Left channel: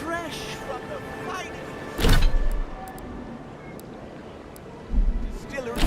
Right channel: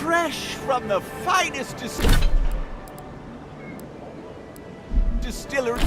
Fresh from the finest distillery.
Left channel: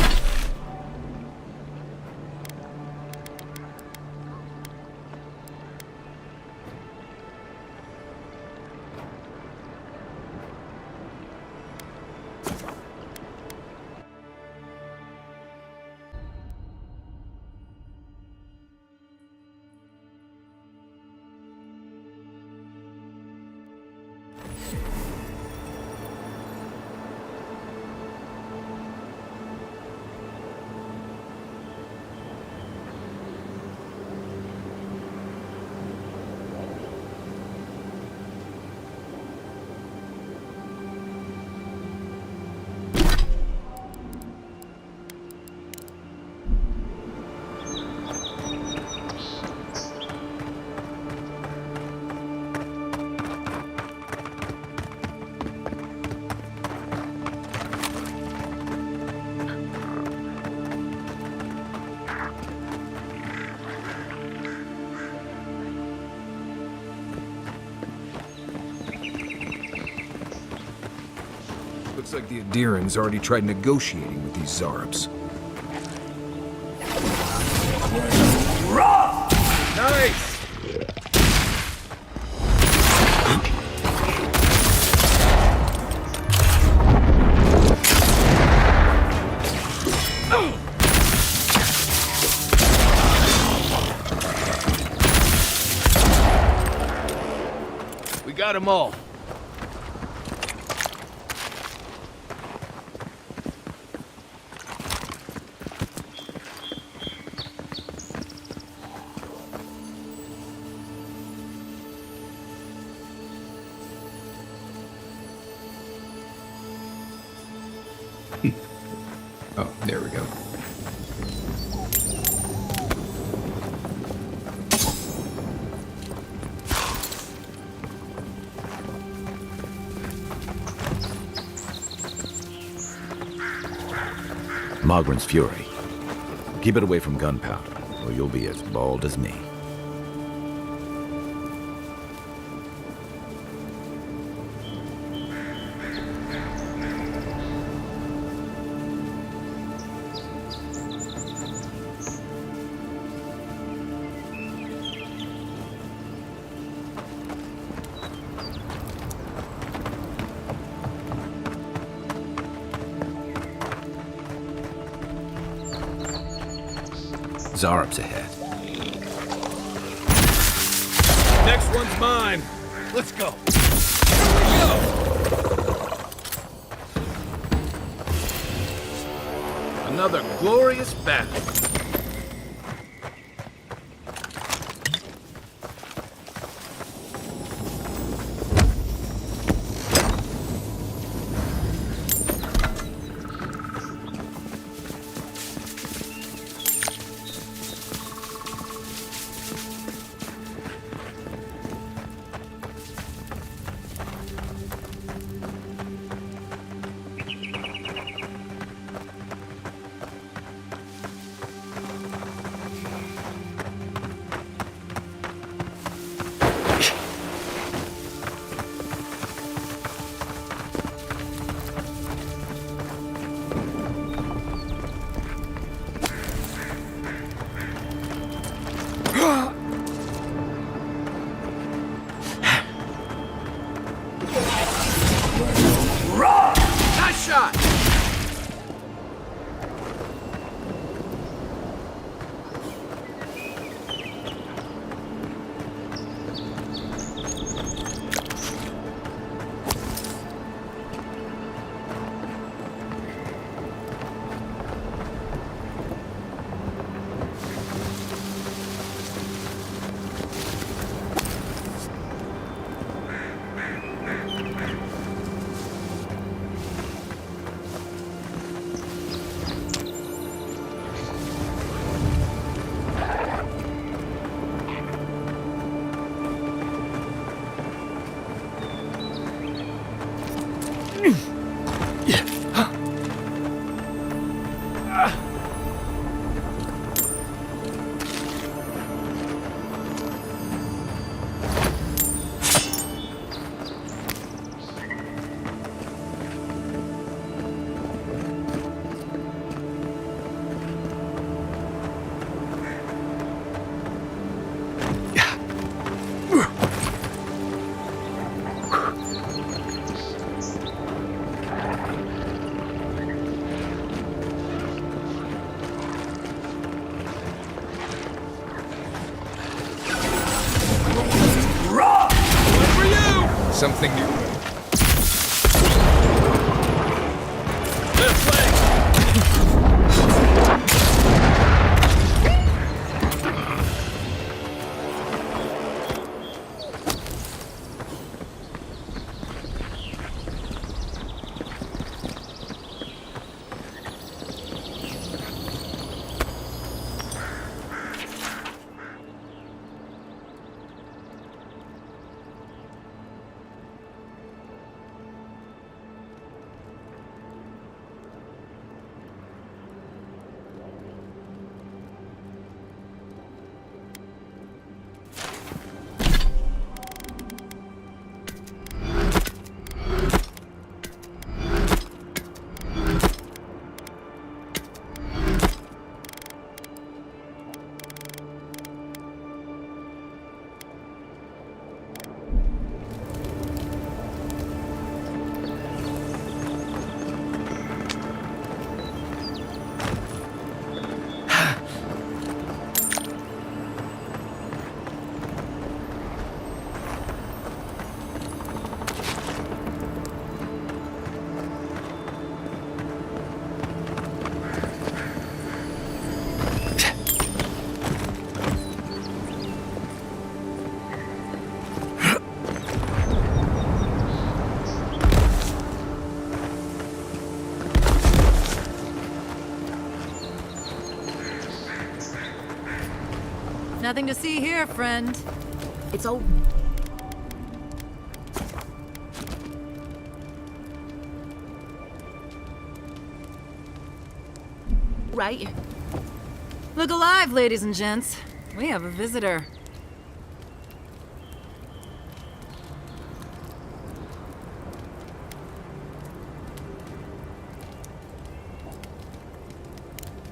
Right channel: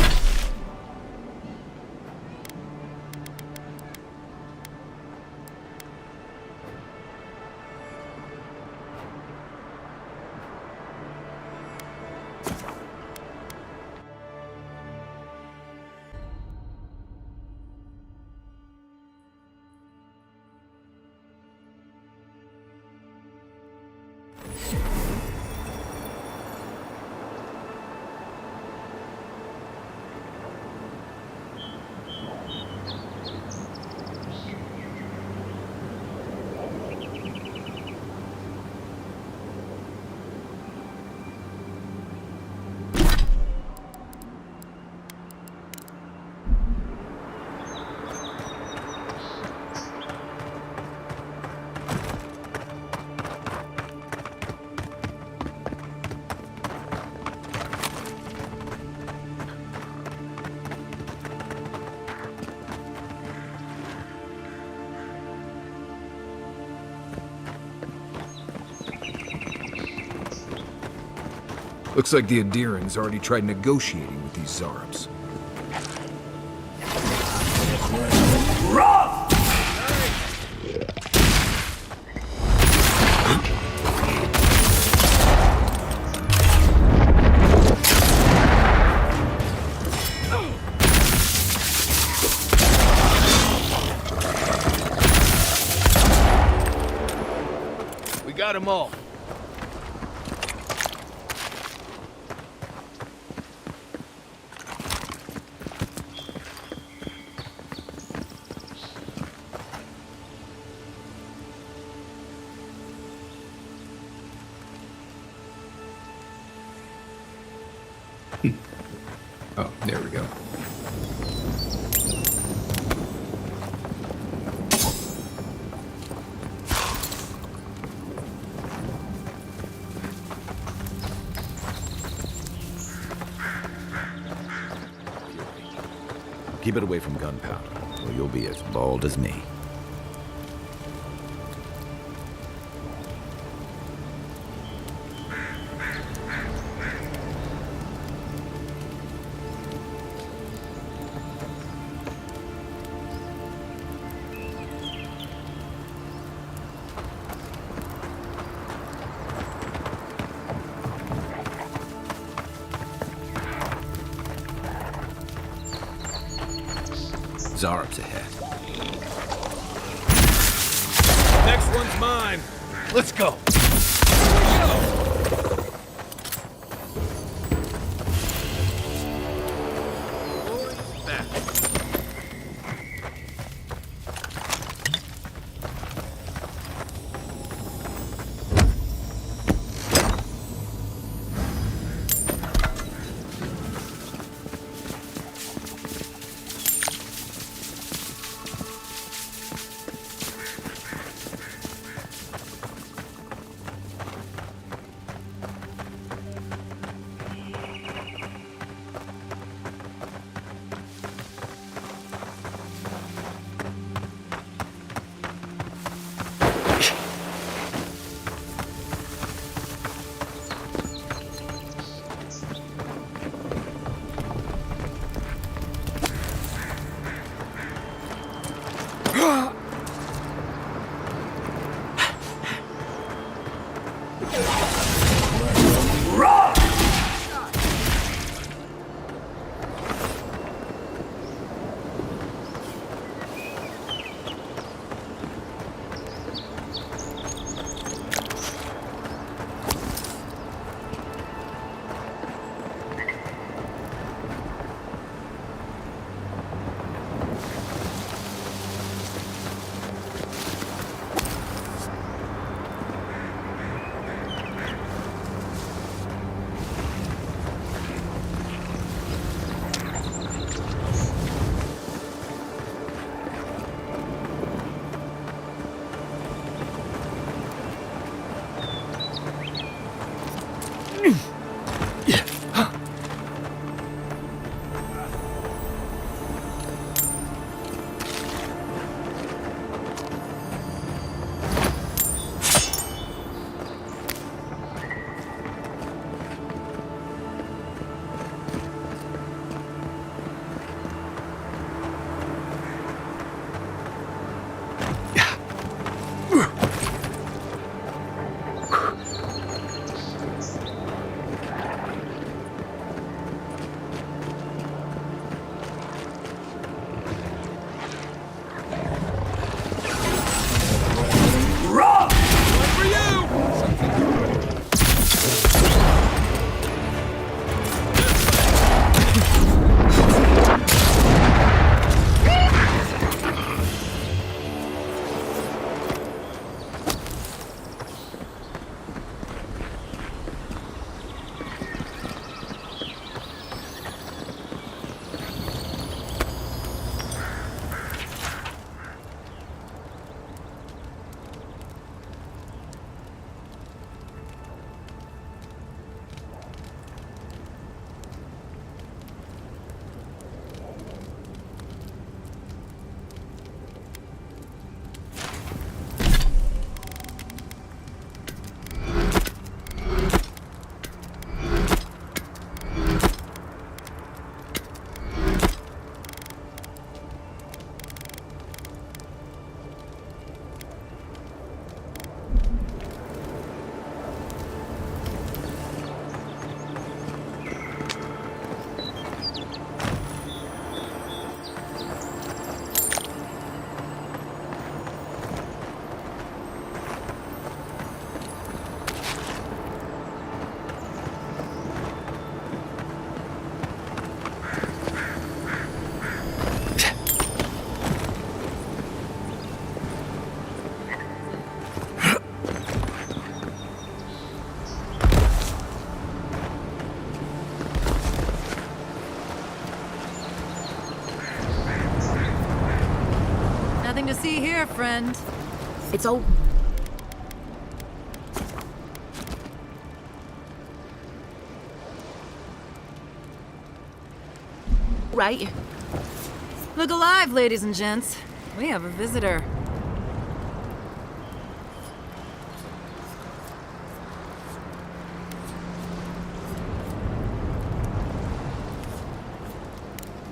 Looks like the Adirans already tried negotiating with these Zarabs. Rough! Nice! We got them all. Oh, there we go. Mogren's fury. Keep it away from gunpowder, or you'll be as bald as me. Zarab's ahead. Next one's mine. Let's go. Another glorious battle. Thank you. Nothing to see here, friend. It's all... right. Look alive, ladies and gents. We have a visitor.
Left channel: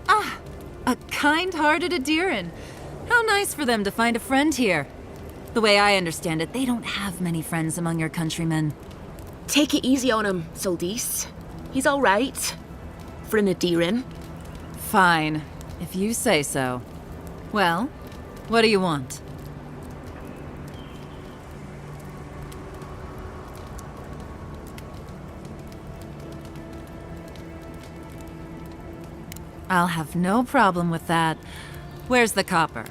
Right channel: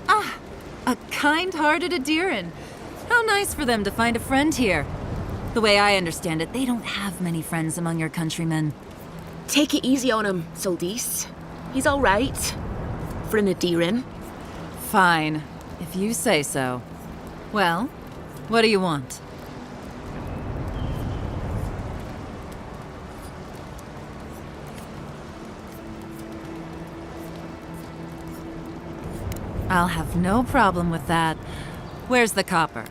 Ah, a kind-hearted Adiran. How nice for them to find a friend here. The way I understand it, they don't have many friends among your countrymen. Take it easy on him, Soldis. He's all right. For an Adiran. Fine, if you say so. Well, what do you want? I'll have no problem with that. Where's the copper?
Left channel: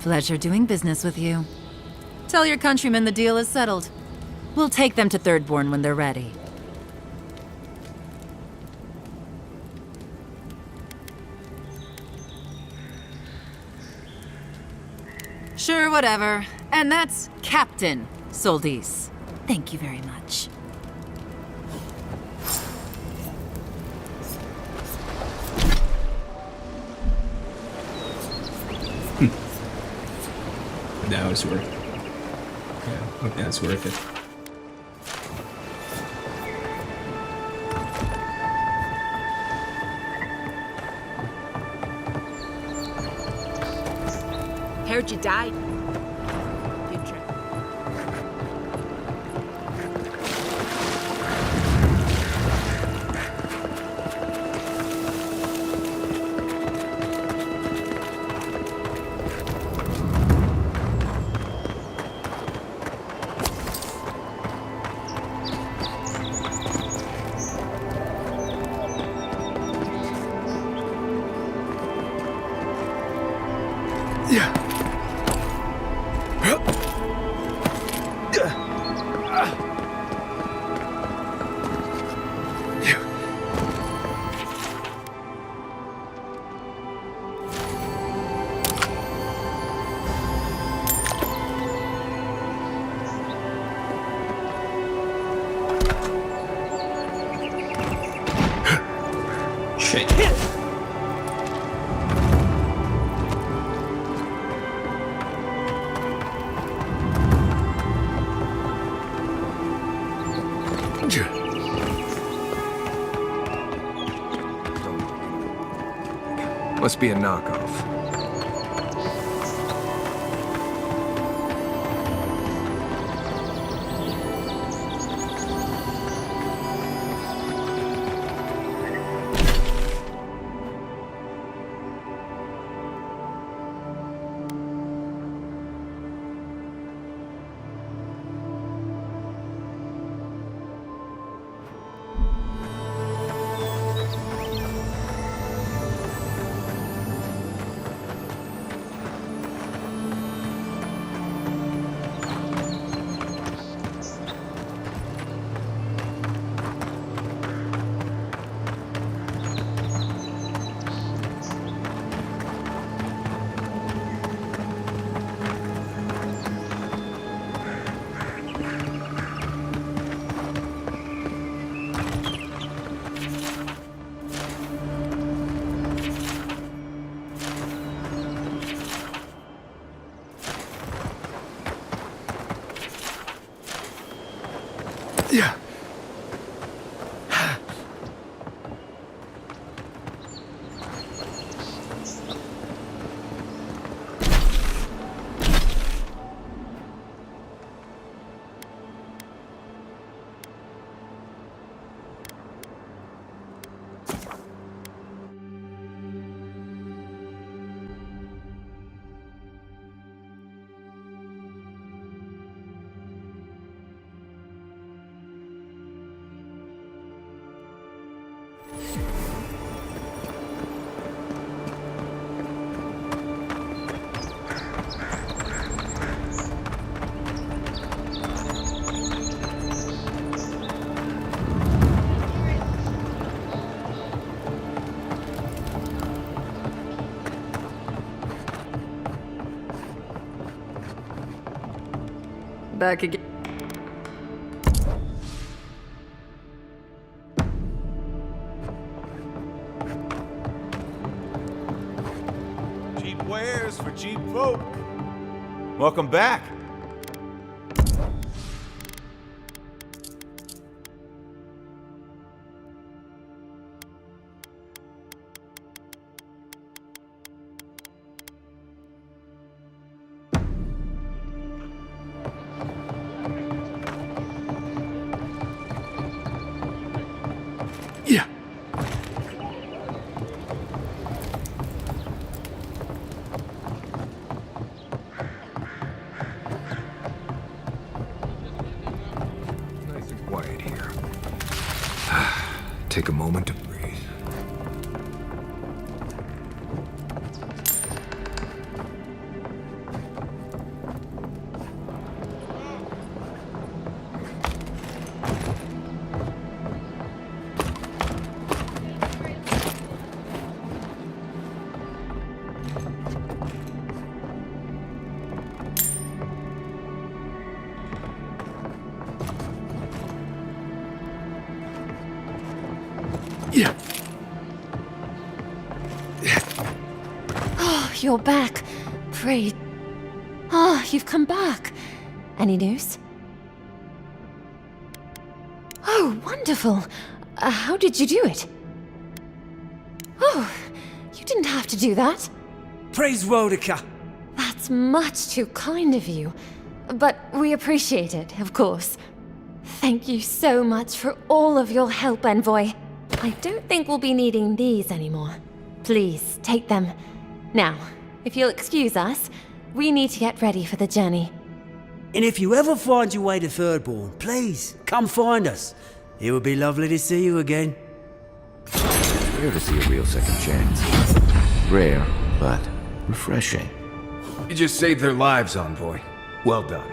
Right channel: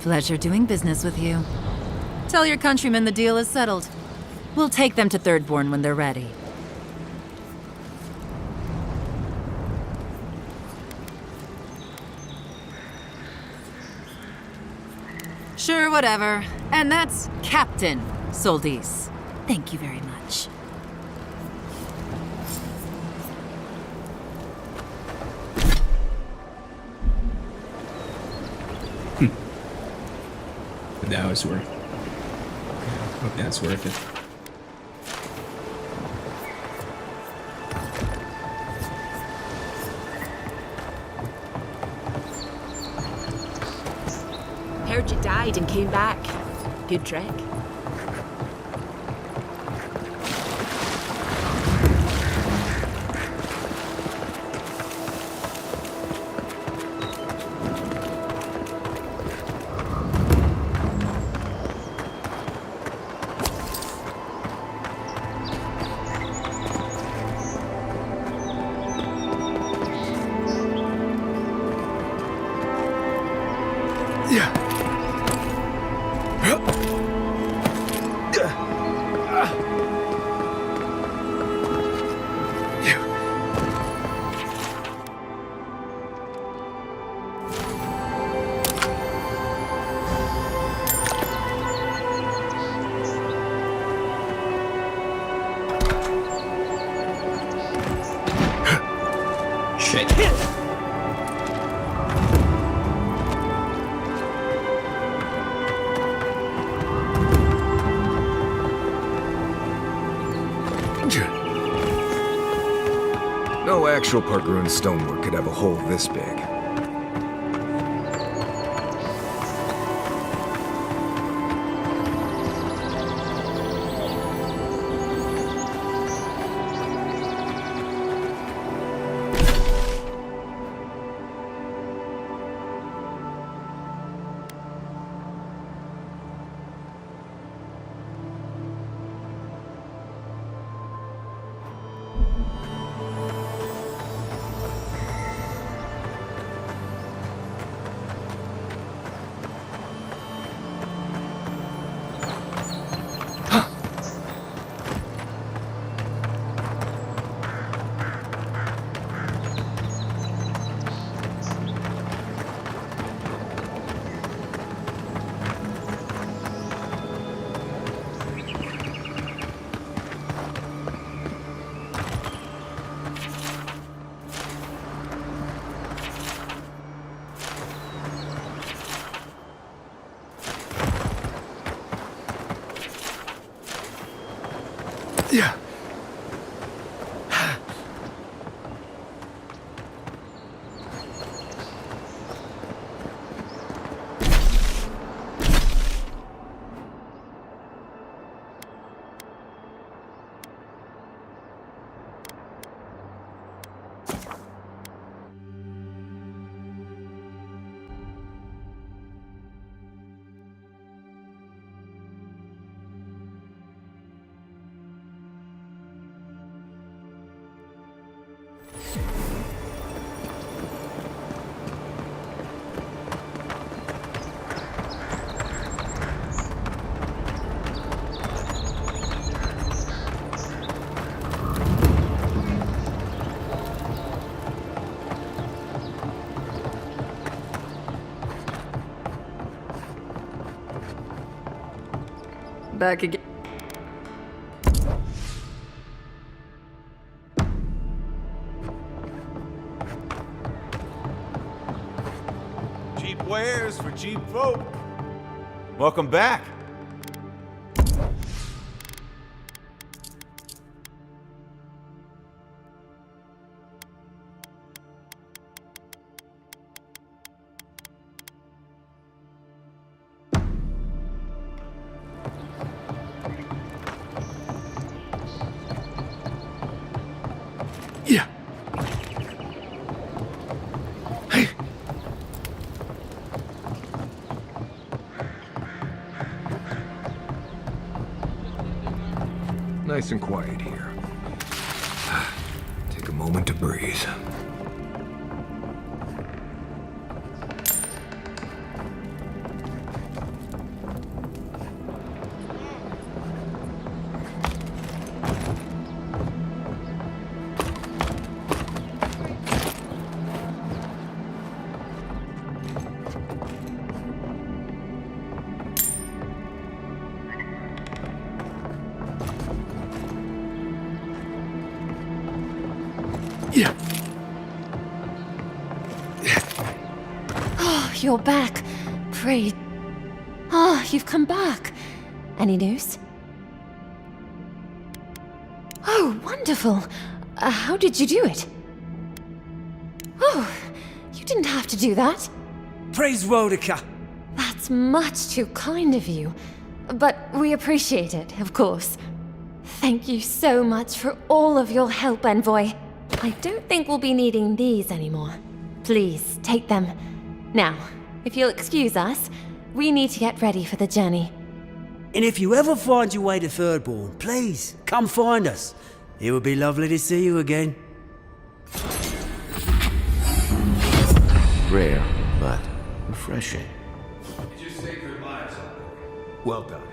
Pleasure doing business with you. Tell your countrymen the deal is settled. We'll take them to Thirdborn when they're ready. Sure, whatever. And that's Captain Soldis. Thank you very much. That was worth it. Yeah, hope that's worth it. Heard you died and came back. Good trick. Shit. No actual Pargroon stonework could have a hole this big. Must be a knockoff. Yeah. Back again. Cheap wares for cheap folk. Welcome back. Yeah. Hey. Nice and quiet here. Take a moment to breathe. Yeah. Oh, you're back. Pray. Ah, you've come back. Any news? Oh, wonderful. How did you do it? Oh, you didn't have to do that. Praise Rodica! That's much too kind of you. But we appreciate it, of course. Thank you so much for all of your help, Envoy. I don't think we'll be needing these anymore. Please, take them. Now, if you'll excuse us, we need to get ready for the journey. And if you ever find your way to Thirdborn, please, come find us. It would be lovely to see you again. Rare to see a real second chance. Rare, but refreshing. You just saved their lives, Envoy. Well done.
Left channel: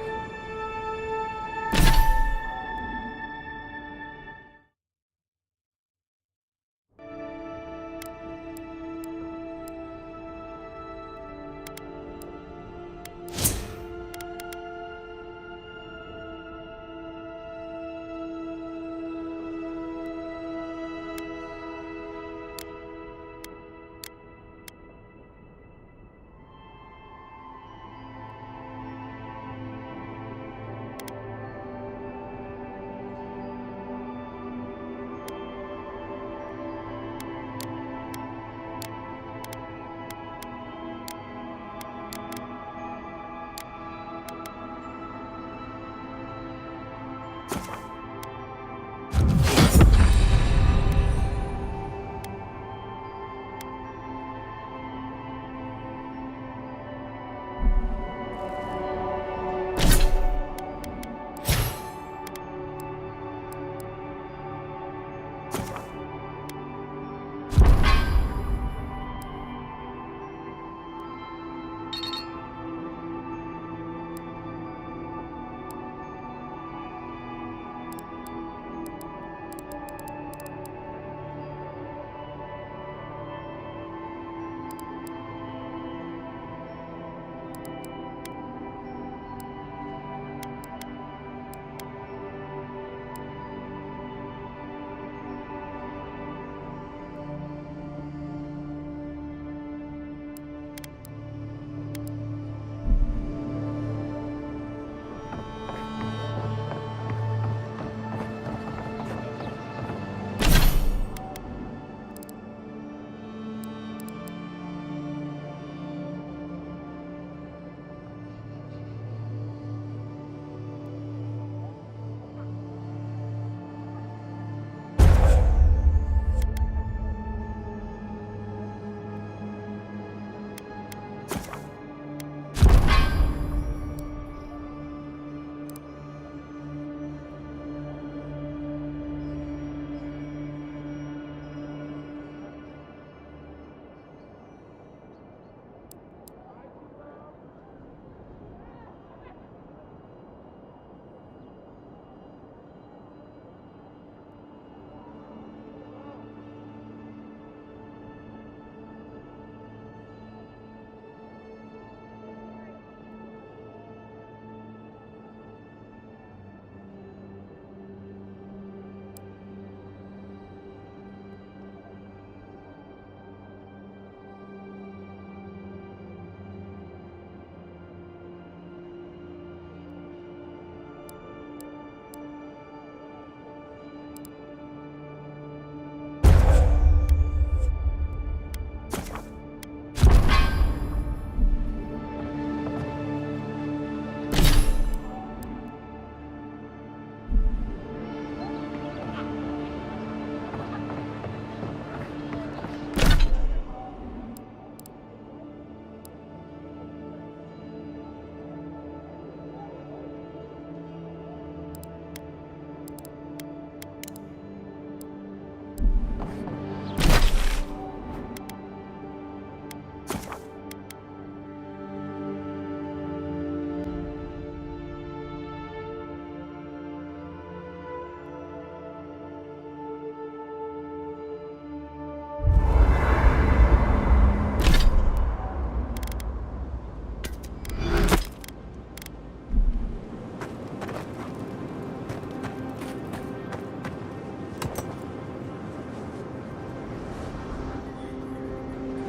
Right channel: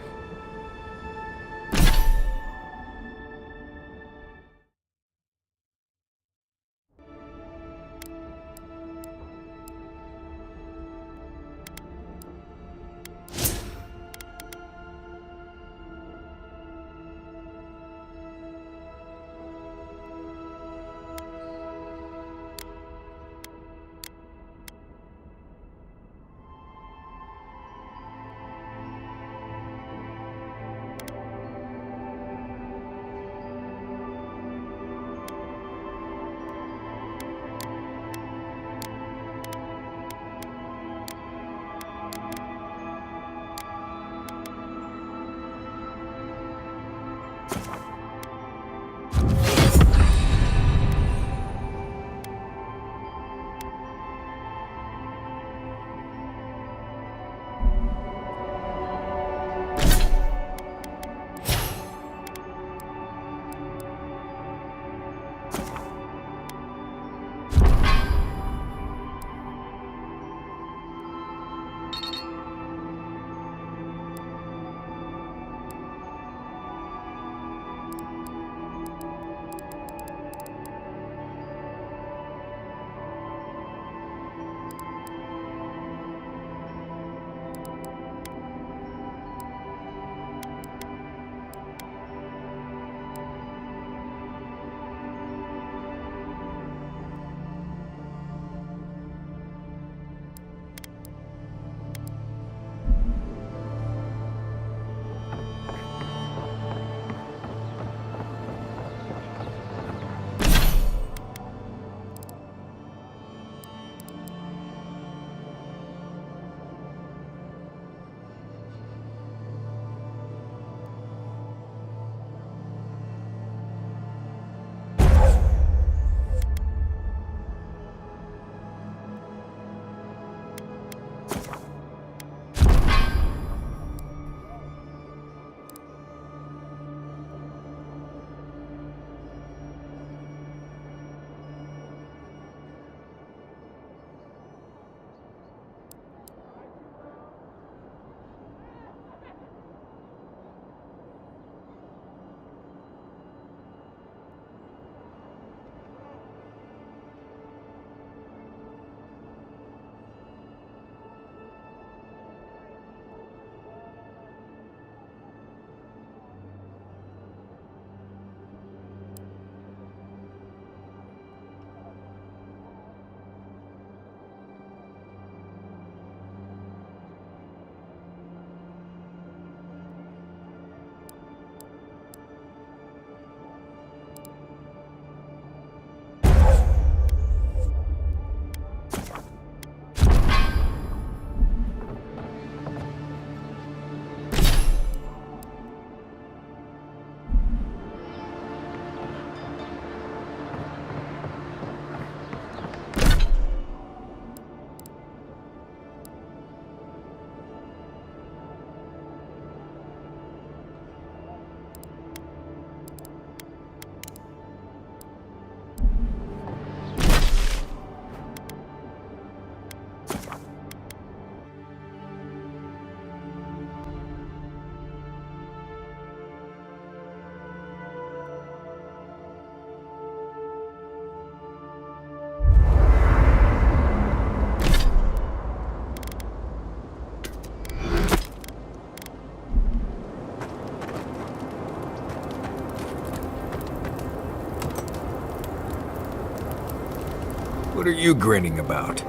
What are you grinning about?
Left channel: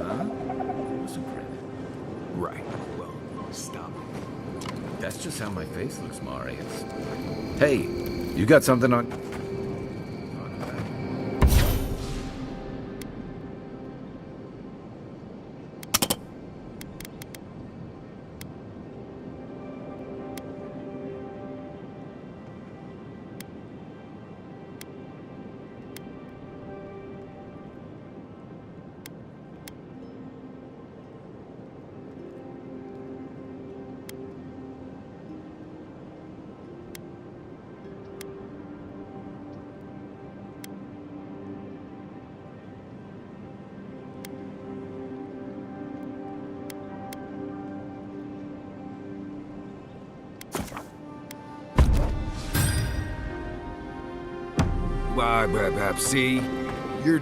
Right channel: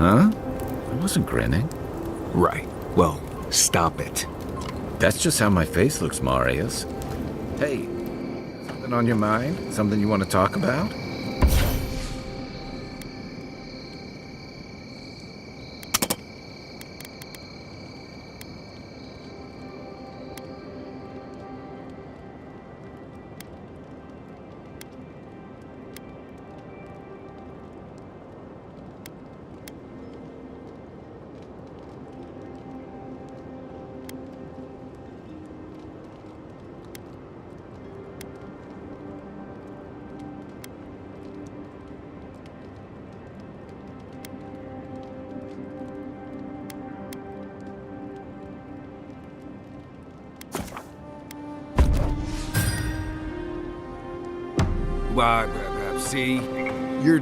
Huh? I wasn't grinning. Right. Well, stop it. That's just how my face looks, Marius. Hey, you got something on your mind? Something you want to talk about? See? You're...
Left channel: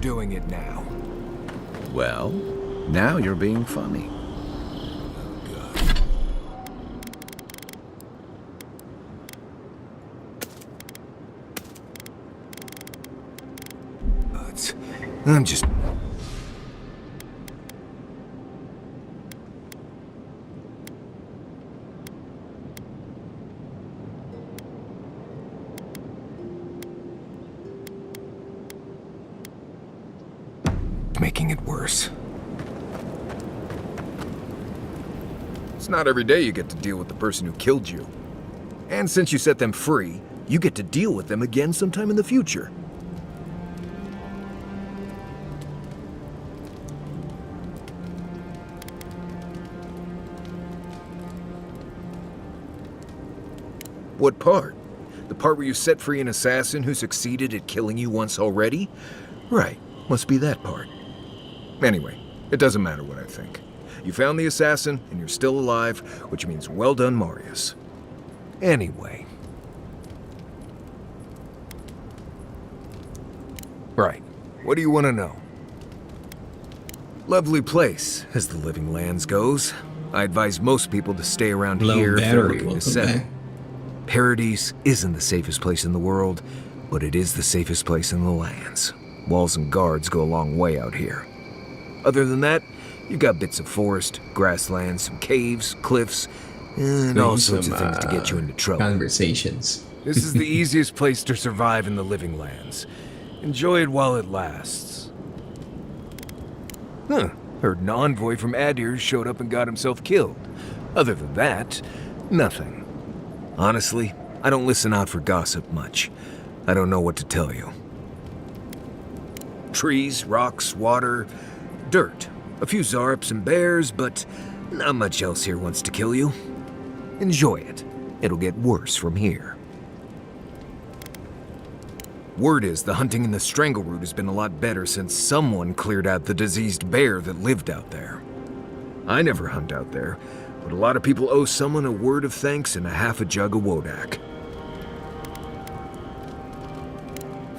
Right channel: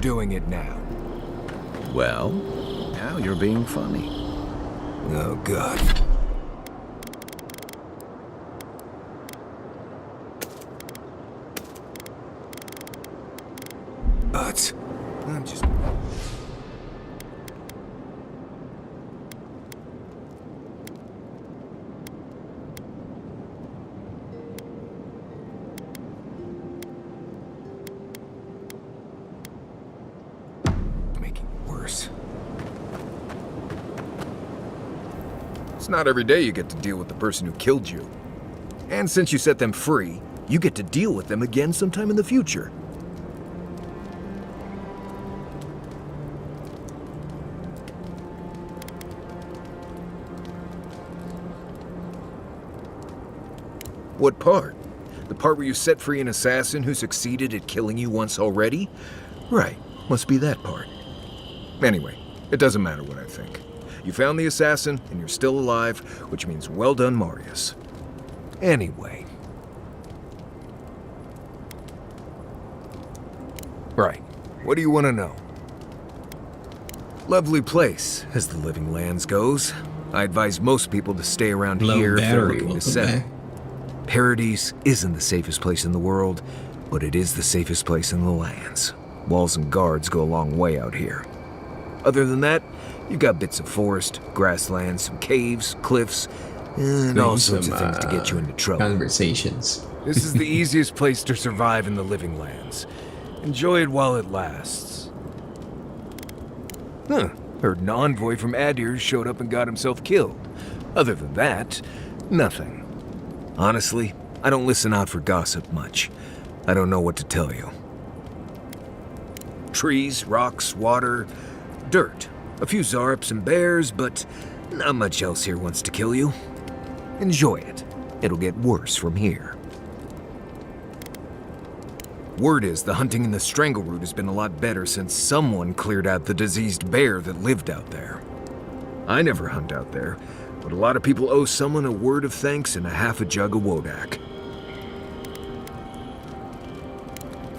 doing it now. Well, now you're being funny. Oh, God. I'm just... making it worse. It's not every day you get to deal with the person who killed you. And since you set them free, you get to deal with them again sometime in the future. What part? The part where you set free an assassin who succeeded at killing you once already? Right, must be that part. Anyway, it doesn't matter what I think. You found the assassin, and you're still alive, which means well done, Marius. Anyway. Right, what do you want to know? Lovely place, as the Living Lands goes. I advise most people to stay around Low here if they're battery, looking to welcome settle. back. Paradise isn't the safest place in the world, but it is the safest place in the lands. Walls and guards go a long way out here. Other than that, you've got bits of forest, grasslands, some caves, cliffs, and all sorts of things to get you into trouble. Conversations. This is the easiest place to survive in the Living Lands. Enjoy it while it lasts. Huh. Heard an envoy from Adir showed up and got himself killed. Other than that, nothing. Honestly, I don't listen out for gossip much. I don't know what to tell you. Trees, rocks, water, dirt. A few Zarps and bears, but not much else here wants to kill you. Enjoy it. It'll get worse from here. Word is the hunting in the Strangleroot has been a lot better since someone cleared out the diseased bear that lived out there. I never hunt out there, but a lot of people owe someone a word of thanks and a half a jug of Wodak.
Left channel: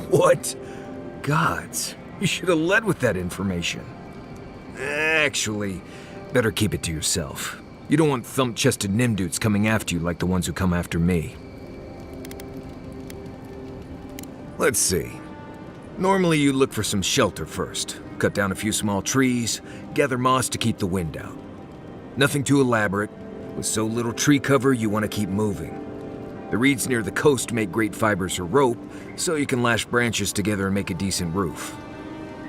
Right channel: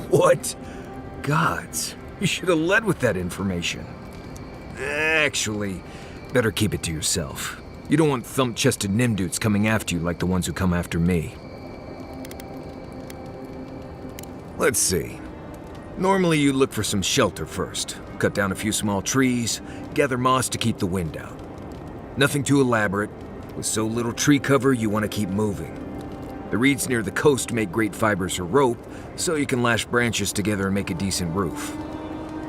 What? Gods, you should have led with that information. Actually, better keep it to yourself. You don't want thump-chested Nimdoots coming after you like the ones who come after me. Let's see. Normally you look for some shelter first. Cut down a few small trees, gather moss to keep the wind out. Nothing too elaborate. With so little tree cover, you want to keep moving. The reeds near the coast make great fibers for rope, so you can lash branches together and make a decent roof.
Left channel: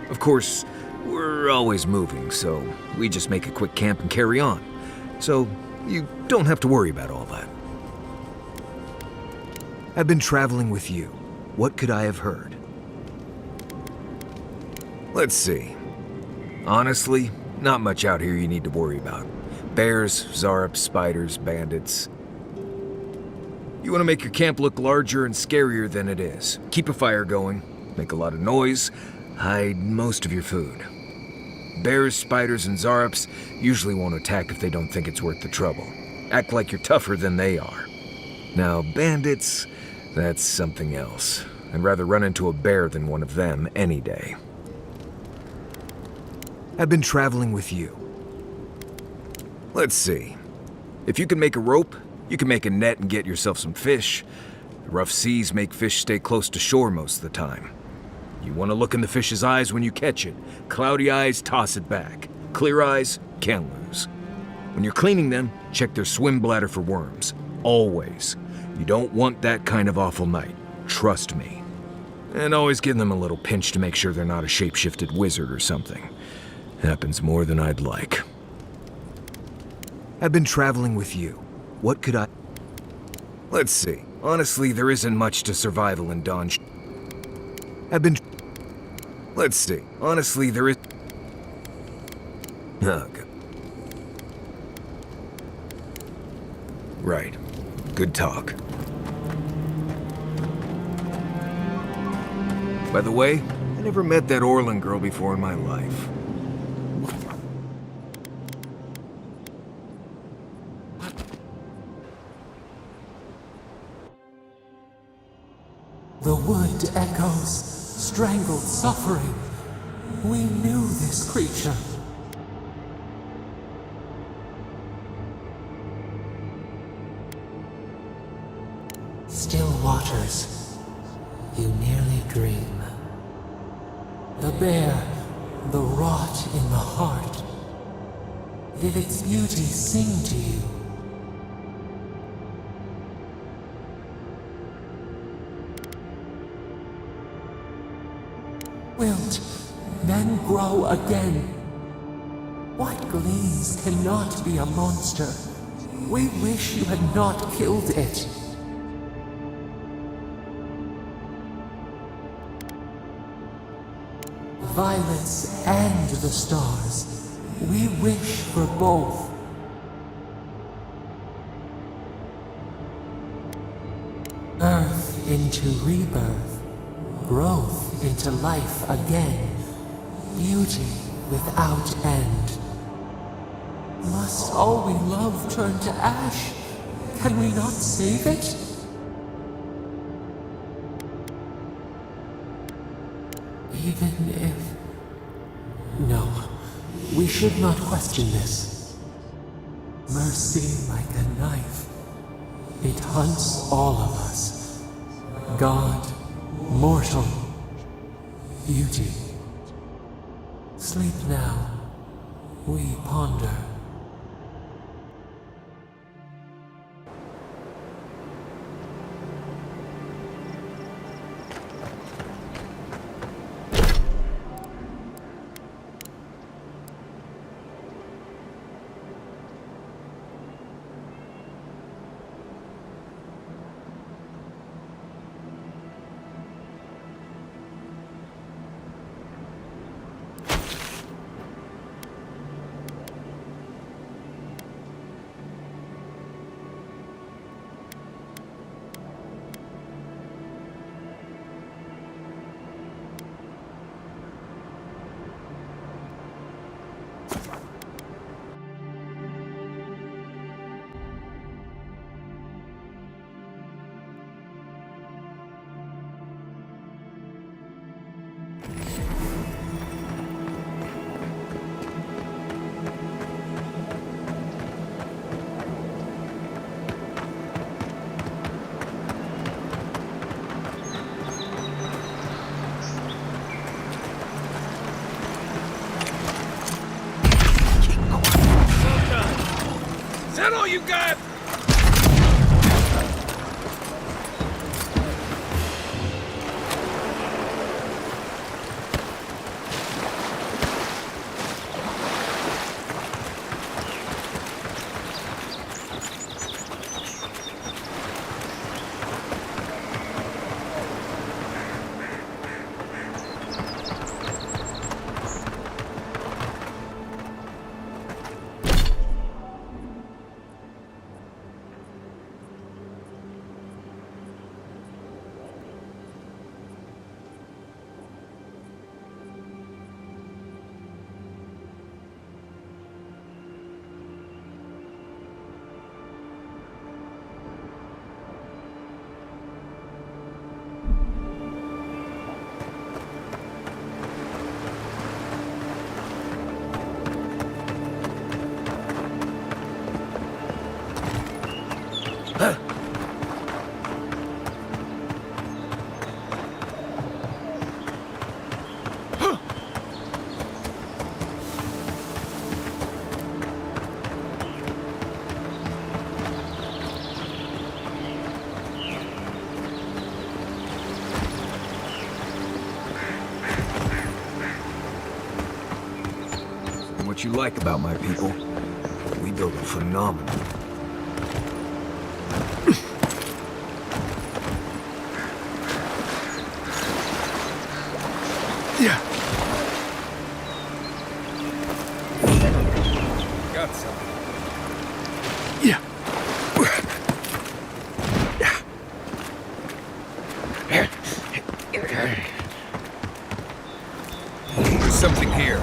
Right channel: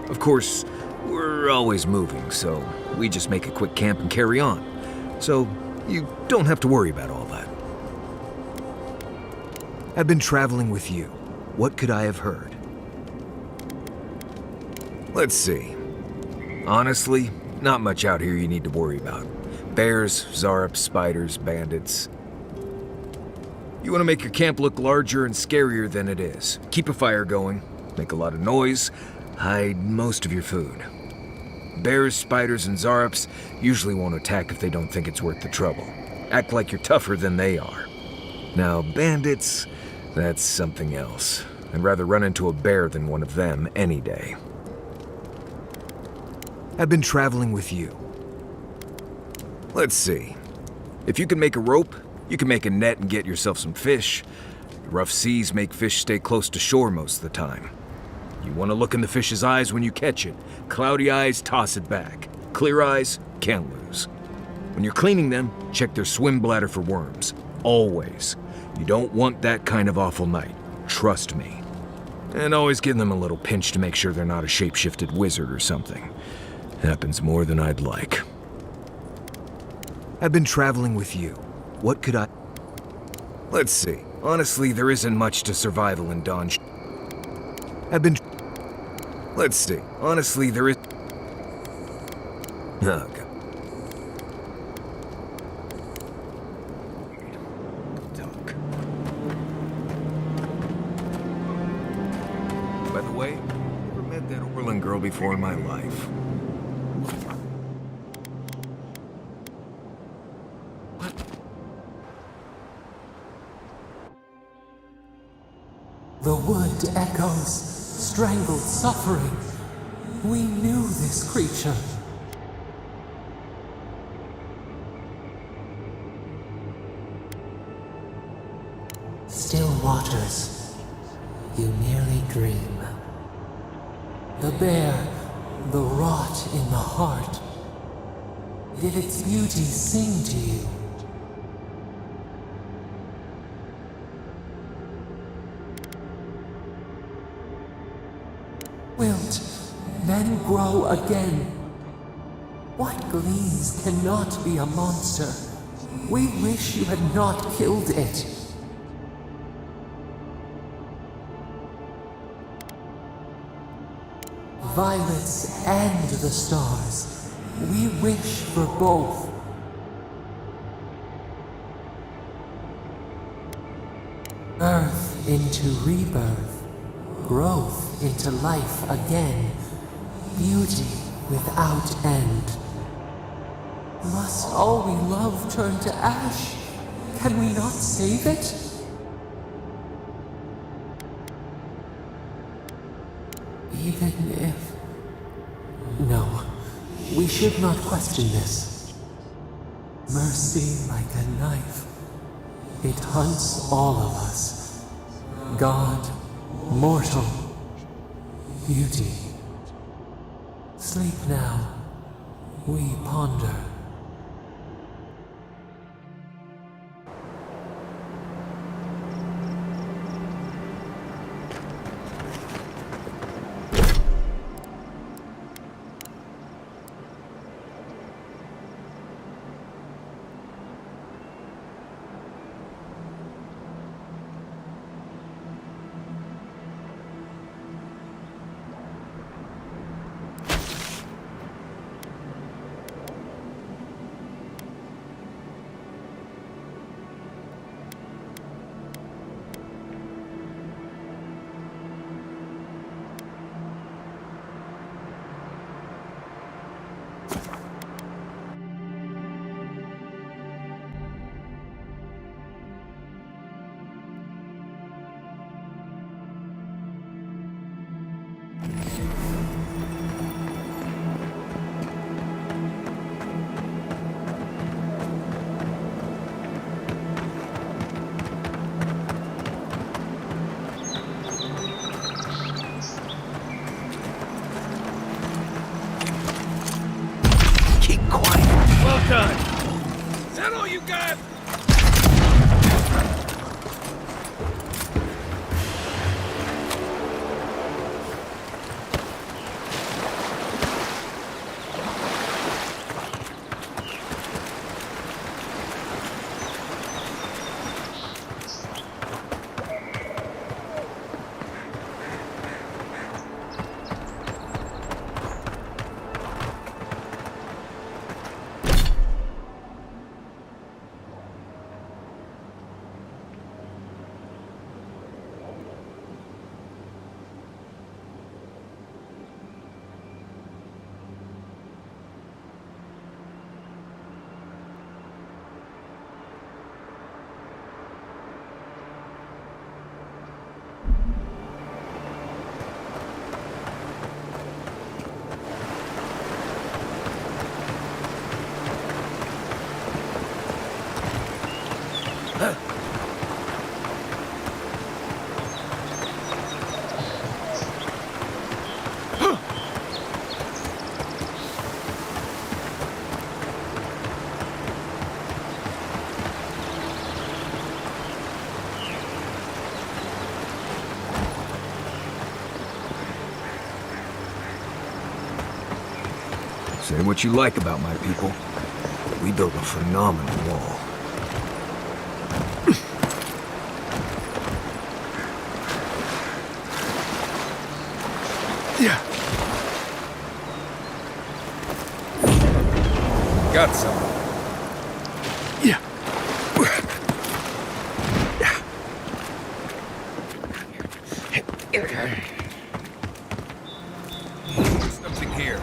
Of course, we're always moving, so we just make a quick camp and carry on. So you don't have to worry about all that. I've been traveling with you. What could I have heard? Let's see. Honestly, not much out here you need to worry about. Bears, Zarps, spiders, bandits. You want to make your camp look larger and scarier than it is. Keep a fire going, make a lot of noise, hide most of your food. Bears, spiders, and Zarps usually won't attack if they don't think it's worth the trouble. Act like you're tougher than they are. Now, bandits, that's something else. I'd rather run into a bear than one of them any day. I've been traveling with you. Let's see. If you can make a rope, you can make a net and get yourself some fish. The rough seas make fish stay close to shore most of the time. You want to look in the fish's eyes when you catch it. Cloudy eyes, toss it back. Clear eyes, can't lose. When you're cleaning them, check their swim bladder for worms. Always. You don't want that kind of awful night. Trust me. And always give them a little pinch to make sure they're not a shape-shifted wizard or something. Happens more than I'd like. I've been traveling with you. What could I... Let's see. Honestly, there isn't much to survival in Dawn. I've been... Let's see. Honestly, there is... Oh, God. Right. Good talk. By the way, I never met that Orlin girl before in my life. The wood echoes, strangled suffering. We knew this creature. Still waters, you nearly dream. The bear, the rot in the heart. Did its beauty sing to you? Wilt, then grow again. What gleams cannot be a monster? We wish you had not killed it. Violets and the stars, we wish for both. Earth into rebirth, growth into life again, beauty without end. Must all we love turn to ash? Can we not save it? Even if... No, we should not question this. Mercy like a knife. It hunts all of us. God, mortal, beauty. Sleep now, we ponder. Say what you like about my people. We built a phenomenal wall. Yeah. Got some. Yeah. There's something here.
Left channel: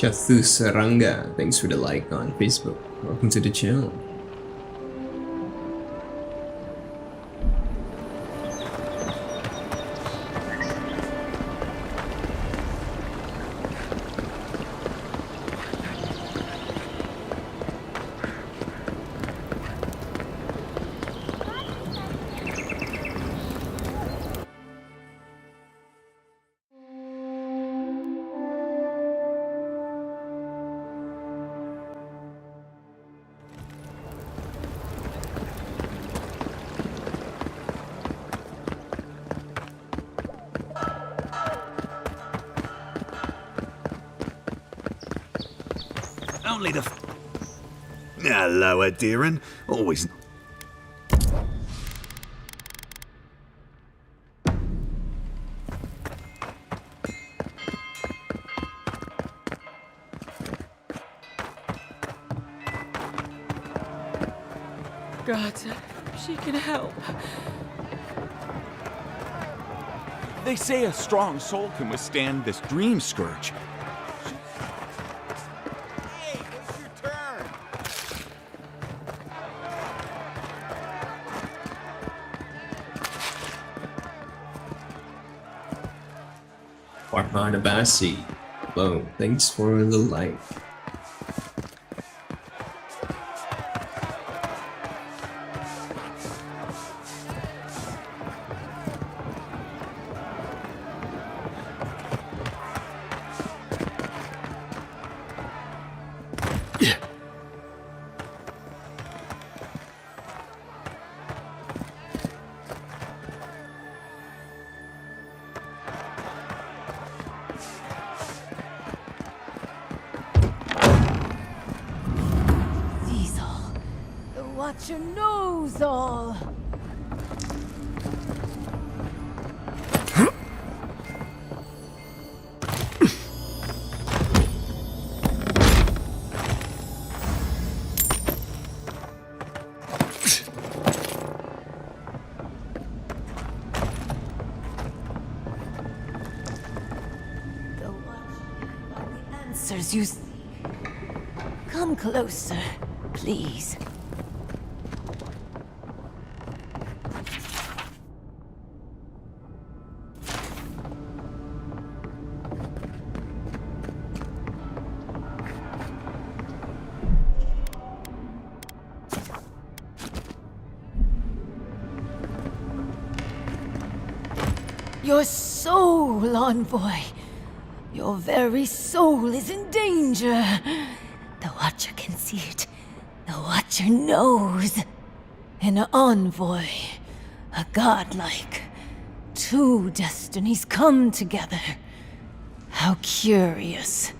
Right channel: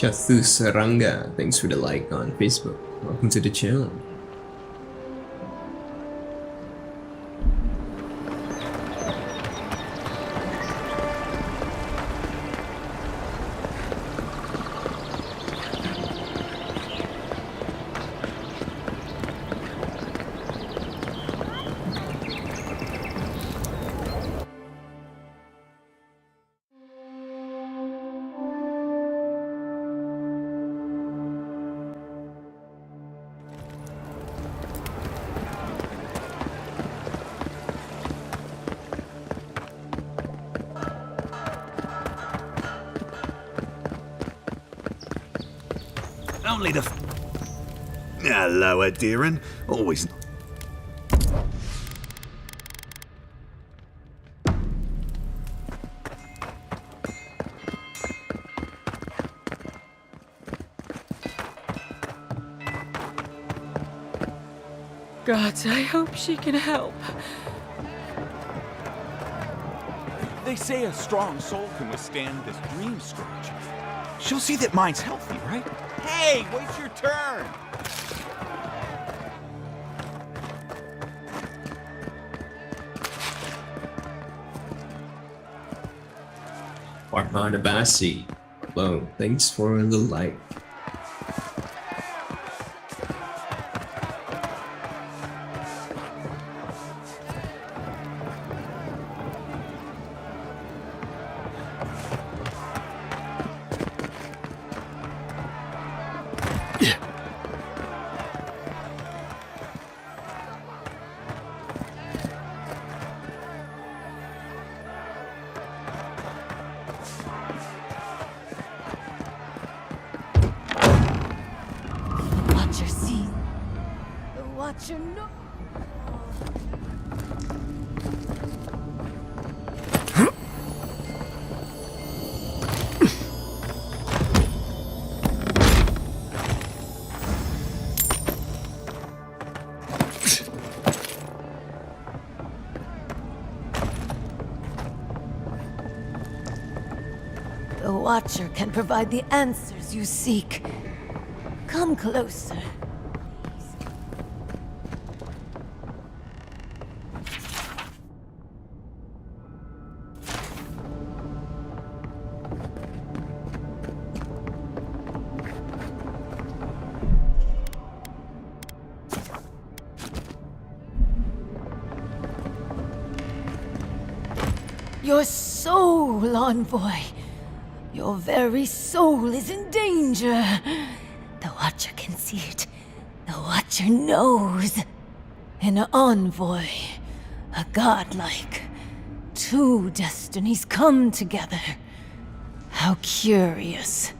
Chathu Saranga, thanks for the like on Facebook. Welcome to the channel. Only the... Hello, Adiran. Always... God, I hope she can help. They say a strong soul can withstand this dream scourge. She'll see that mine's healthy, right? Hey, wait your turn! Farman Abasi. Hello, thanks for the like. Watch your nose all. Watcher can provide the answers you seek. Come closer, please. Your soul, envoy. Your very soul is in danger. The Watcher can see it. The Watcher knows. An envoy. A godlike. Two destinies come together. How curious.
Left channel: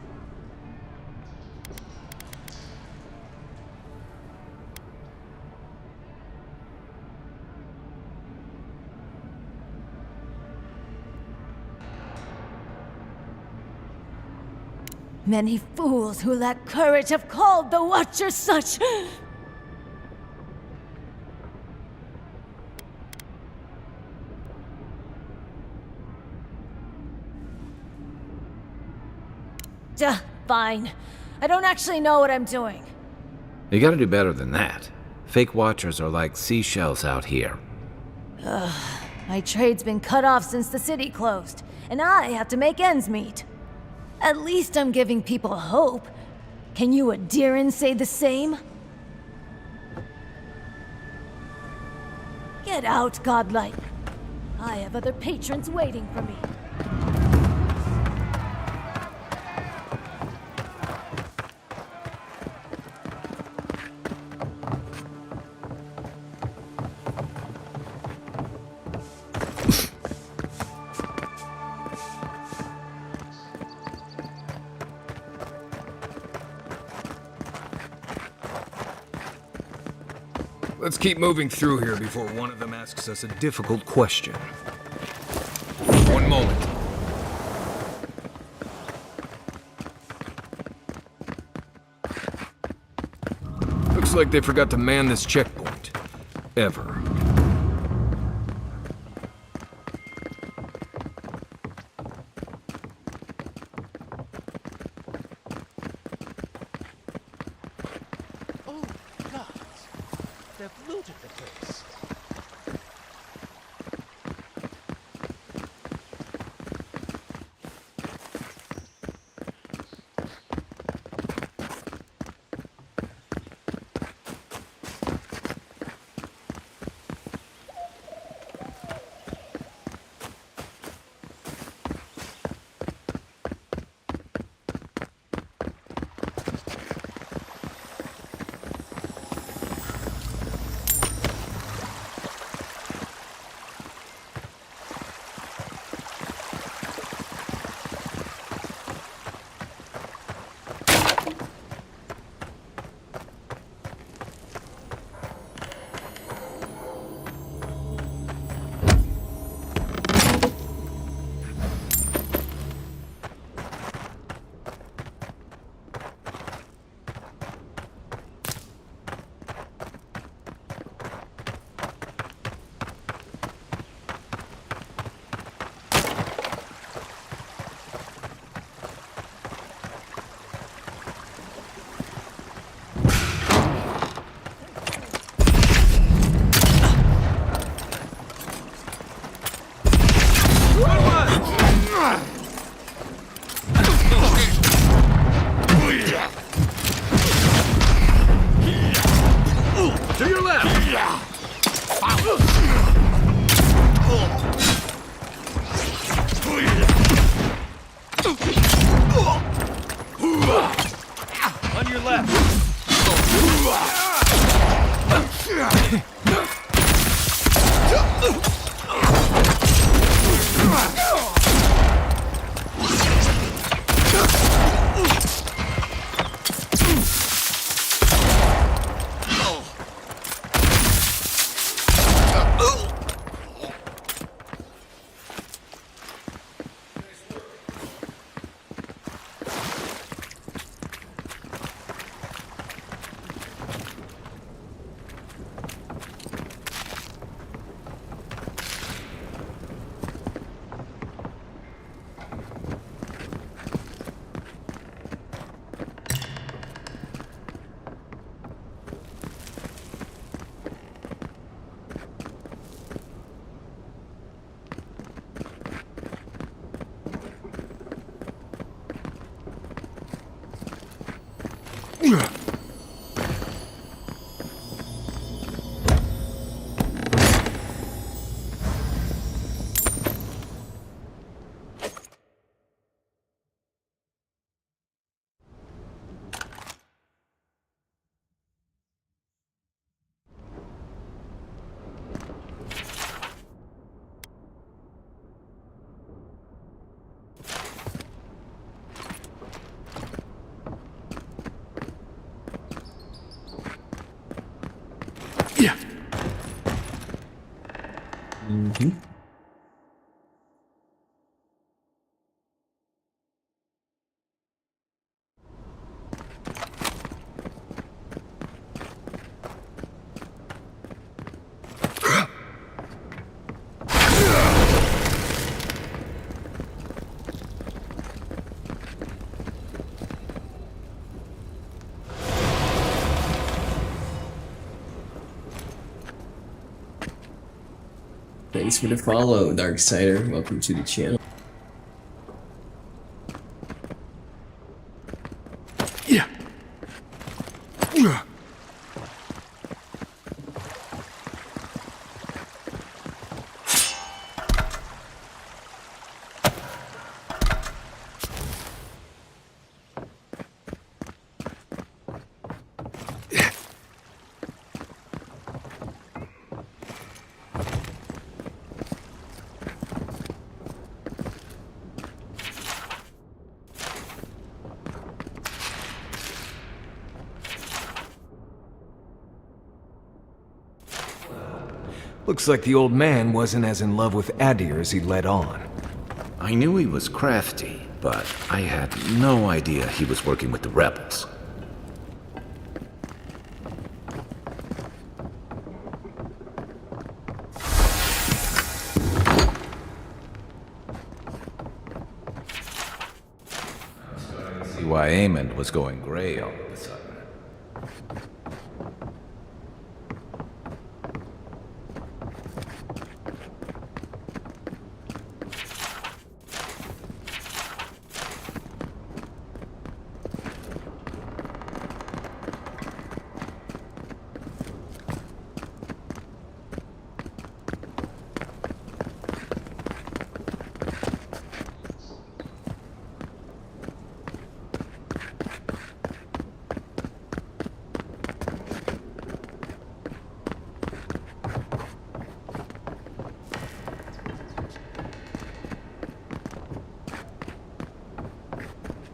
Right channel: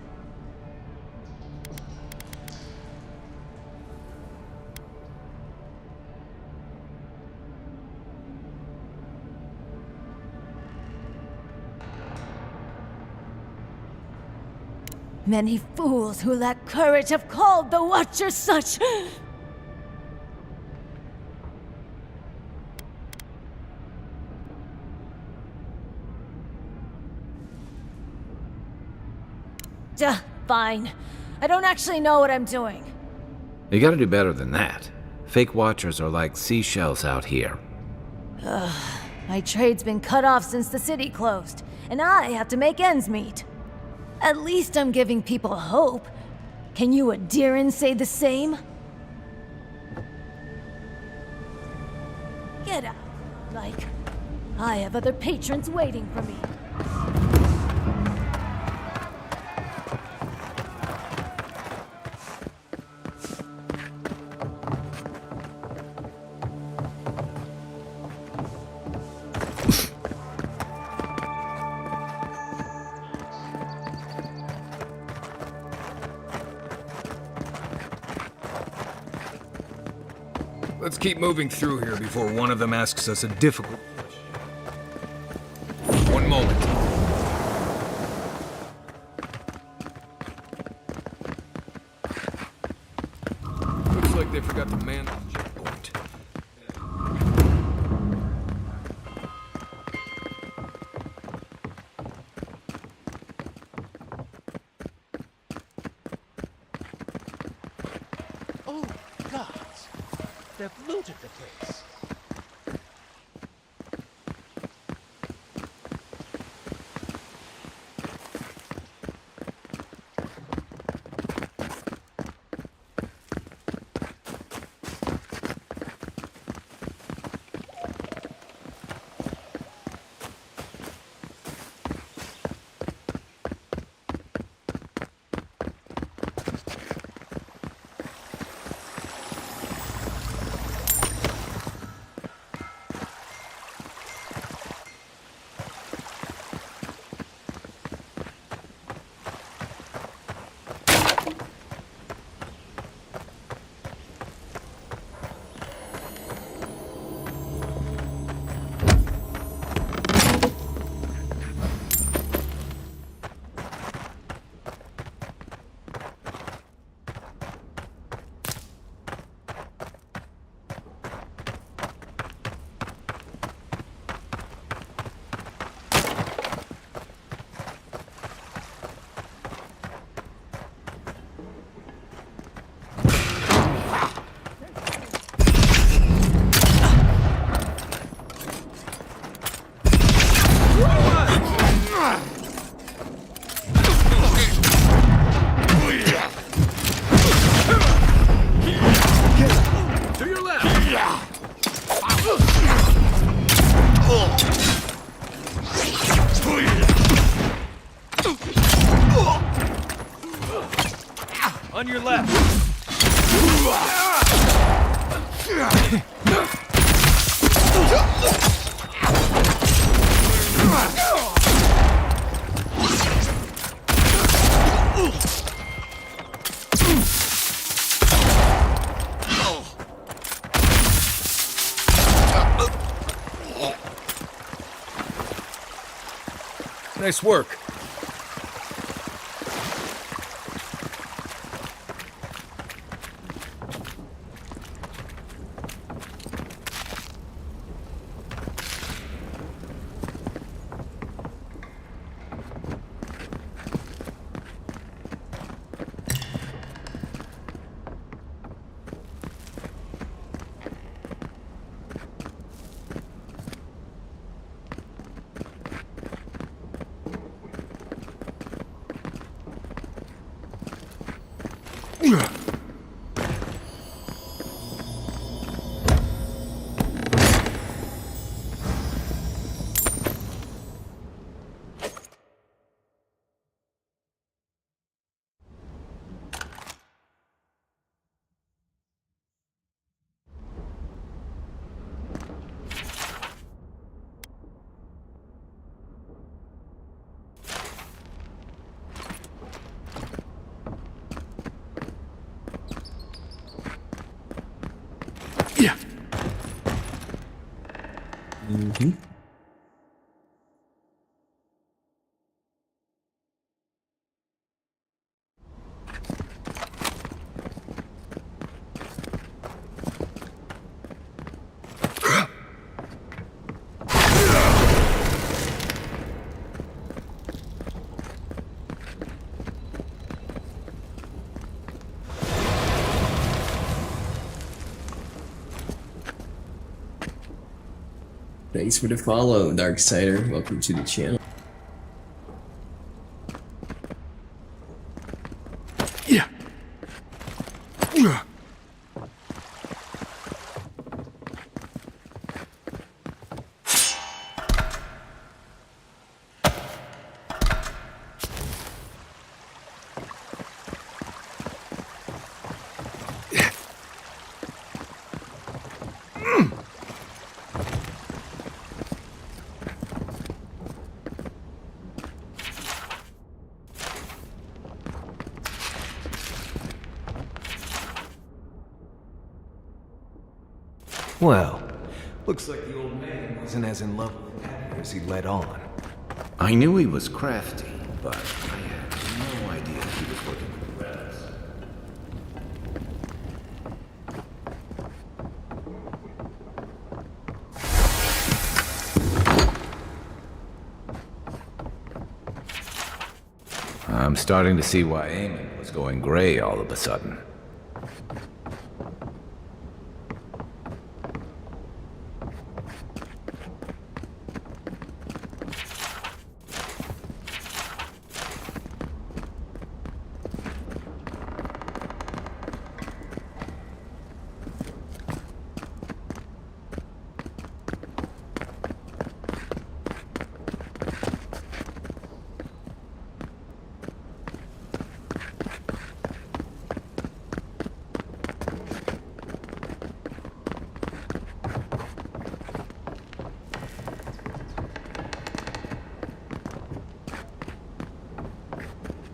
Many fools who lack courage have called the Watcher such. Duh, fine. I don't actually know what I'm doing. You gotta do better than that. Fake Watchers are like seashells out here. My trade's been cut off since the city closed, and I have to make ends meet. At least I'm giving people hope. Can you Adiran say the same? Get out, godlike. I have other patrons waiting for me. Let's keep moving through here before one of them asks us a difficult question. One moment. Looks like they forgot to man this checkpoint. Ever. Oh, gods. They've looted the place. On your left. Nice work. Mm-hmm. Thanks for the follow, Darksider. Welcome to the channel. Well, looks like the old man wasn't as in love with Adir as he let on. I knew he was crafty, but I had no idea he was working with the rebels. I'm starting to see why Eamon was going gray all of a sudden.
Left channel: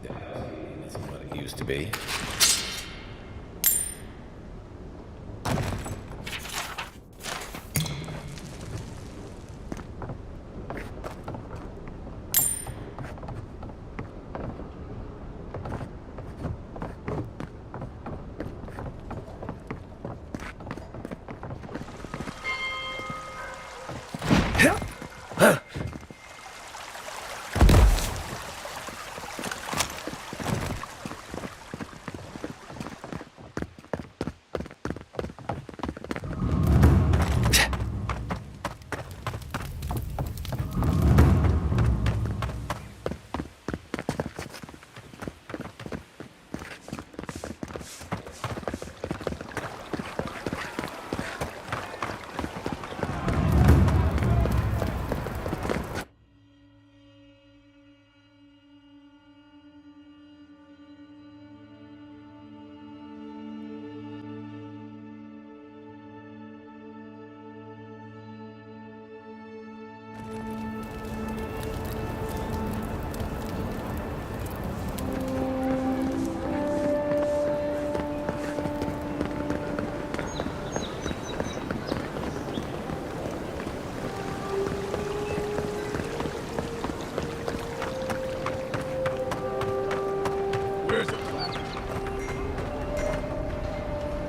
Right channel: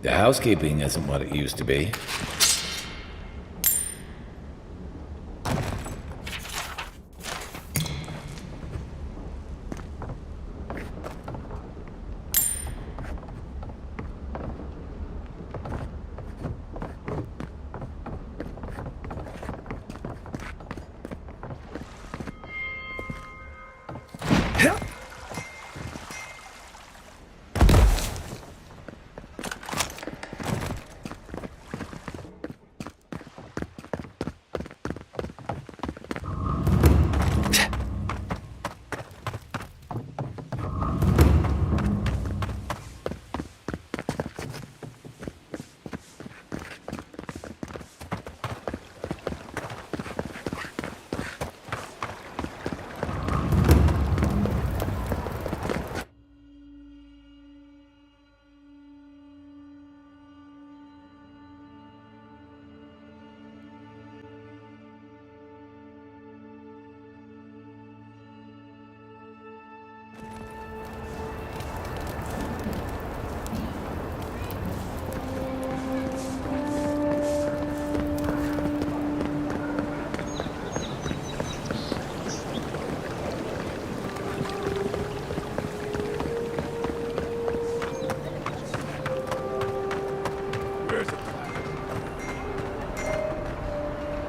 The housekeeping isn't what it used to be.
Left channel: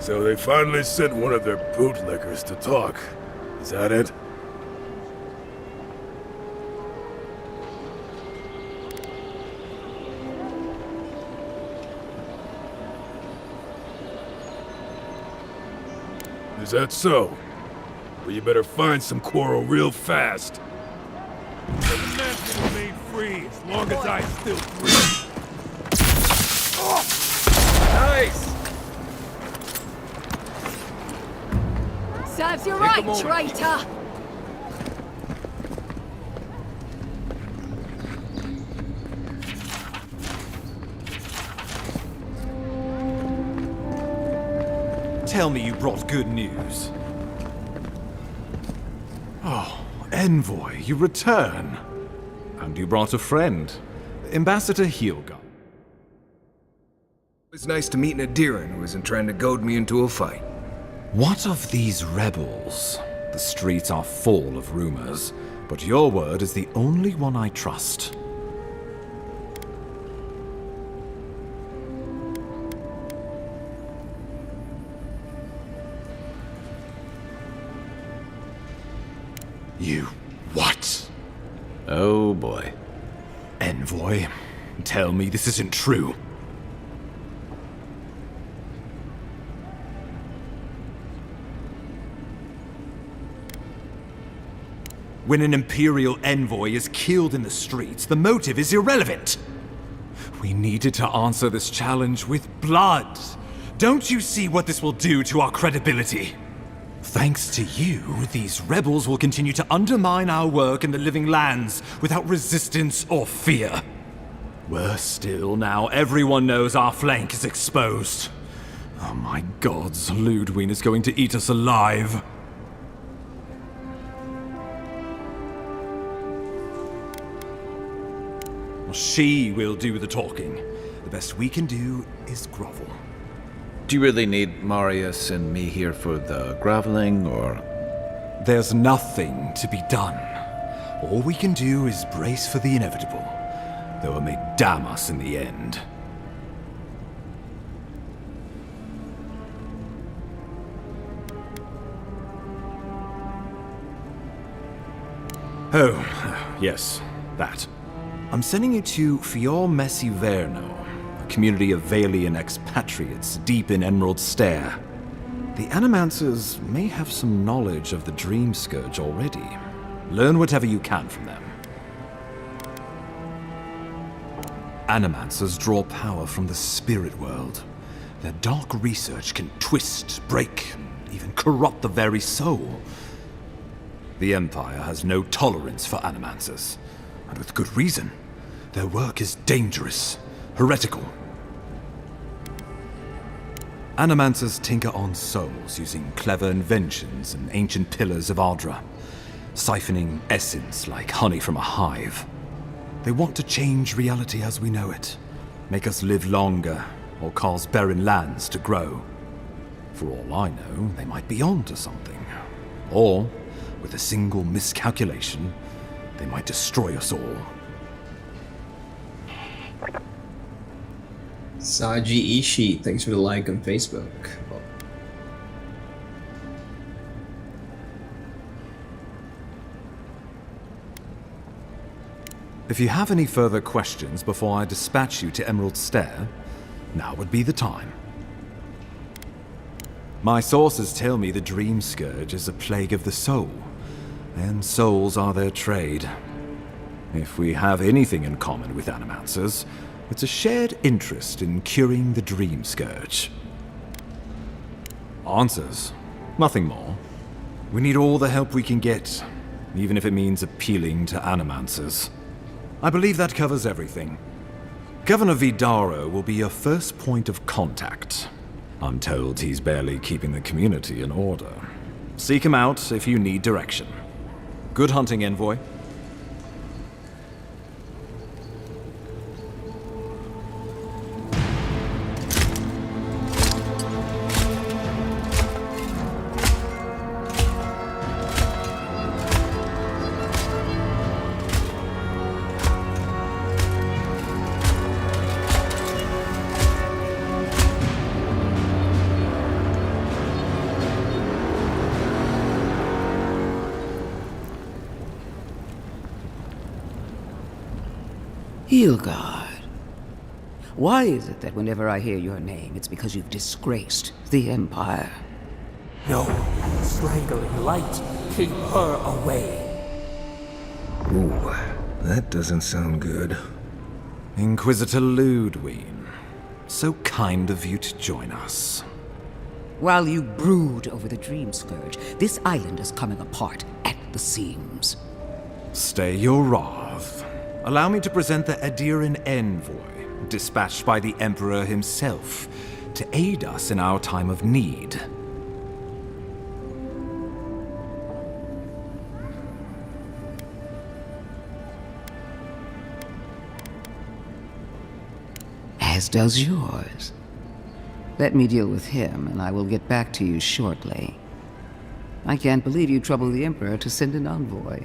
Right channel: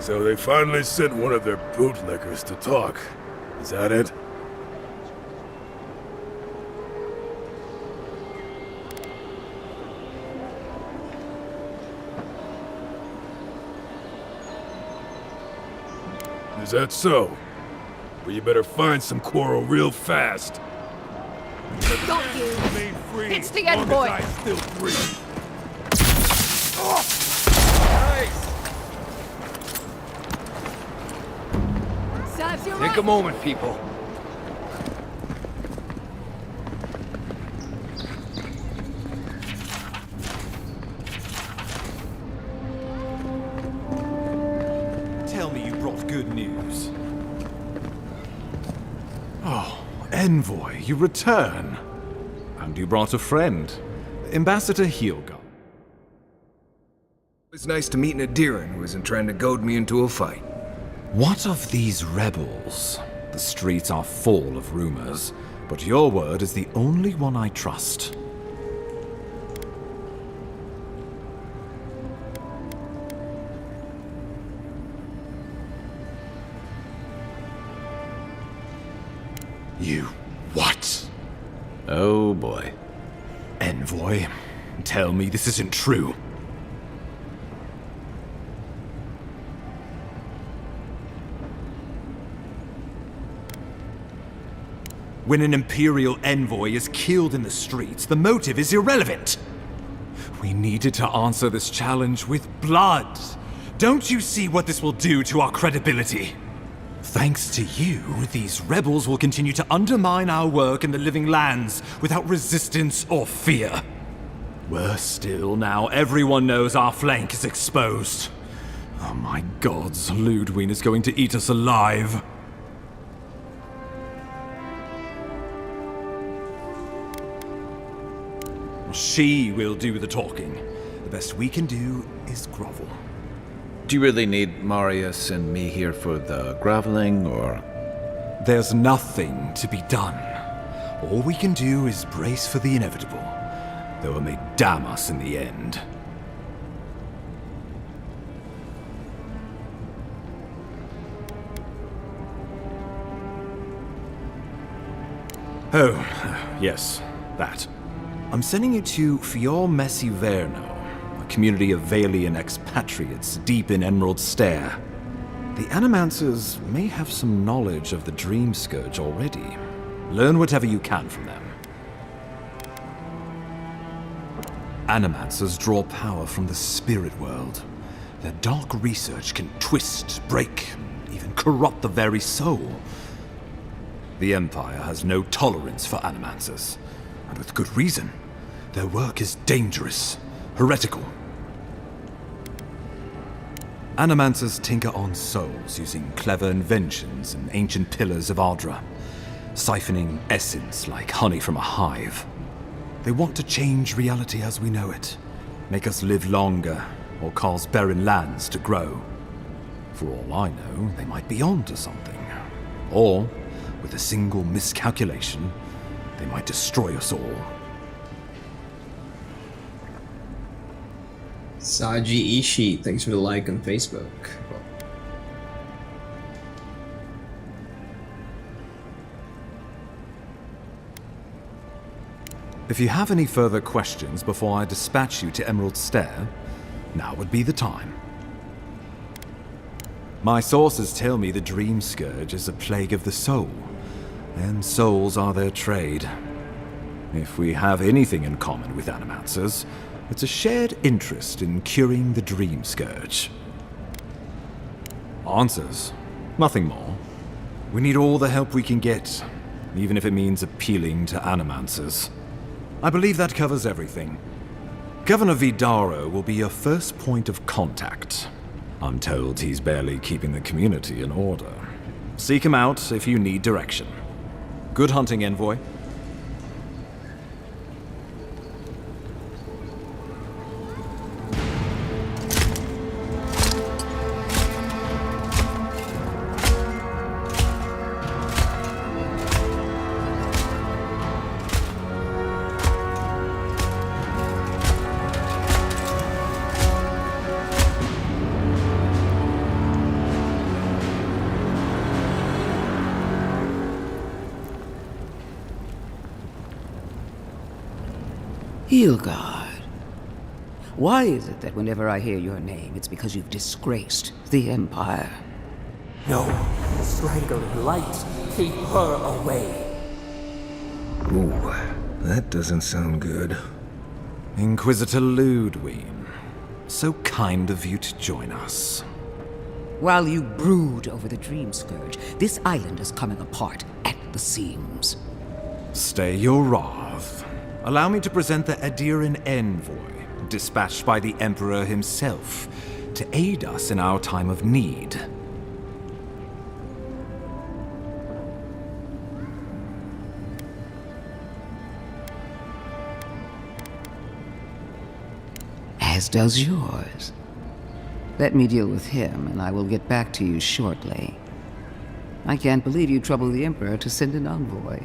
So they finally sent one of their bootlickers to talk. Is that it? Is that so? Well, you better find some coral real fast. The men will remain free as long as I still breathe. Nice! Serves you Take right, a moment, traitor. people. Tell me you brought good news. Oh, Envoy, you return. And you brought a friend, Ambassador Heelgun. It's nice to meet an Adiran who isn't trying to goad me into a fight. What of these rebels? The streets are full of rumors, but your word is the only one I trust. You what? Oh boy. Envoy, tell me this isn't true. When an Imperial envoy is killed in the streets, the motive is irrelevant. We needed to answer this challenge with blood. Don't you see what this will do to our credibility? Thanks to you, these rebels will continue to undermine our work in the Living Lands without resistance or fear. Worse still, now everyone knows our flank is exposed. Oh my gods, Ludwig is going to eat us alive. She will do the talking. The best we can do is grovel. Do you really need Marius and me here for the groveling, or...? There's nothing to be done. All we can do is brace for the inevitable, though it may damn us in the end. Oh, yes, that. I'm sending you to Fior Messi Verno, a community of Valian expatriates deep in Emerald Stair. The Animancers may have some knowledge of the Dream Scourge already. Learn whatever you can from them. Animancers draw power from the spirit world. Their dark research can twist, break, and even corrupt the very soul. The Empire has no tolerance for Animancers. And with good reason. Their work is dangerous, heretical. Animancers tinker on souls using clever inventions and ancient pillars of Ardra, siphoning essence like honey from a hive. They want to change reality as we know it, make us live longer, or cause barren lands to grow. For all I know, they might be on to something. Or, with a single miscalculation, they might destroy us all. Saji Ishii, thanks for the like on Facebook. If you have any further questions before I dispatch you to Emerald Stair, now would be the time. My sources tell me the Dream Scourge is a plague of the soul, and souls are their trade. If we have anything in common with Animancers, it's a shared interest in curing the Dream Scourge. Answers? Nothing more. We need all the help we can get, even if it means appealing to Animancers. I believe that covers everything. Governor Vidaro will be your first point of contact. I'm told he's barely keeping the community in order. Seek him out if you need direction. Good hunting, Envoy. Hilgard. Why is it that whenever I hear your name, it's because you've disgraced the Empire? No, strangling light. Keep her away. Ooh, that doesn't sound good. Inquisitor Ludwig, so kind of you to join us. While you brood over the Dream Scourge, this island is coming apart at the seams. Stay your wrath. Allow me to present the Adiran Envoy, dispatched by the Emperor himself, to aid us in our time of need. As does yours. Let me deal with him, and I will get back to you shortly. I can't believe you troubled the Emperor to send an envoy.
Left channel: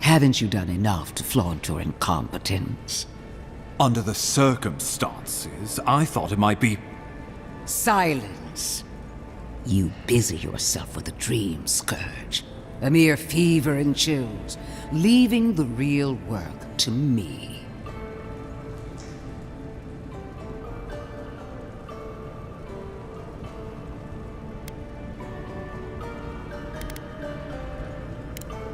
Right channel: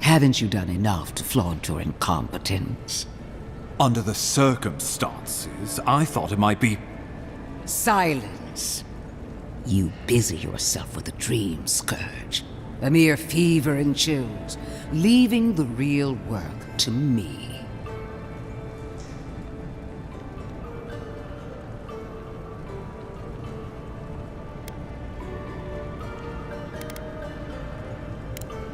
Haven't you done enough to flaunt your incompetence? Under the circumstances, I thought it might be... Silence! You busy yourself with a dream scourge. A mere fever and chills, leaving the real work to me.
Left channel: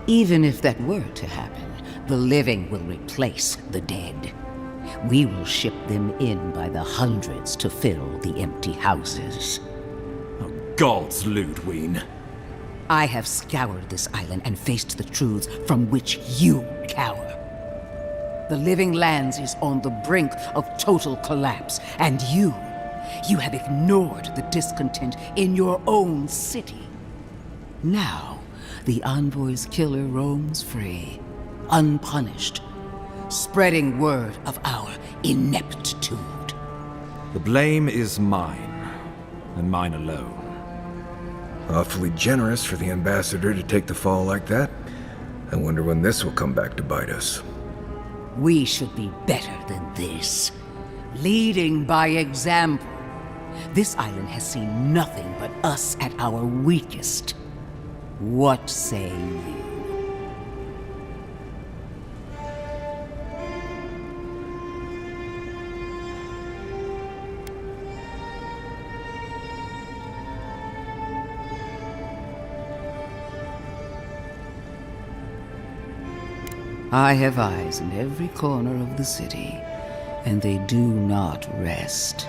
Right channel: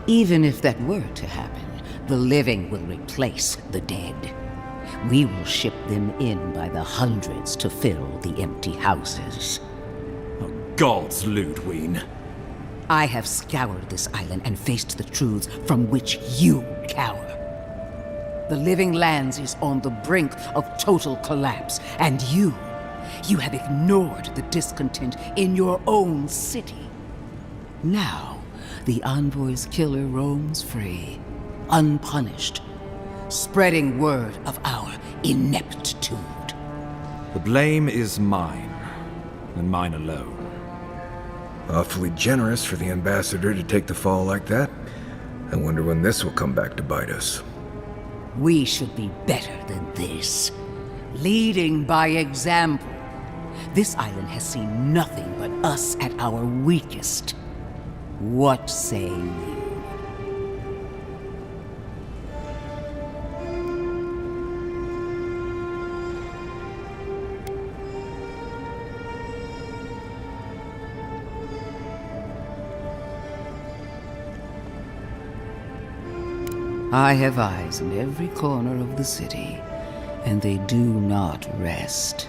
Even if that were to happen, the living will replace the dead. We will ship them in by the hundreds to fill the empty houses. Oh, gods, Ludwig. I have scoured this island and faced the truths from which you cower. The Living Lands is on the brink of total collapse, and you have ignored the discontent in your own city. Now, the Envoy's killer roams free, unpunished, spreading word of our ineptitude. The blame is mine, and mine alone. Awfully generous for the ambassador to take the fall like that. I wonder when this will come back to bite us. We should be better than this. Leading by example. This island has seen nothing but us at our weakest. What say you? I have eyes in every corner of the city, and they do not rest.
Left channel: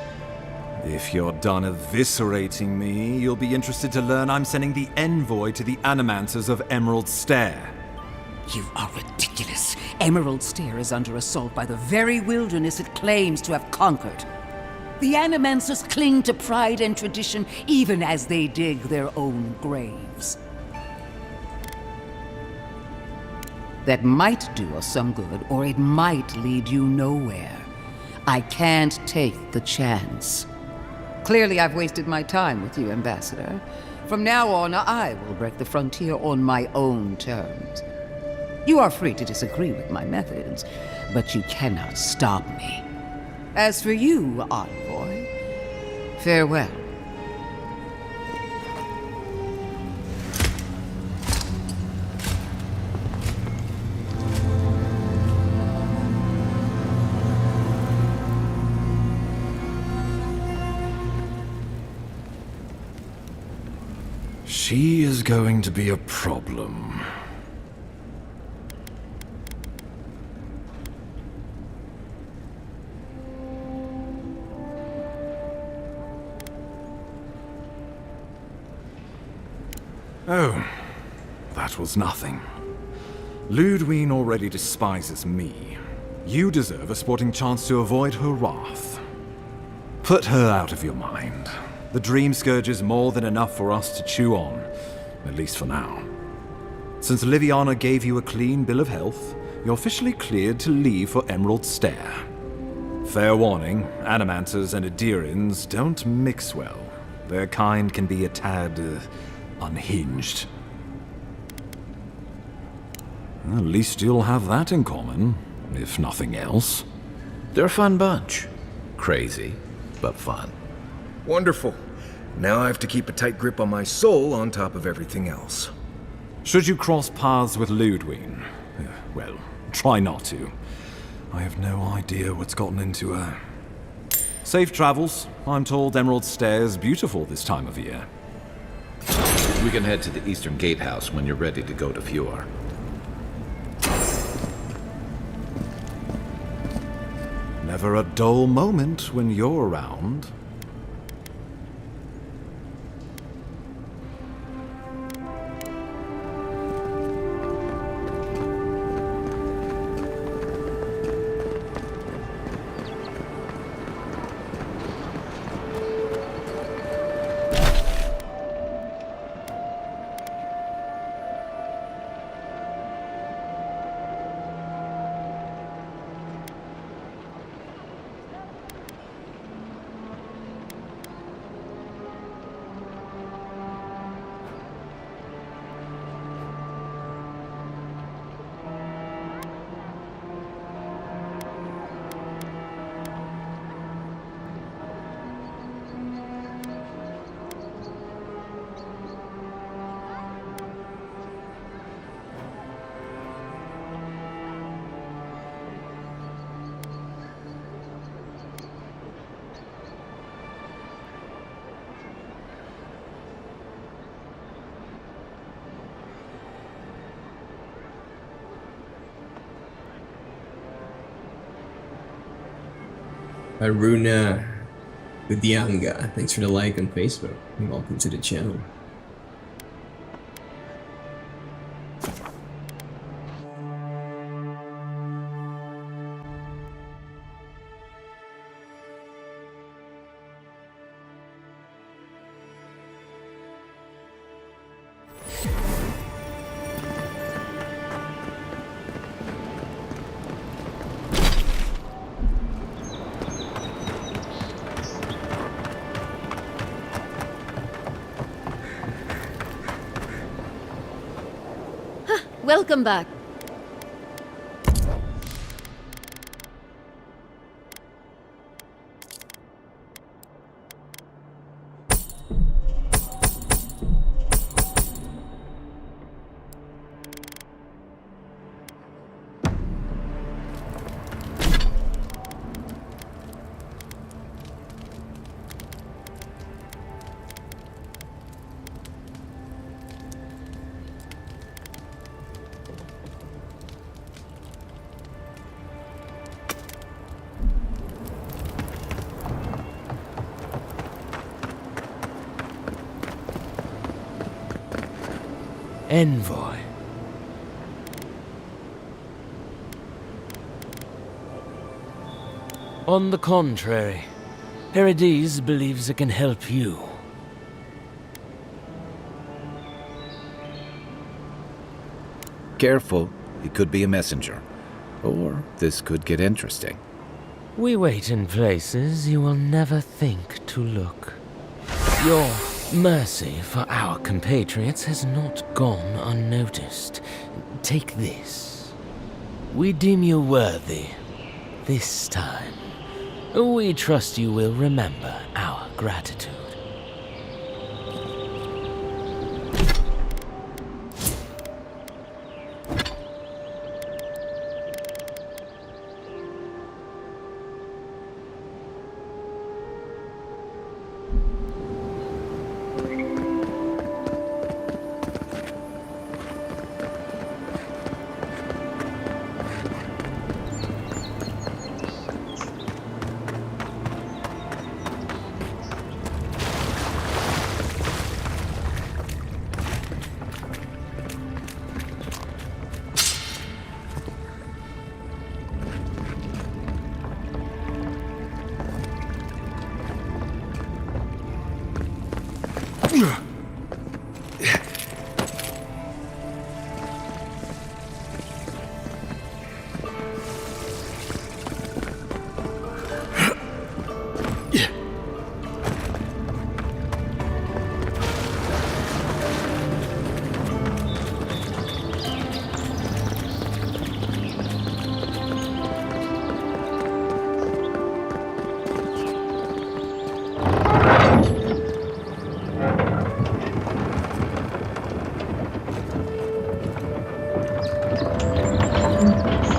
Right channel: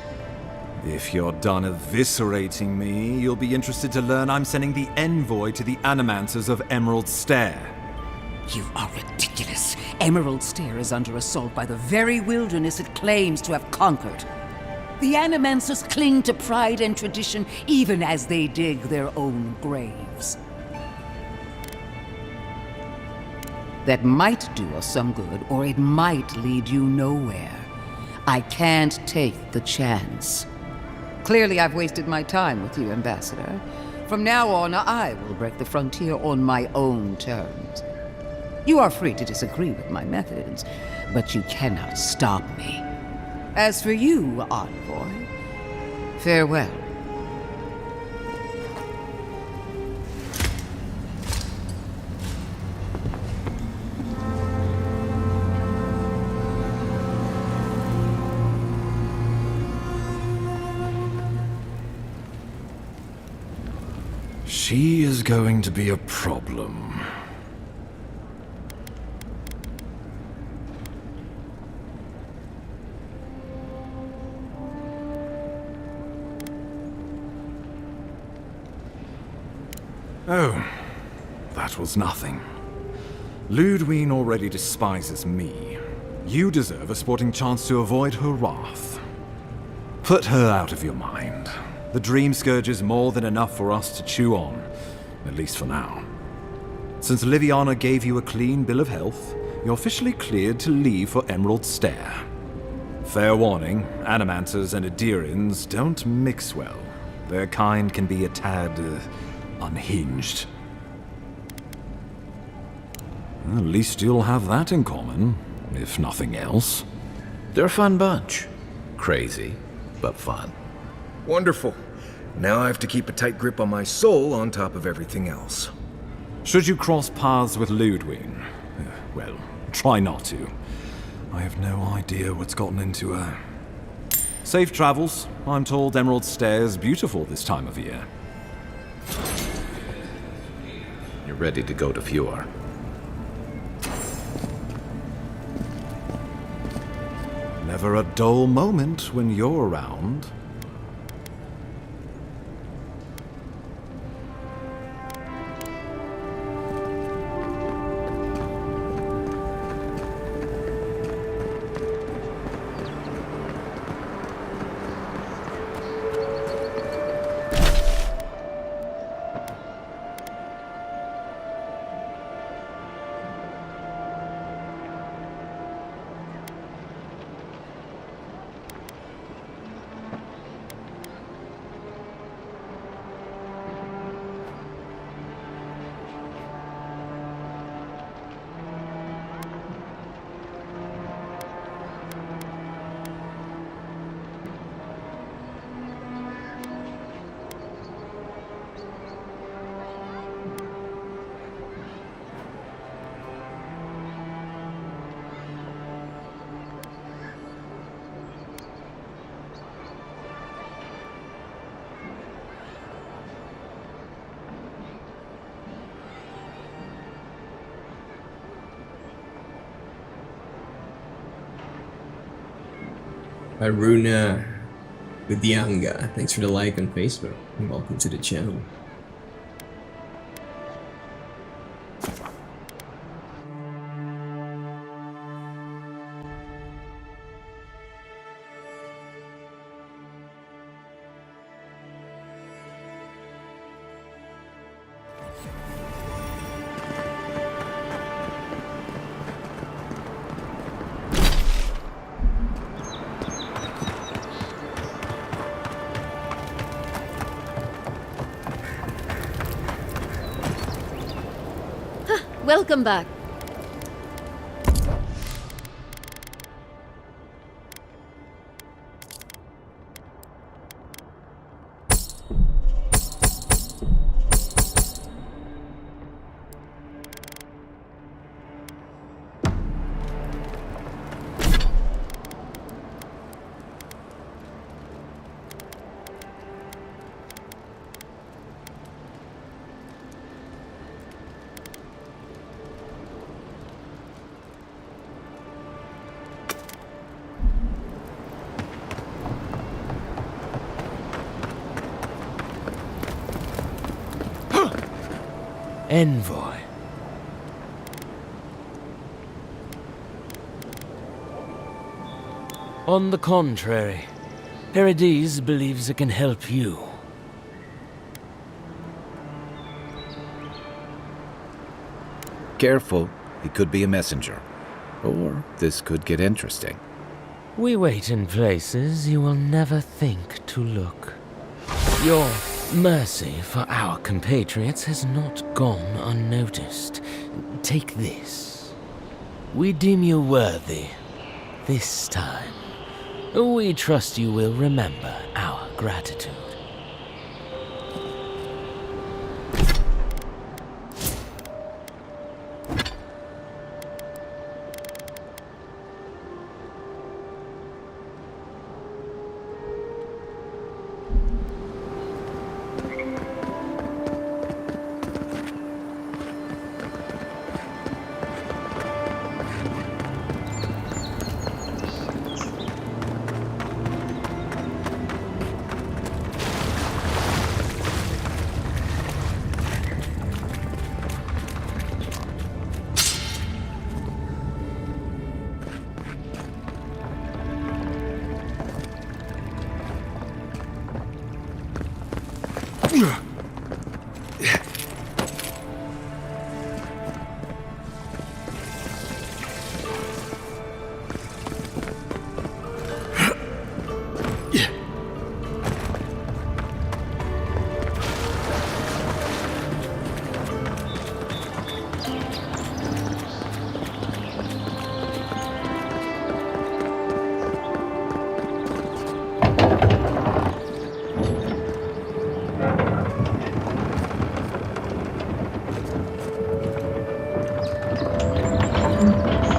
If you're done eviscerating me, you'll be interested to learn I'm sending the envoy to the Animancers of Emerald Stair. You are ridiculous. Emerald Stair is under assault by the very wilderness it claims to have conquered. The Animancers cling to pride and tradition even as they dig their own graves. That might do us some good, or it might lead you nowhere. I can't take the chance. Clearly, I've wasted my time with you, Ambassador. From now on, I will break the frontier on my own terms. You are free to disagree with my methods, but you cannot stop me. As for you, Envoy, farewell. She is going to be a problem. Oh, that was nothing. Ludwig already despises me. You deserve a sporting chance to avoid her wrath. Put her out of your mind. The Dream Scourge is more than enough for us to chew on, at least for now. Since Liviana gave you a clean bill of health, you're officially cleared to leave for Emerald Stair. Fair warning, Animancers and Adirans don't mix well. Their kind can be a tad unhinged. At least you'll have that in common, if nothing else. They're a fun bunch. Crazy, but fun. Wonderful. Now I have to keep a tight grip on my soul on top of everything else. Should you cross paths with Ludwig, well, try not to. I have no idea what's gotten into her. Safe travels. I'm told Emerald Stair is beautiful this time of year. We can head to the Eastern Gatehouse when you're ready to go to Fjord. Never a dull moment when you're around. Aruna Budianga, thanks for the like on Facebook, and welcome to the channel. Welcome back. Envoy. On the contrary, Paradise believes it can help you. Careful, he could be a messenger. Or this could get interesting. We wait in places you will never think to look. Your mercy for our compatriots has not gone unnoticed. Take this. We deem you worthy. This time. We trust you will remember our gratitude.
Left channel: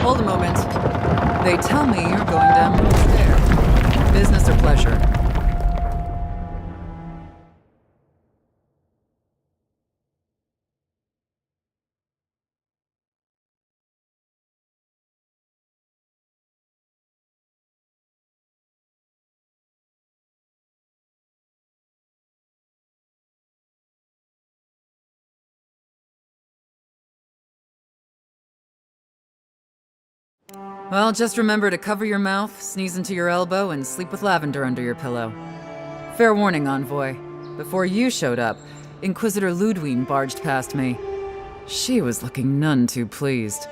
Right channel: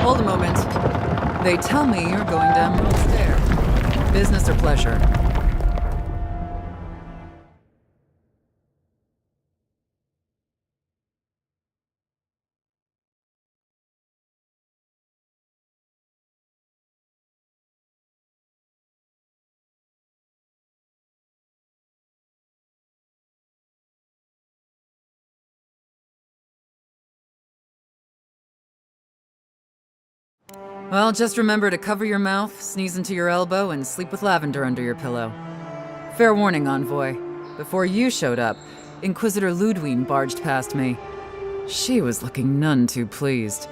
Hold a moment. They tell me you're going down there. Business or pleasure? Well, just remember to cover your mouth, sneeze into your elbow, and sleep with lavender under your pillow. Fair warning, Envoy. Before you showed up, Inquisitor Ludwine barged past me. She was looking none too pleased.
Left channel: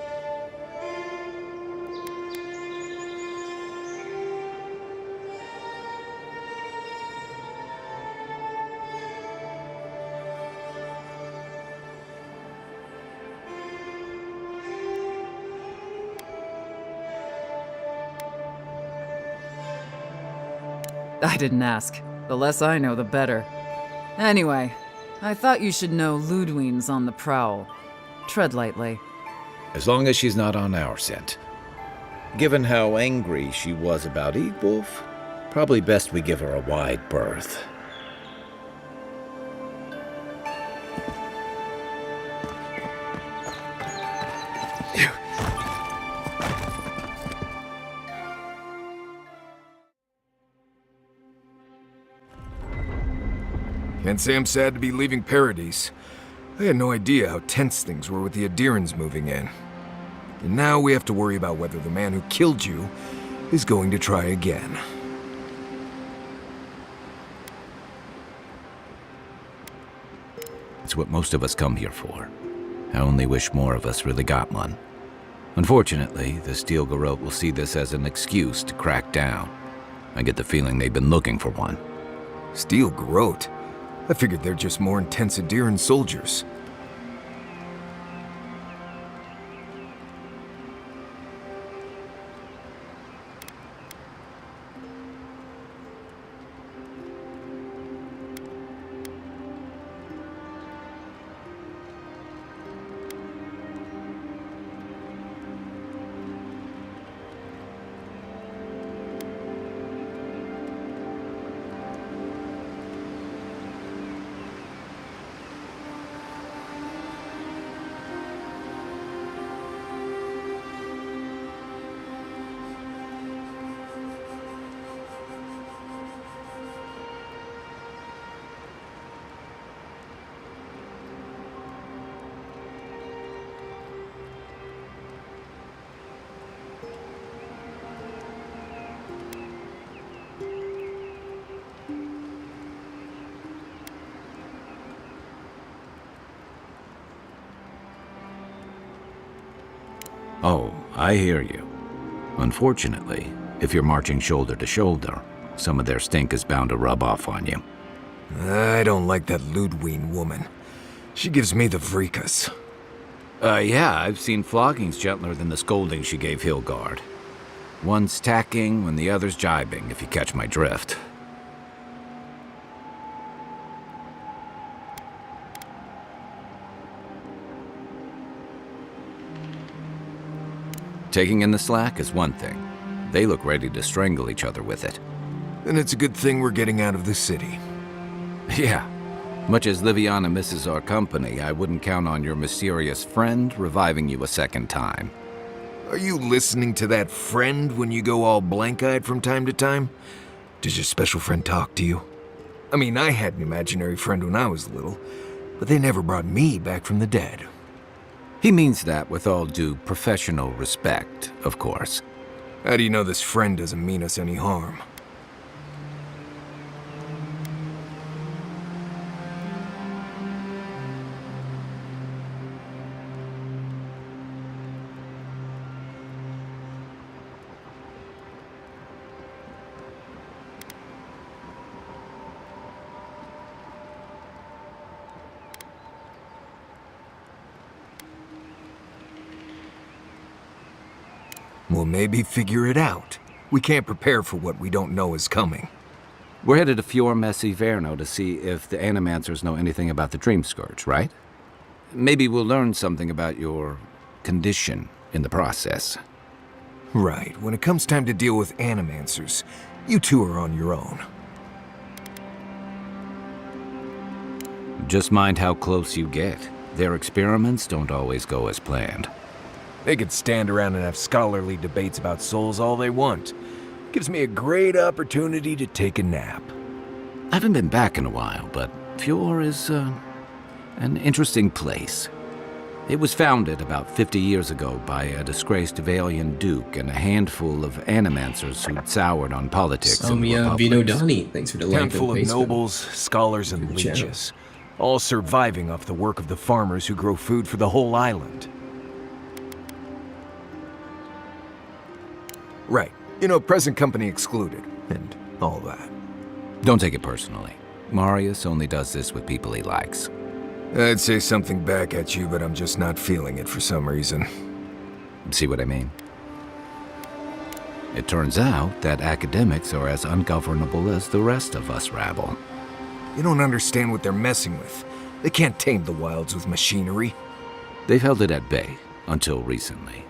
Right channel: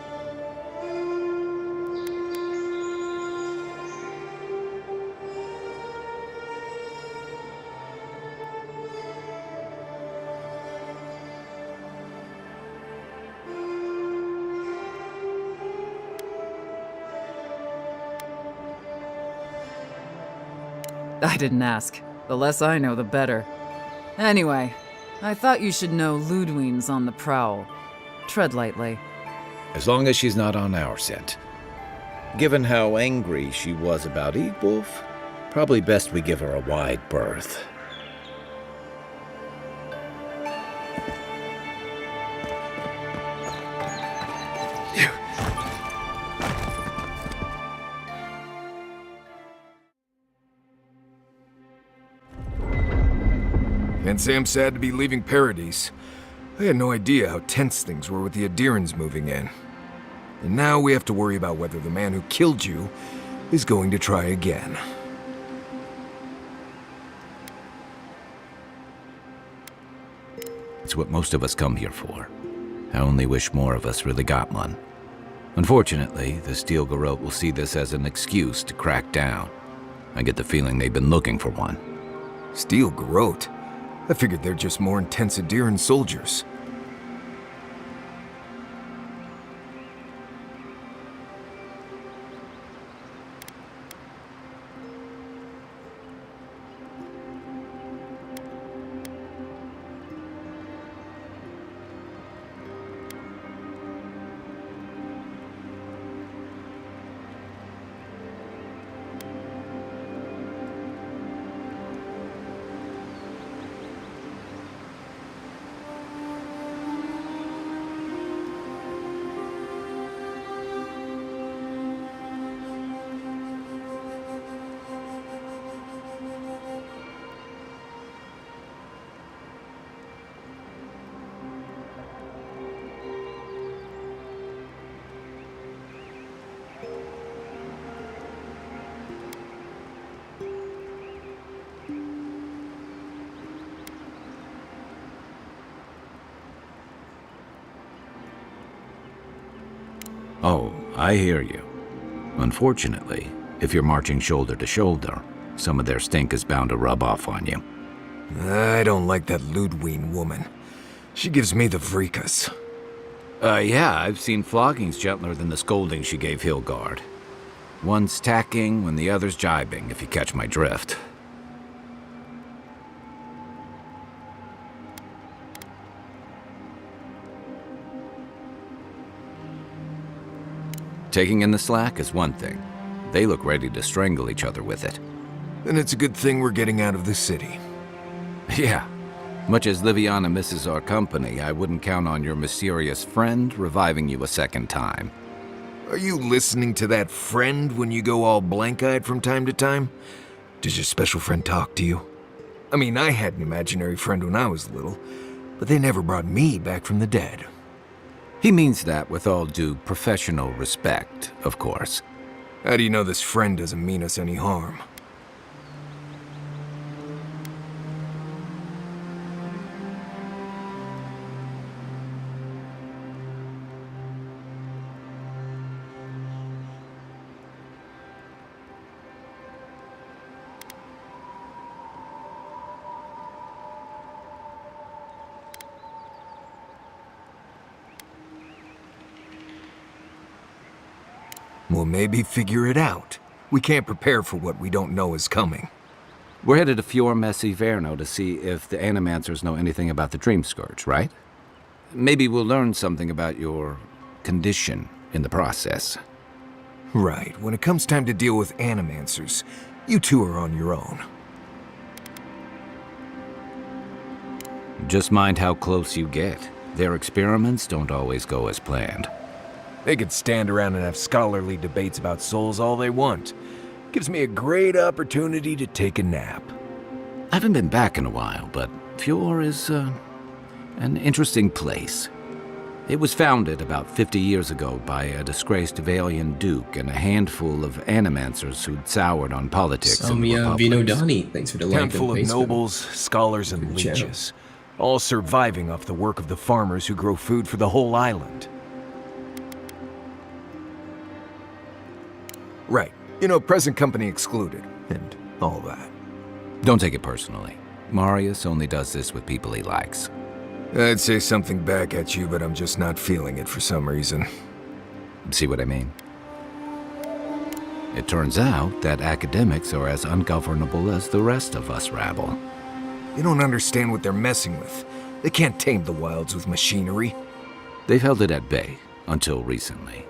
I didn't ask. The less I know, the better. Anyway, I thought you should know Ludwine's on the prowl. Tread lightly. As long as she's not on our scent. Given how angry she was about Wolf, probably best we give her a wide berth. Can't say I'm sad to be leaving Paradise. I had no idea how tense things were with the Adirans moving in. And now we have to worry about whether the man who killed you is going to try again. It's what most of us come here for. I only wish more of us really got one. Unfortunately, the Steel Garrote will see this as an excuse to crack down. I get the feeling they've been looking for one. Steel Garrote? I figured they're just more intense Adiran soldiers. Oh, I hear you. Unfortunately, if you're marching shoulder to shoulder, some of their stink is bound to rub off on you. I don't like that Ludwig woman. She gives me the vrikas. Yeah, I've seen floggings gentler than the scolding she gave Hilgard. One's tacking when the other's jibing, if you catch my drift. Taking in the slack is one thing. They look ready to strangle each other with it. Then it's a good thing we're getting out of the city. Yeah. Much as Liviana misses our company, I wouldn't count on your mysterious friend reviving you a second time. Are you listening to that friend when you go all blank-eyed from time to time? Does your special friend talk to you? I mean, I had an imaginary friend when I was little, but they never brought me back from the dead. He means that with all due professional respect, of course. How do you know this friend doesn't mean us any harm? We'll maybe figure it out. We can't prepare for what we don't know is coming. We're headed to Fior Messi Verno to see if the Animancers know anything about the Dream Scourge, right? Maybe we'll learn something about your condition in the process. Right. When it comes time to deal with Animancers, you two are on your own. Just mind how close you get. Their experiments don't always go as planned. They could stand around and have scholarly debates about souls all they want. Gives me a great opportunity to take a nap. I haven't been back in a while, but Fior is an interesting place. It was founded about 50 years ago by a disgraced Valian duke and a handful of Animancers who'd soured on politics in the Republic. Vinodani, thanks for the like on Handful of Facebook. nobles, scholars, and leeches, all surviving off the work of the farmers who grow food for the whole island. Right. You know, present company excluded, and all that. Don't take it personally. Marius only does this with people he likes. I'd say something back at you, but I'm just not feeling it for some reason. See what I mean? It turns out that academics are as ungovernable as the rest of us rabble. You don't understand what they're messing with. They can't tame the wilds with machinery. They've held it at bay, until recently.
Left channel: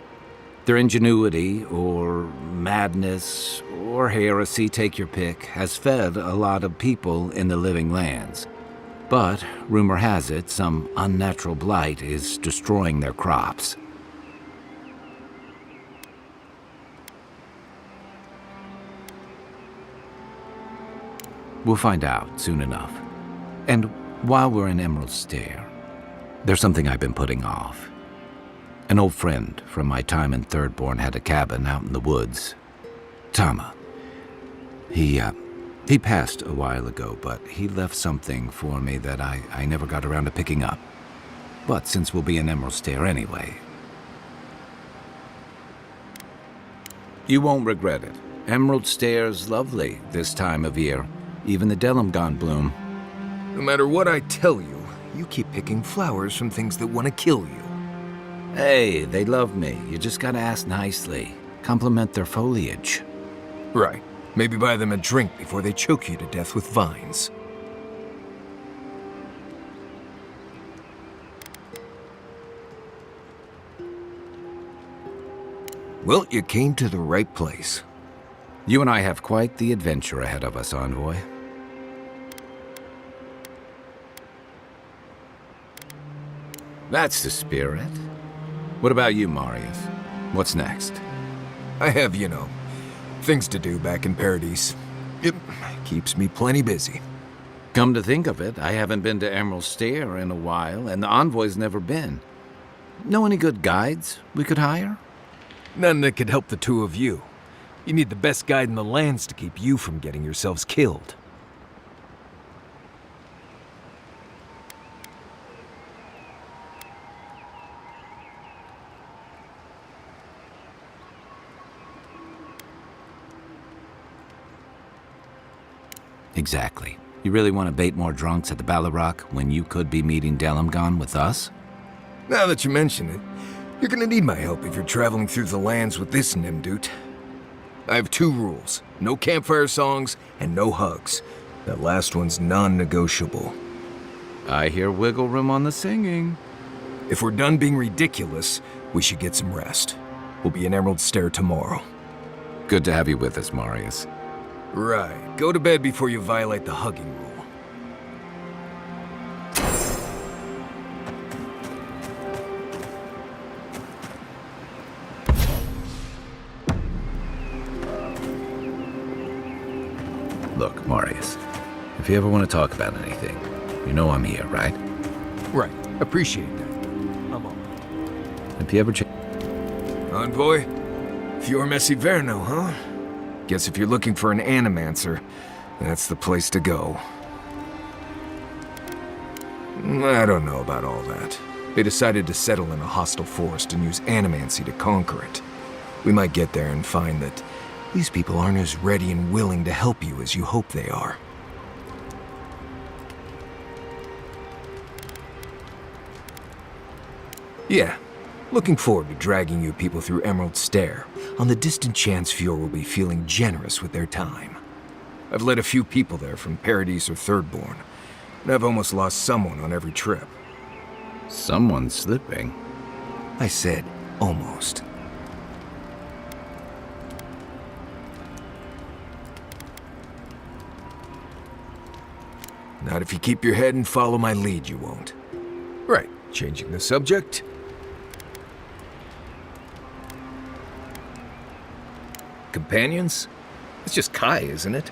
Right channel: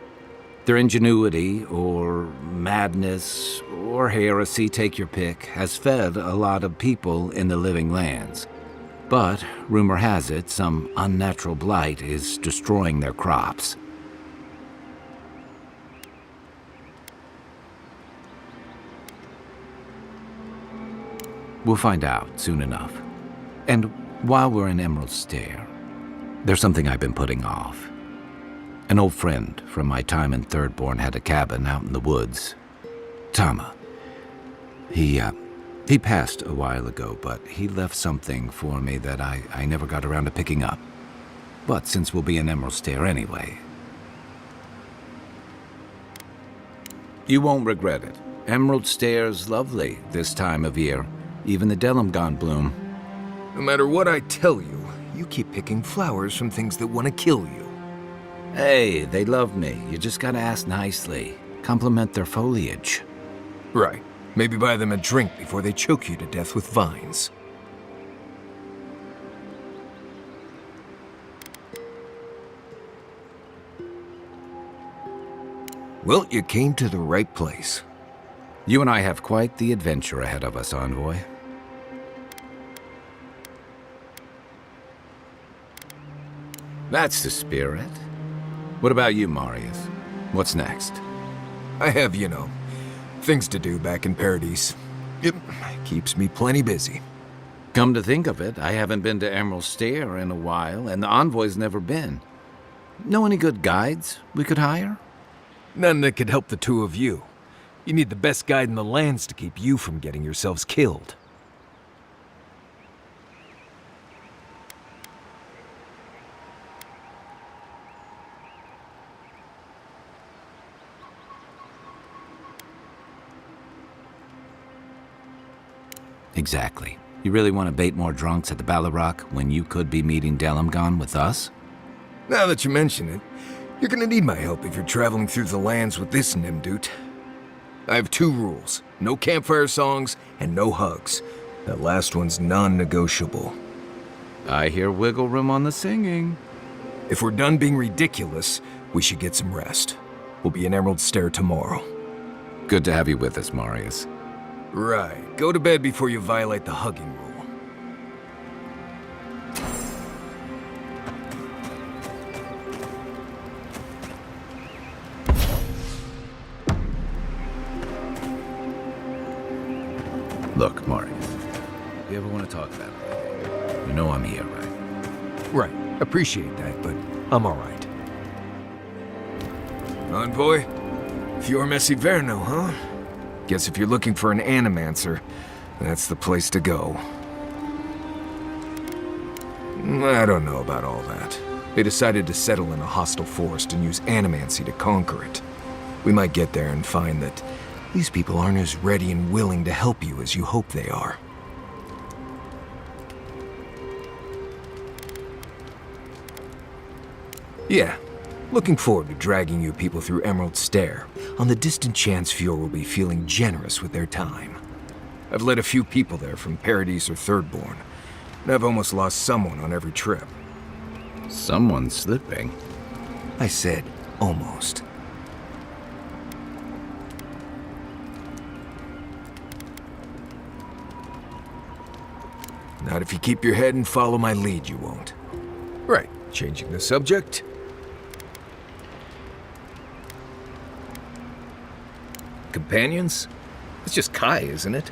Their ingenuity, or madness, or heresy, take your pick, has fed a lot of people in the living lands. But, rumor has it, some unnatural blight is destroying their crops. We'll find out soon enough. And while we're in Emerald Stair, there's something I've been putting off. An old friend from my time in Thirdborn had a cabin out in the woods. Tama. He passed a while ago, but he left something for me that I never got around to picking up. But since we'll be in Emerald Stair anyway... You won't regret it. Emerald Stair's lovely this time of year. Even the Delimgon bloom. No matter what I tell you, you keep picking flowers from things that want to kill you. Hey, they love me. You just gotta ask nicely. Compliment their foliage. Right. Maybe buy them a drink before they choke you to death with vines. Well, you came to the right place. You and I have quite the adventure ahead of us, Envoy. That's the spirit. What about you, Marius? What's next? I have, things to do back in Paradise. It keeps me plenty busy. Come to think of it, I haven't been to Emerald Stair in a while, and the Envoy's never been. Know any good guides we could hire? None that could help the two of you. You need the best guide in the lands to keep you from getting yourselves killed. Exactly. You really want to bait more drunks at the Ballarok when you could be meeting Delimgon with us? Now that you mention it, you're gonna need my help if you're traveling through the lands with this Nimdut. I have 2 rules. No campfire songs and no hugs. That last one's non-negotiable. I hear wiggle room on the singing. If we're done being ridiculous, we should get some rest. We'll be in Emerald Stair tomorrow. Good to have you with us, Marius. Right. Go to bed before you violate the hugging rule. Look, Marius, if you ever want to talk about anything, you know I'm here, right? Right. Appreciate that, but I'm alright. If you ever Envoy? Fior Messiverno, huh? Guess if you're looking for an animancer, that's the place to go. I don't know about all that. They decided to settle in a hostile forest and use animancy to conquer it. We might get there and find that these people aren't as ready and willing to help you as you hope they are. Yeah, looking forward to dragging you people through Emerald Stair, on the distant chance Fior will be feeling generous with their time. I've led a few people there from Paradise or Thirdborn, and I've almost lost someone on every trip. Someone's slipping. I said, almost. Not if you keep your head and follow my lead, you won't. Right, changing the subject. Companions? It's just Kai, isn't it?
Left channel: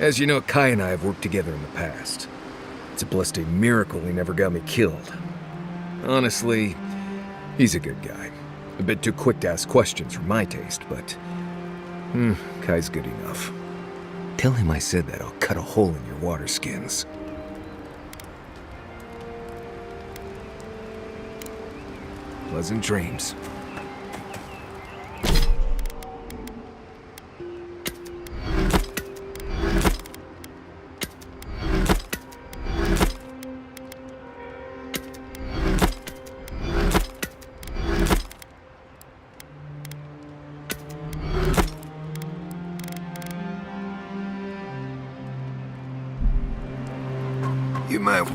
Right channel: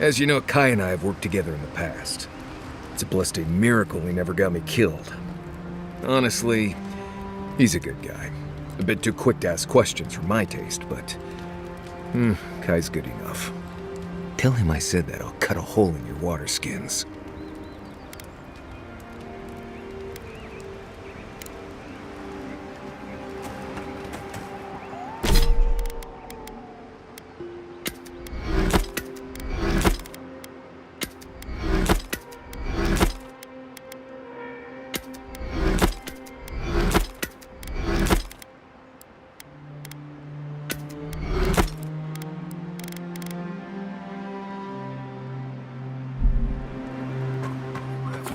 As you know, Kai and I have worked together in the past. It's a blessed miracle he never got me killed. Honestly, he's a good guy. A bit too quick to ask questions for my taste, but... Kai's good enough. Tell him I said that I'll cut a hole in your water skins. Pleasant dreams. You might...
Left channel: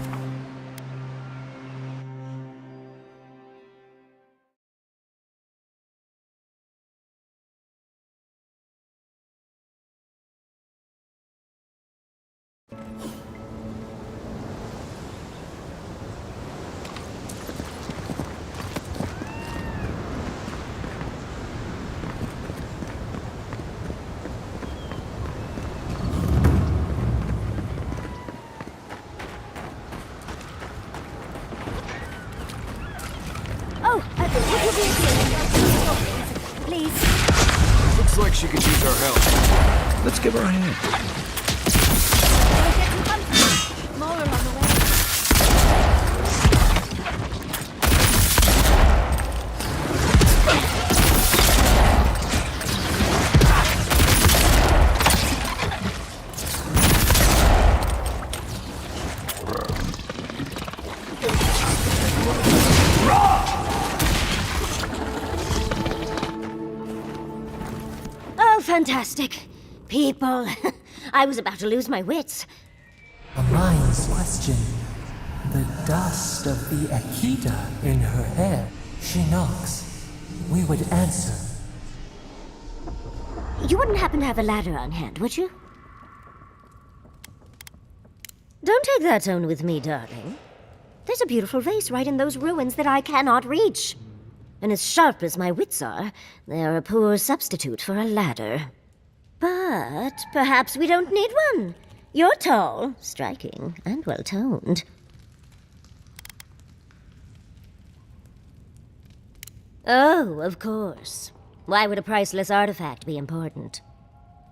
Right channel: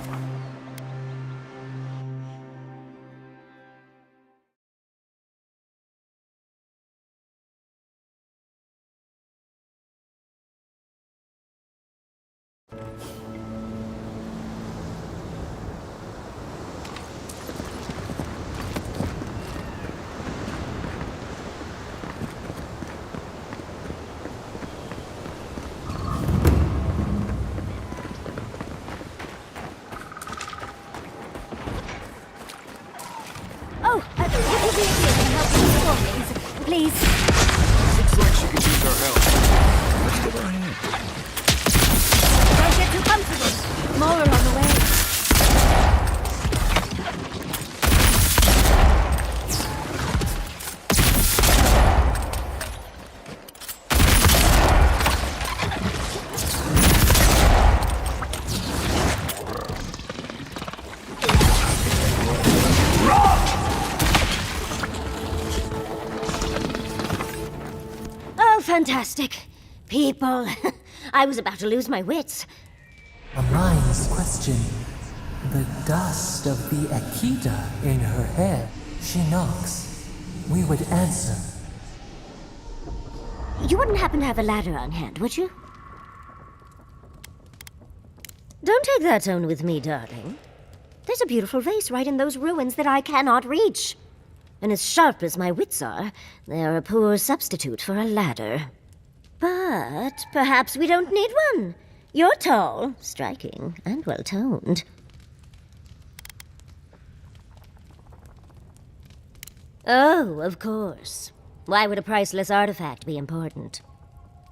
Oh, would you be able to help me with things, please? Looks like she could use our help. Let's give her a hand. Don't get too comfortable. More are on the way. Oh, fantastic. People. I was about to lose my wits. A mind's question. The dust of the Akita in her hair. She knocks. We would answer. You wouldn't happen to have a ladder on hand, would you? Don't take that tone with me, darling. There's a beautiful vase right in those ruins that I cannot reach. And as sharp as my wits are, they are a poor substitute for a ladder. But perhaps we don't need one. You're tall, striking, and well-toned. Oh, of course. Why would a priceless artifact be important?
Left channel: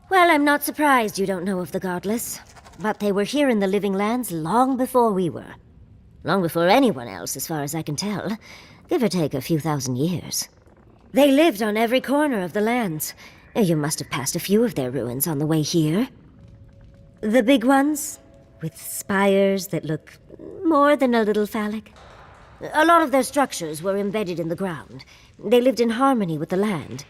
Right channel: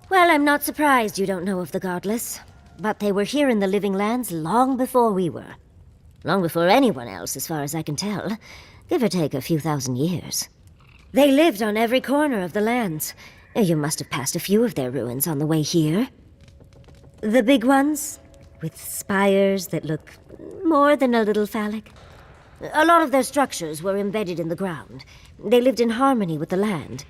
Well, I'm not surprised you don't know of the Godless. But they were here in the Living Lands long before we were. Long before anyone else, as far as I can tell. Give or take a few thousand years. They lived on every corner of the lands. You must have passed a few of their ruins on the way here. The big ones, with spires that look more than a little phallic. A lot of their structures were embedded in the ground. They lived in harmony with the land.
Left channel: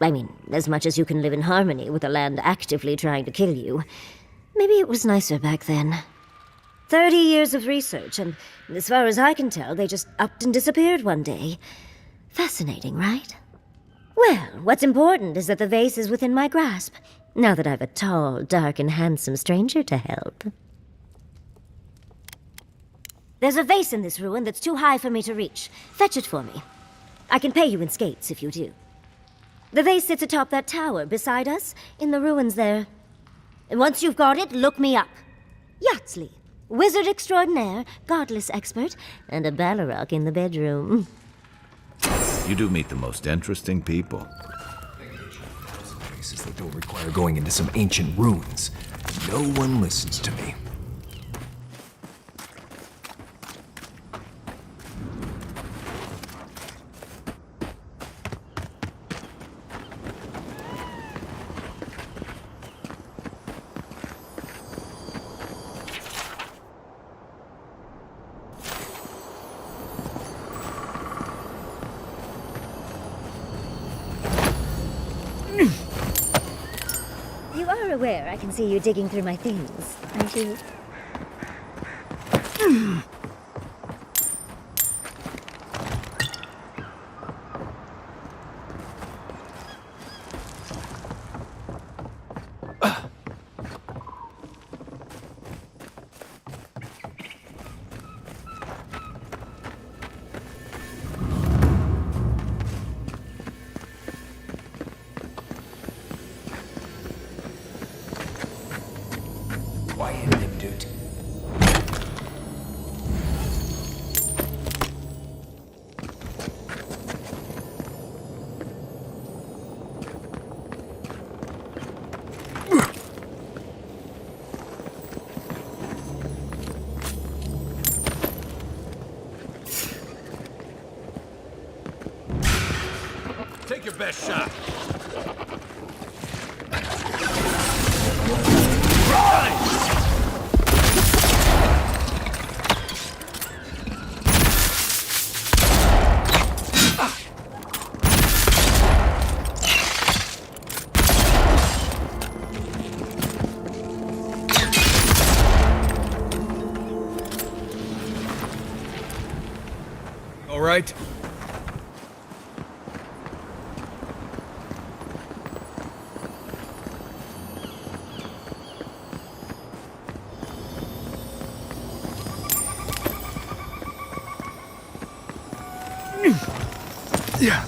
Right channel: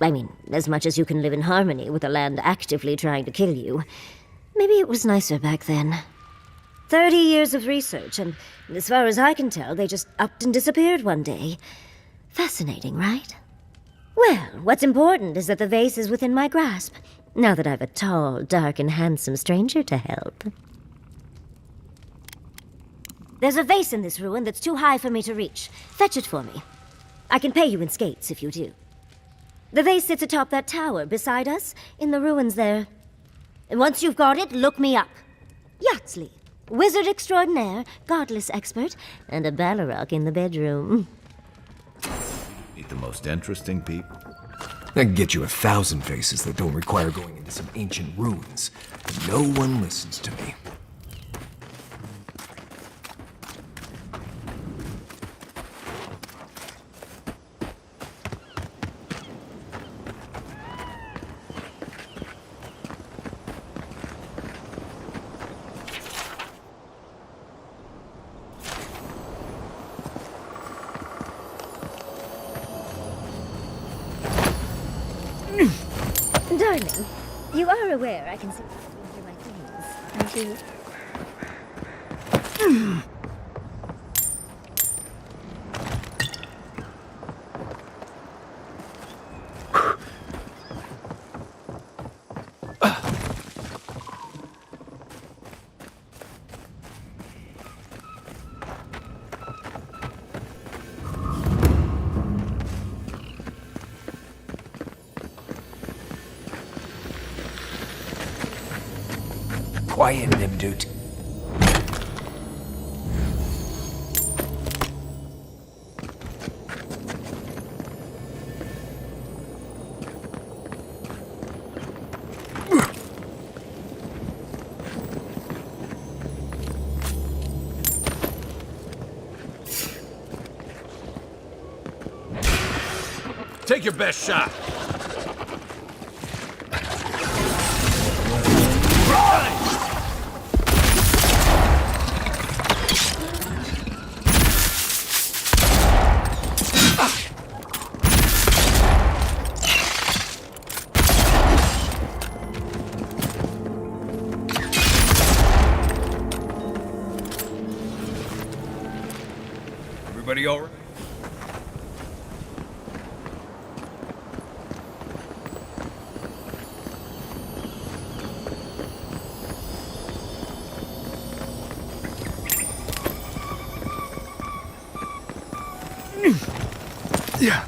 I mean, as much as you can live in harmony with the land actively trying to kill you. Maybe it was nicer back then. 30 years of research, and as far as I can tell, they just upped and disappeared one day. Fascinating, right? Well, what's important is that the vase is within my grasp, now that I've a tall, dark, and handsome stranger to help. There's a vase in this ruin that's too high for me to reach. Fetch it for me. I can pay you in skates if you do. The vase sits atop that tower beside us, in the ruins there. And once you've got it, look me up. Yatsley, wizard extraordinaire, godless expert, and a Balrog in the bedroom. You do meet the most interesting people. I can get you 1,000 faces that don't require going into some ancient ruins. No one listens to me. Darling, you are aware I can see you digging through my things, aren't you? Quiet, Nimdut. Take your best shot. Everybody all right? Yeah.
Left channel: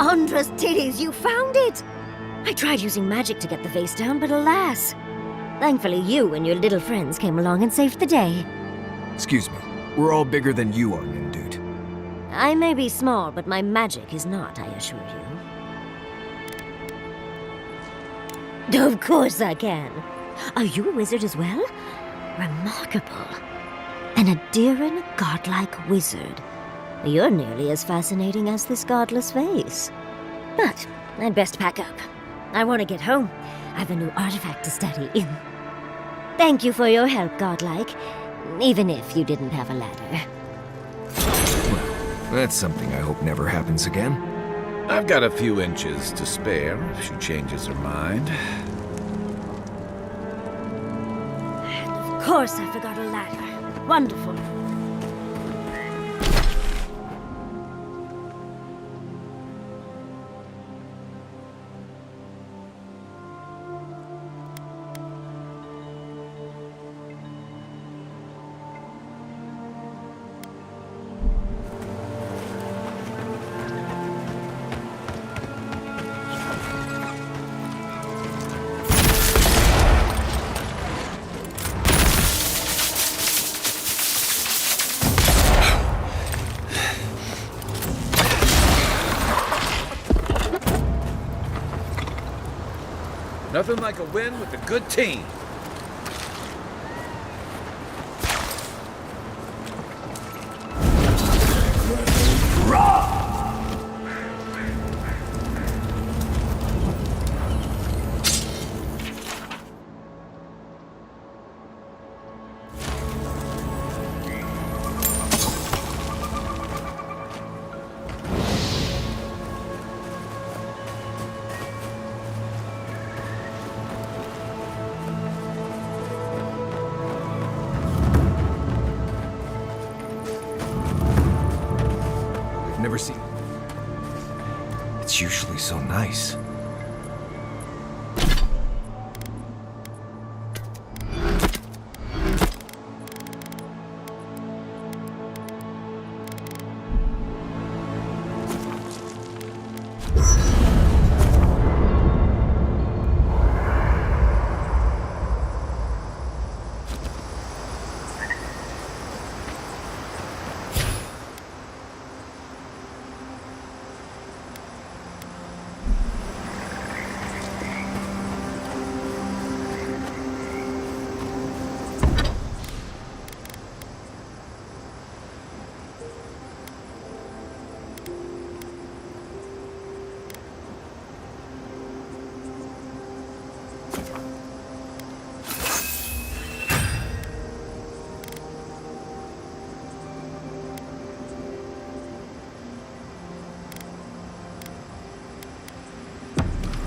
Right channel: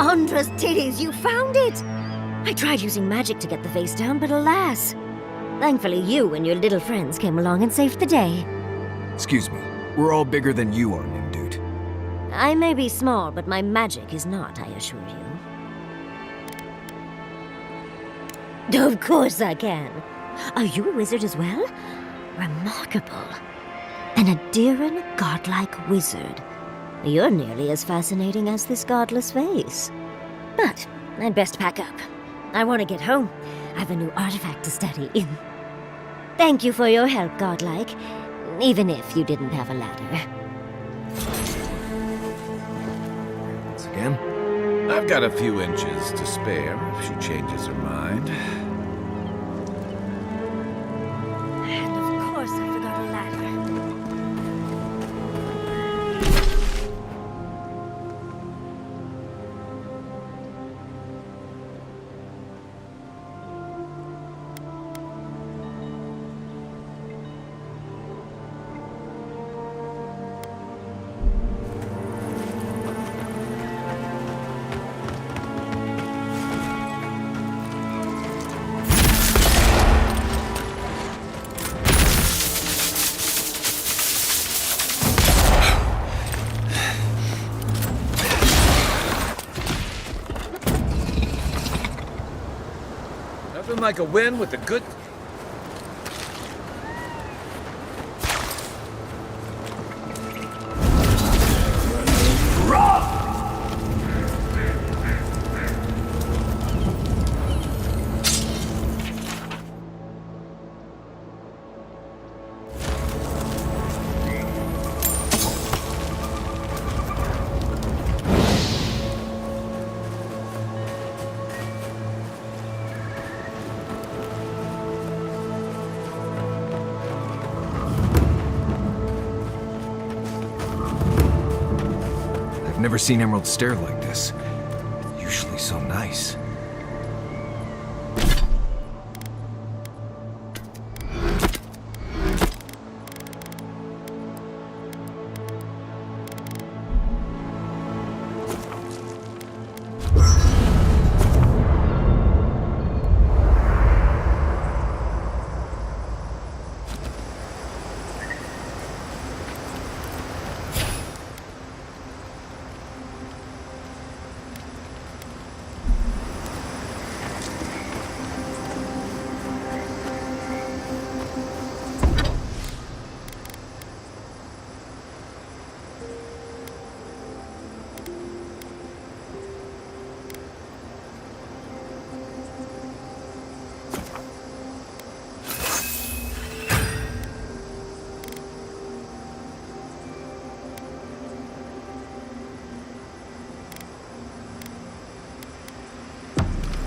Andra's titties, you found it! I tried using magic to get the face down, but alas. Thankfully, you and your little friends came along and saved the day. Excuse me, we're all bigger than you are, Nimdude. I may be small, but my magic is not, I assure you. Of course I can. Are you a wizard as well? Remarkable. An Adiran godlike wizard. You're nearly as fascinating as this godless face. But I'd best pack up. I want to get home. I have a new artifact to study. Thank you for your help, godlike. Even if you didn't have a ladder. That's something I hope never happens again. I've got a few inches to spare if she changes her mind. And of course I forgot a ladder. Wonderful. Nothing like a win with a good team. I've never seen Emerald Stair like this. It's usually so nice.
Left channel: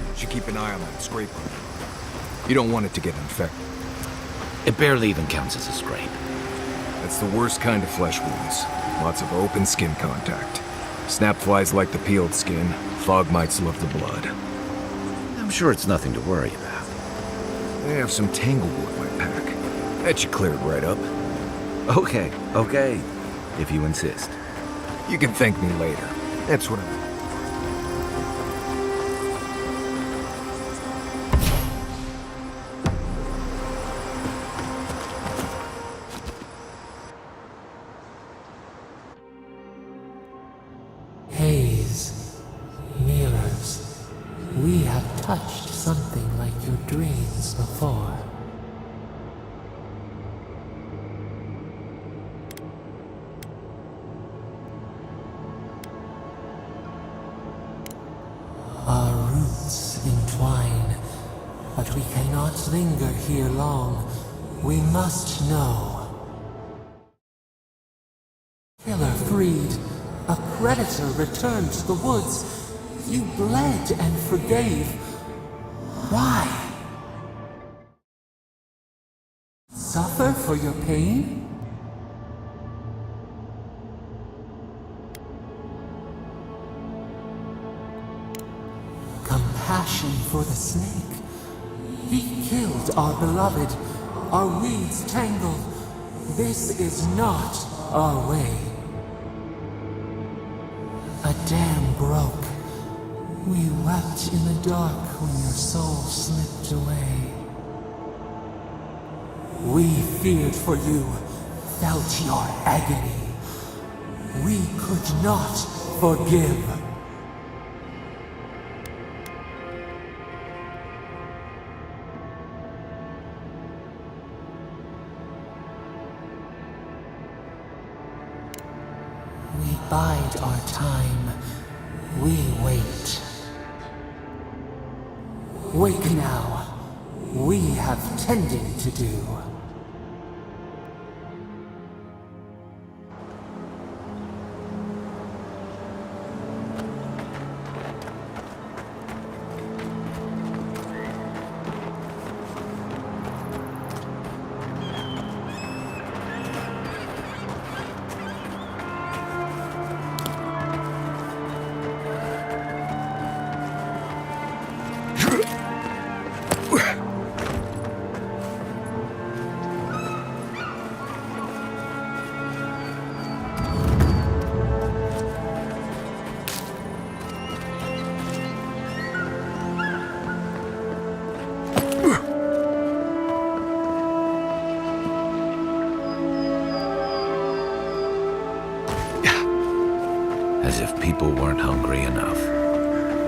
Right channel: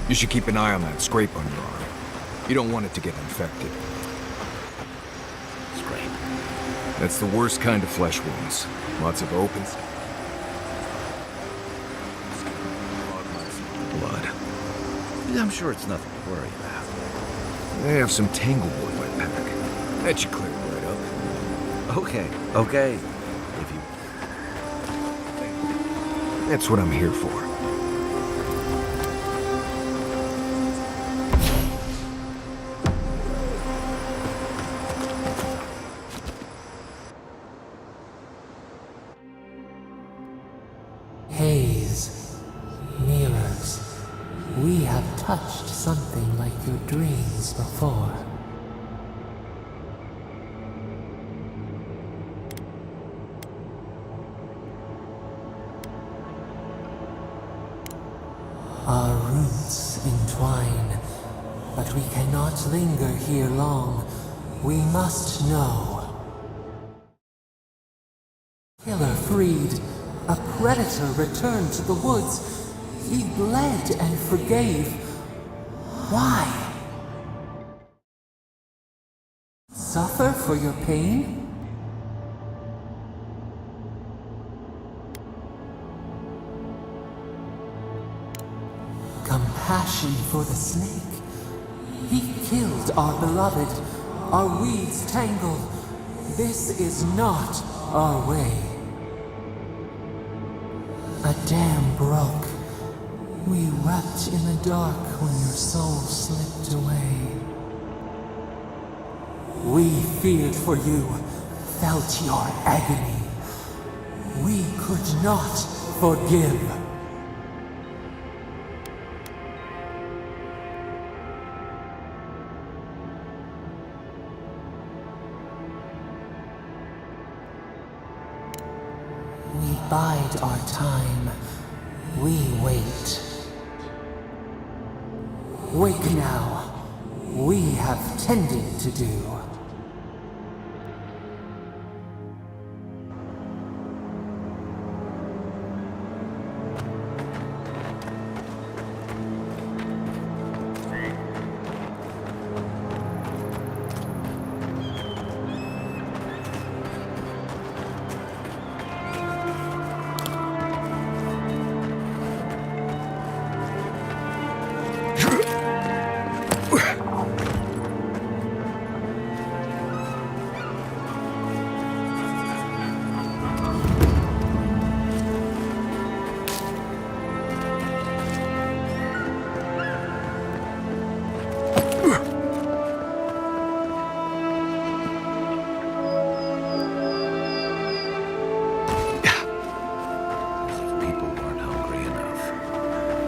You should keep an eye on that scrape on your arm. You don't want it to get infected. It barely even counts as a scrape. That's the worst kind of flesh wounds. Lots of open skin contact. Snap flies like the peeled skin. Fog mites love the blood. I'm sure it's nothing to worry about. They have some tanglewood in my pack. That should clear it right up. Okay, if you insist. You can thank me later. That's what I'm here for. Haze, touched something like your dreams before. Our roots entwine, but we cannot linger here long. We must know. Killer freed. A predator returned to the woods. You bled and forgave. Why? Suffer for your pain? Compassion for the snake. He killed our beloved. Our weeds tangled. This is not our way. A dam broke. We wept in the dark when your soul slipped away. We feared for you, felt your agony. We could not forgive. We bide our time. We wait. Wake now. We have tending to do. As if people weren't hungry enough.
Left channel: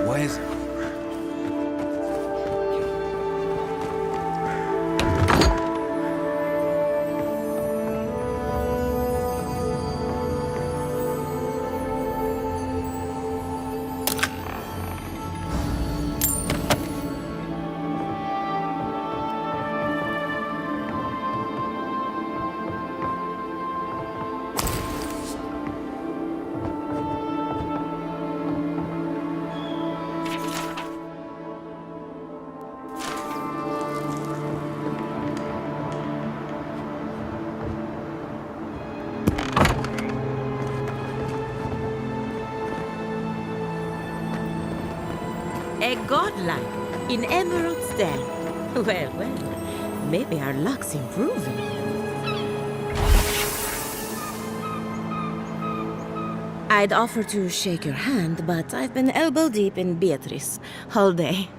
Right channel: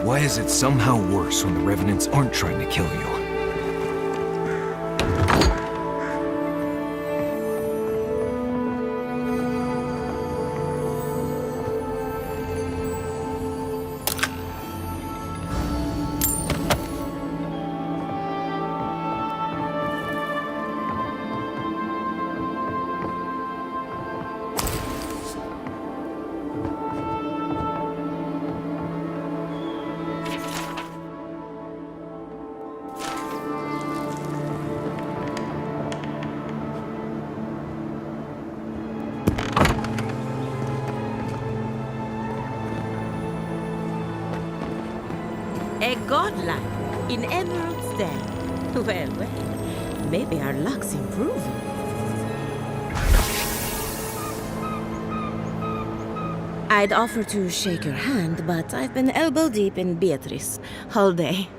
Why is it somehow worse when the Revenants aren't trying to kill you? A godlike in Emerald's Den. Well, maybe our luck's improving. I'd offer to shake your hand, but I've been elbow deep in Beatrice all day.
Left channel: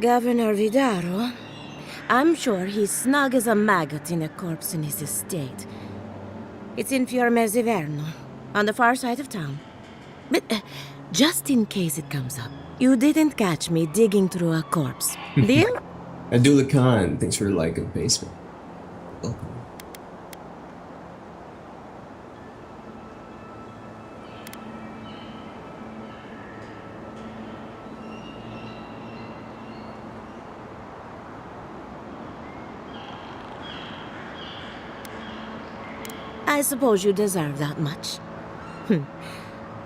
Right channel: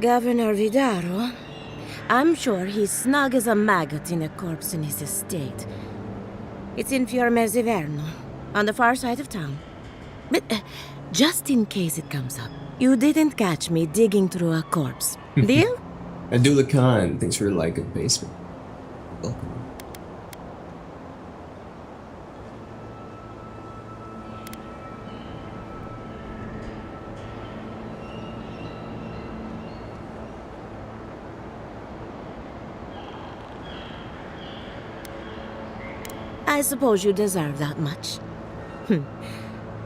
Governor Vidaro, I'm sure he's snug as a maggot in a corpse in his estate. It's in Fiormezziverno, on the far side of town. But just in case it comes up, you didn't catch me digging through a corpse. Deal? Adula Khan, thanks for the like on Facebook. Welcome. I suppose you deserve that much.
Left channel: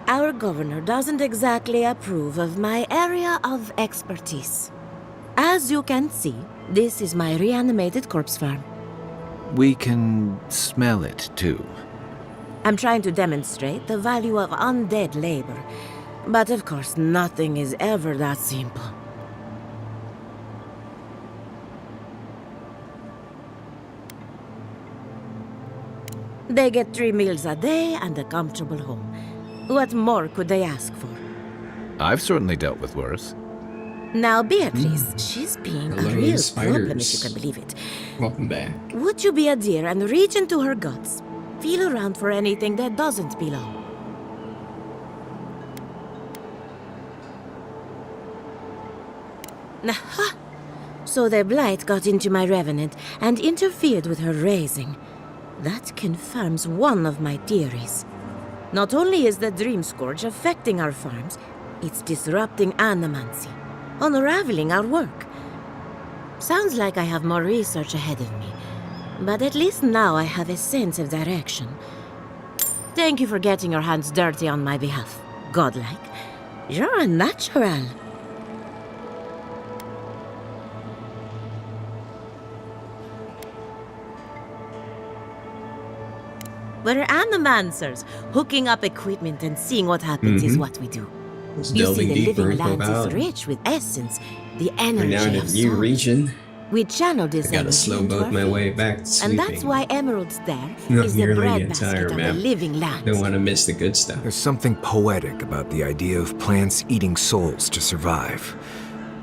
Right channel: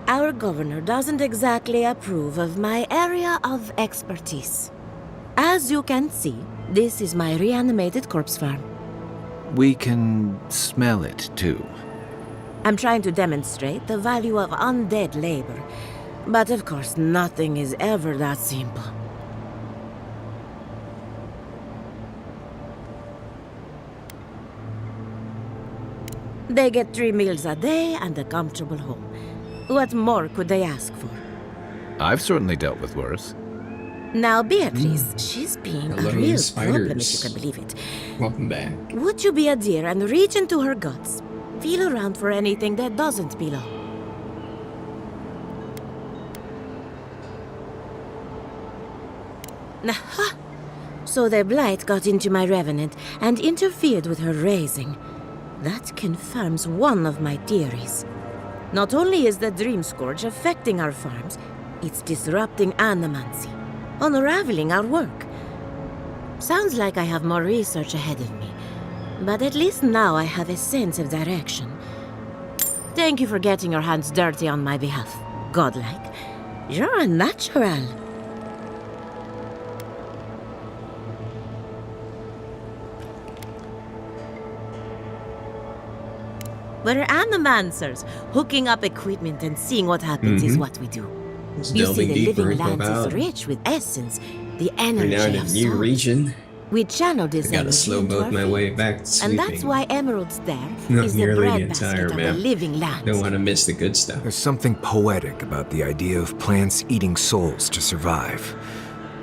Our governor doesn't exactly approve of my area of expertise. As you can see, this is my reanimated corpse farm. We can smell it, too. I'm trying to demonstrate the value of undead labor, but of course nothing is ever that simple. They get 3 meals a day and a comfortable home. What more could they ask for? I've certainly dealt with worse. Now, Beatrice, she's being a real problem, if you can believe it. Welcome back. Would you be a dear and reach into her guts? Feel around for anything that doesn't belong. Aha! So the blight got into my revenant and interfered with her raising. That confirms one of my theories. Not only is the Dream Scourge affecting our farms, it's disrupting animancy, unraveling our work. Sounds like I have more research ahead of me, but at least now I have a sense of direction. Thank you for getting your hands dirty on my behalf, godlike. You're a natural. We're animancers. Hooking up equipment and seeing what happens is what we do. Let's You delving see, the deeper living into lands is Avowed. rich with essence, the We're now energy in a of new soul. region. We channel this I gotta energy slow into boat our my field. way back to And sweeping. that's why Emerald's there Not is the nearly the breadbasket entire of the map. living lands. Don't want to miss the good stuff. There's something poetic about the idea of plants eating souls to survive.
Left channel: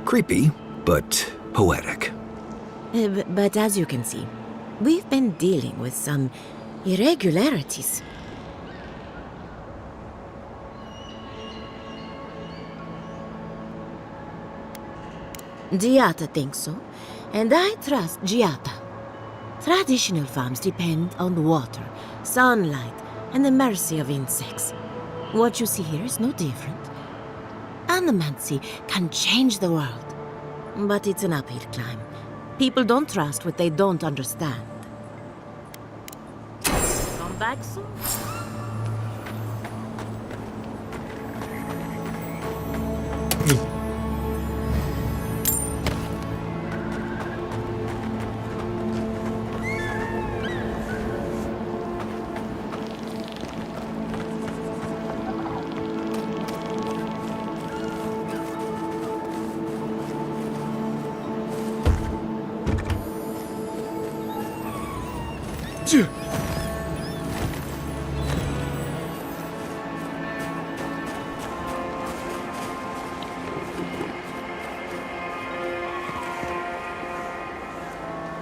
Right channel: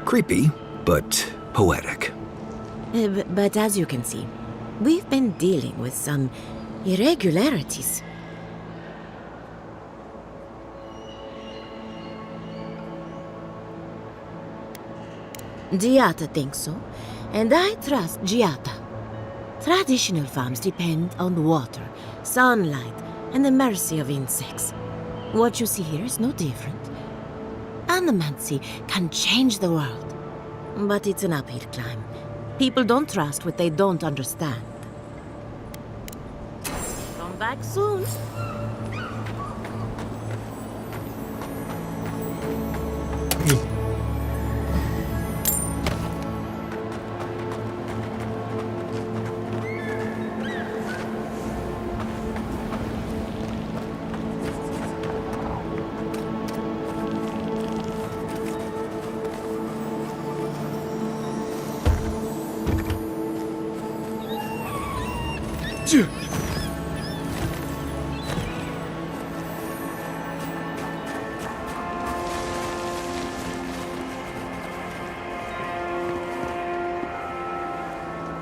Creepy, but poetic. But as you can see, we've been dealing with some irregularities. Giata thinks so, and I trust Giata. Traditional farms depend on water, sunlight, and the mercy of insects. What you see here is no different. Animancy can change the world, but it's an uphill climb. People don't trust what they don't understand. Come back soon.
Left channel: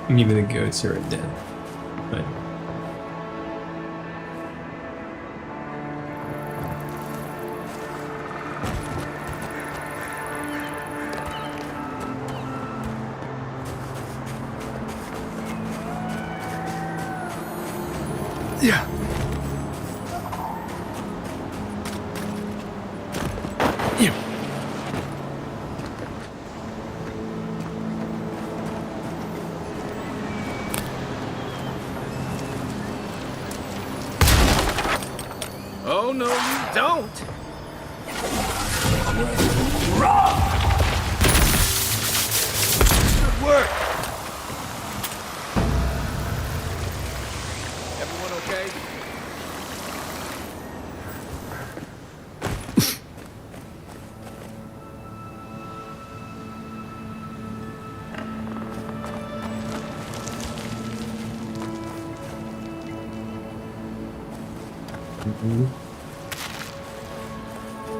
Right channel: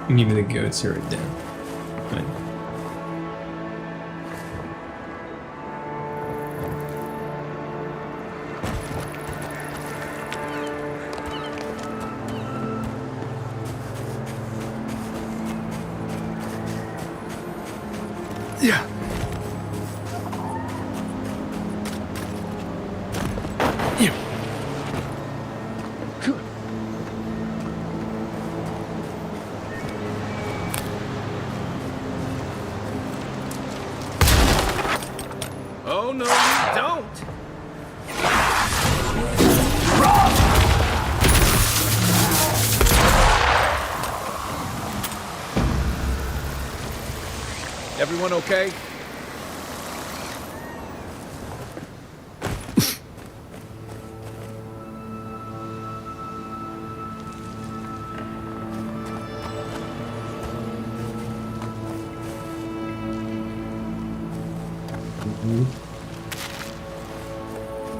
Even the goats are down. Fine. Yeah. Oh, no, you don't! Everyone okay?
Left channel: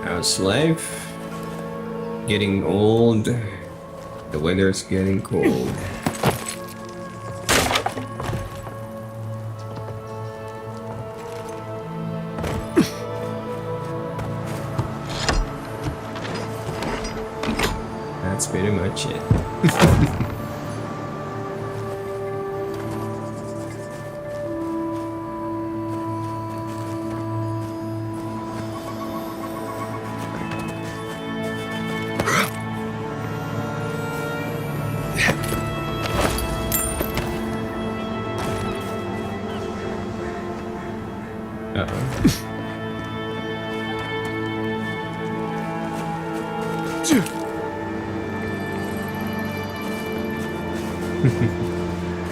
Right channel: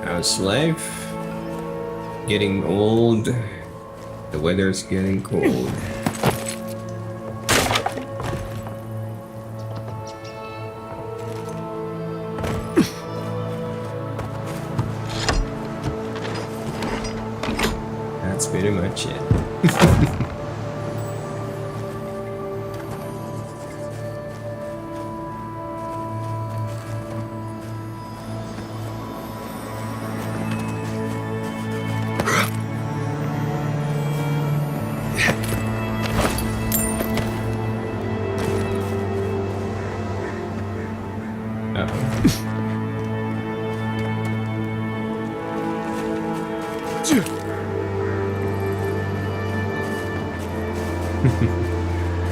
How's life? Getting old. The weather's getting cold. That's pretty much it.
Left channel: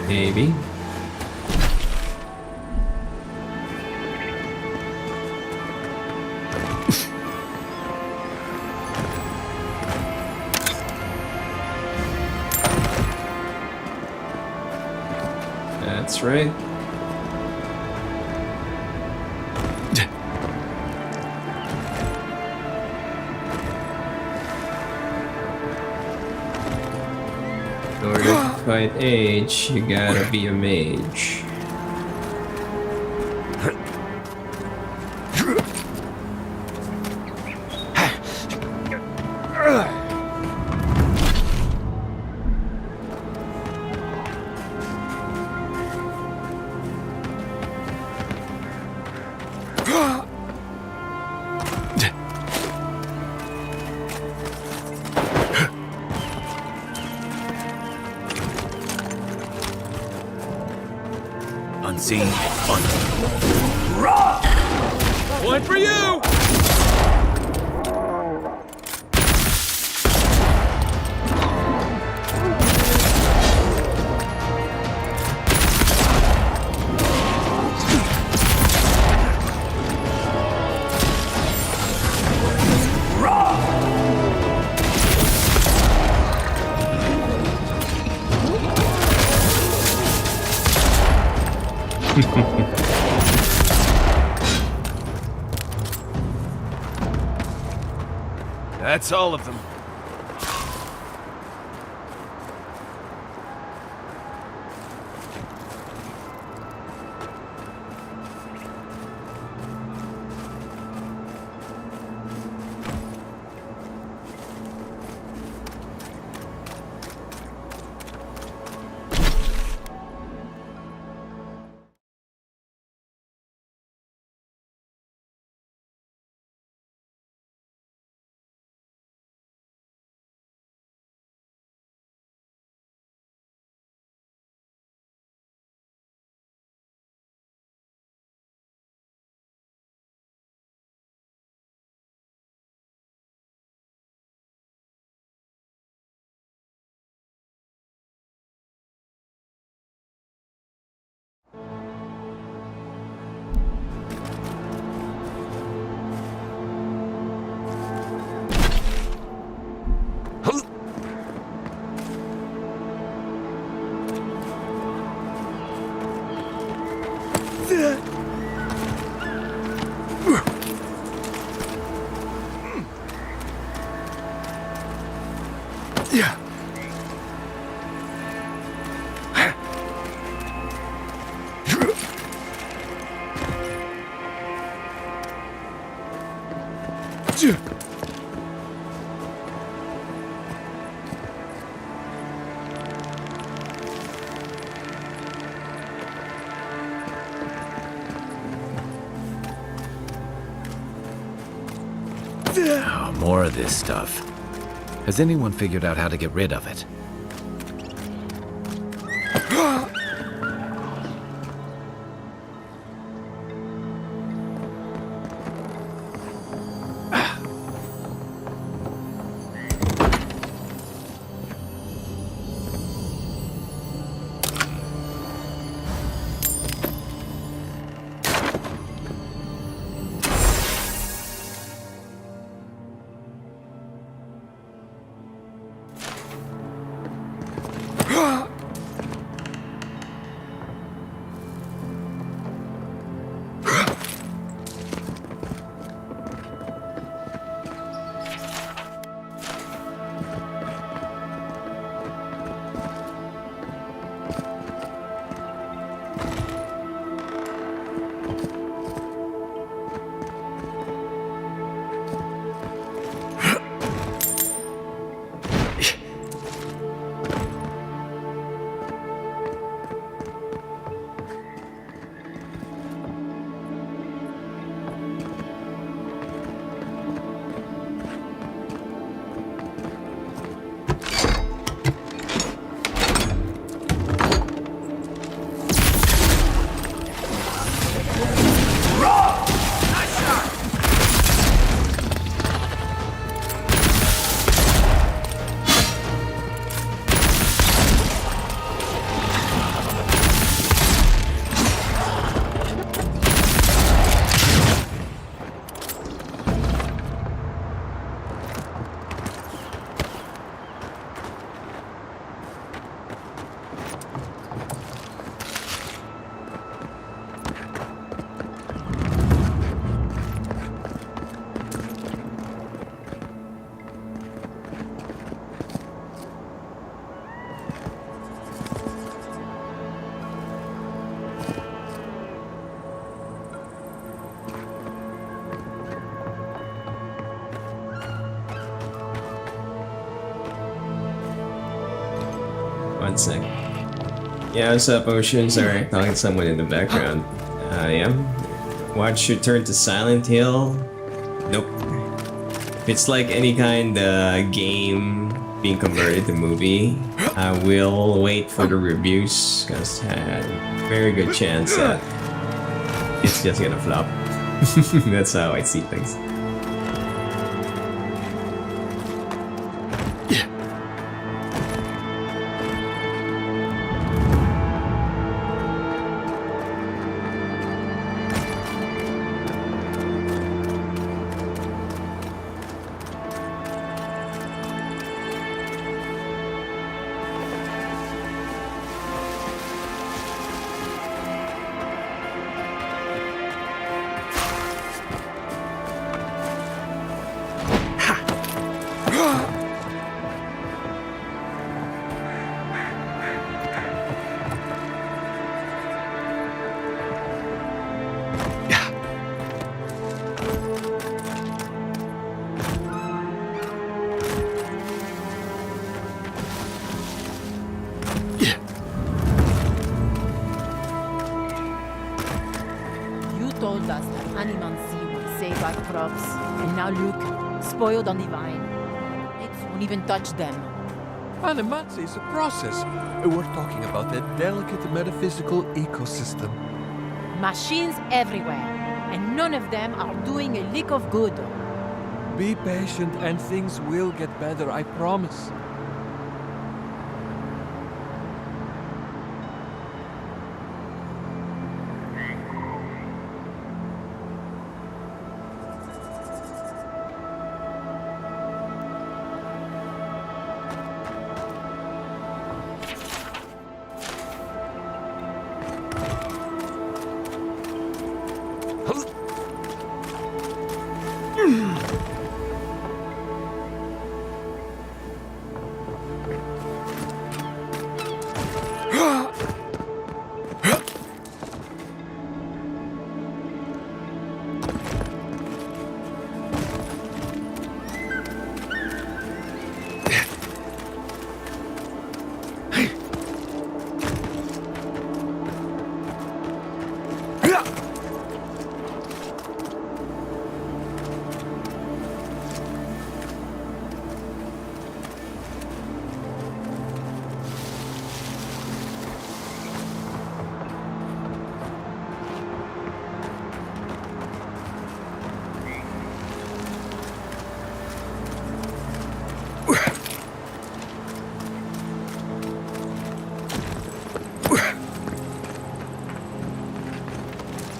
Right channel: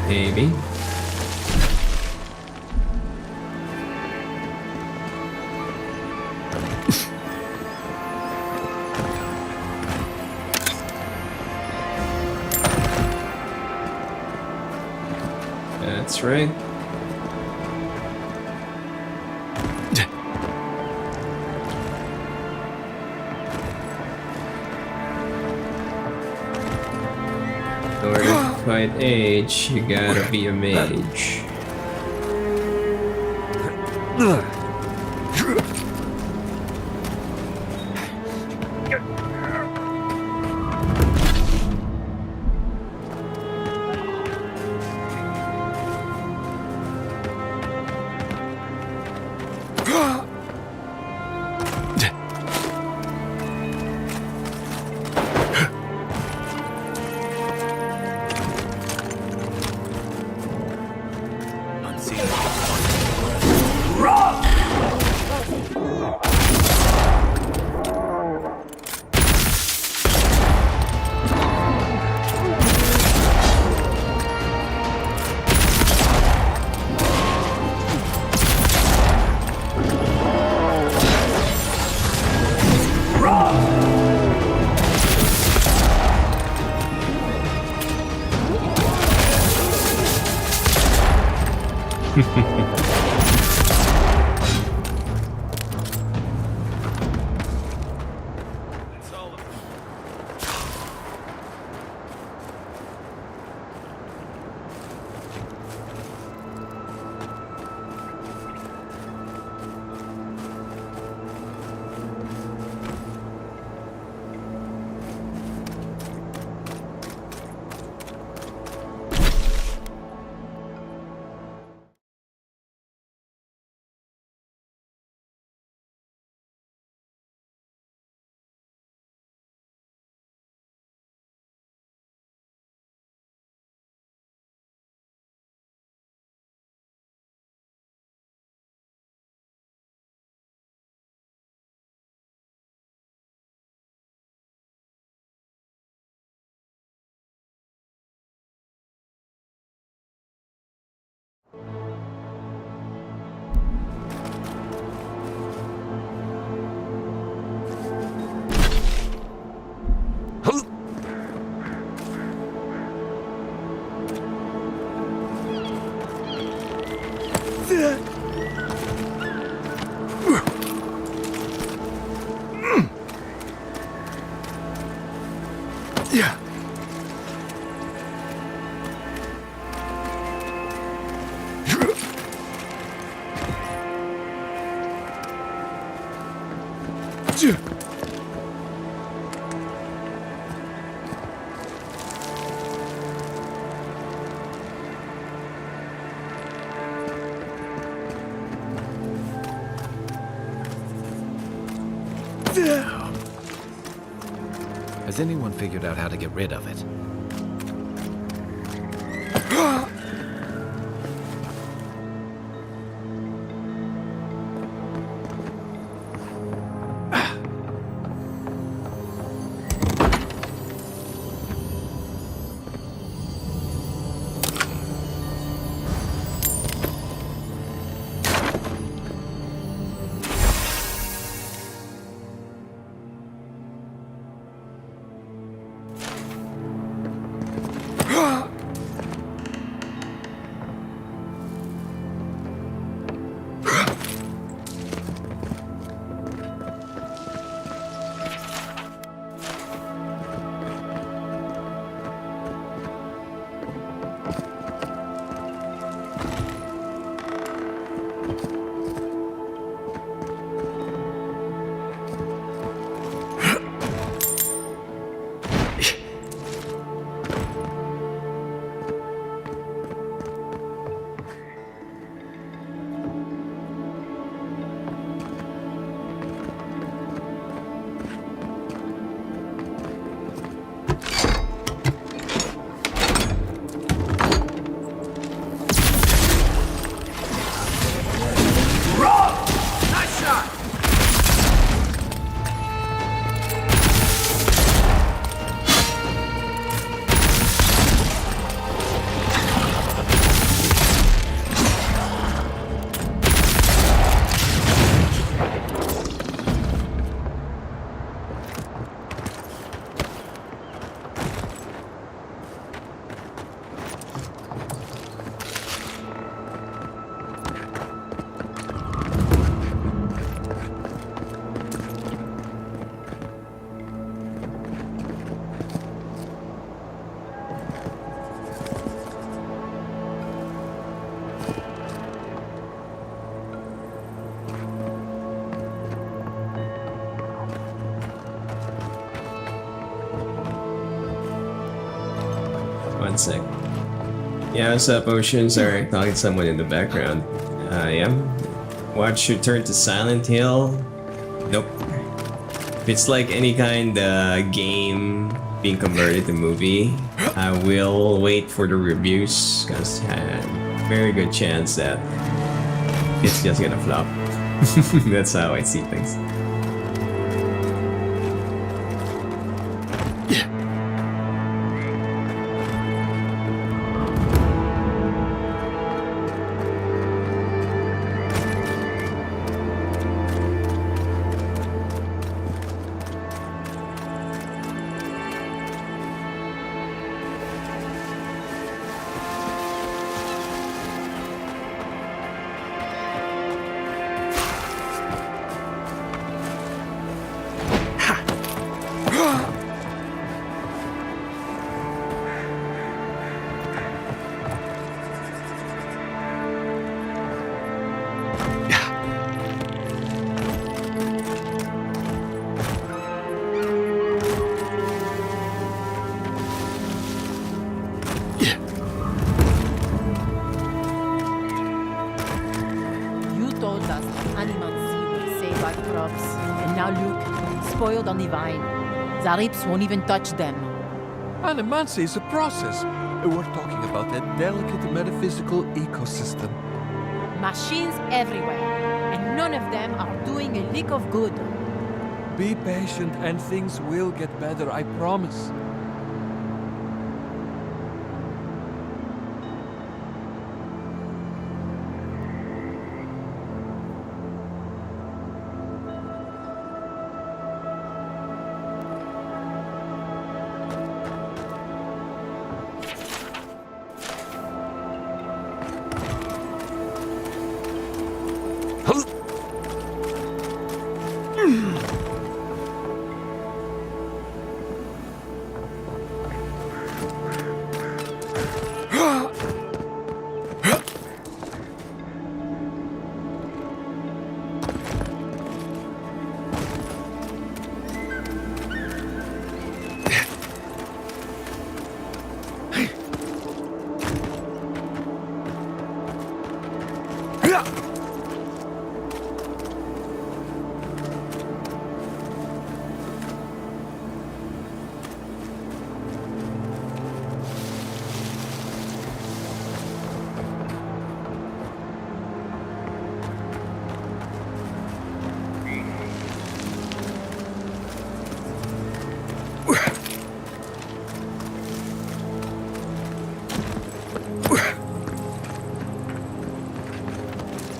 Maybe. That's right. In order to fight age, you gotta be a mage. Unseen. One for you! That's all of them. Oh, more of this stuff. Has anyone figured out how to get rid of it? One sec. Yeah, what's up, Ocean? Sorry, talking to someone in the background. Yeah. Watch Return to Silent Hill? Nope. If it's like any kind of game being converted to movie, I will wait for the reviews because very good chance that it's just gonna flop. That's how I see things. You told us that Animancy would save our crops, and now look, spoiled on the vine. Zarips won't even touch them. Animancy is a process. We're talking about a delicate metaphysical ecosystem. Machines everywhere, and none of them are doing a lick of good. Be patient and things will get better, I promise.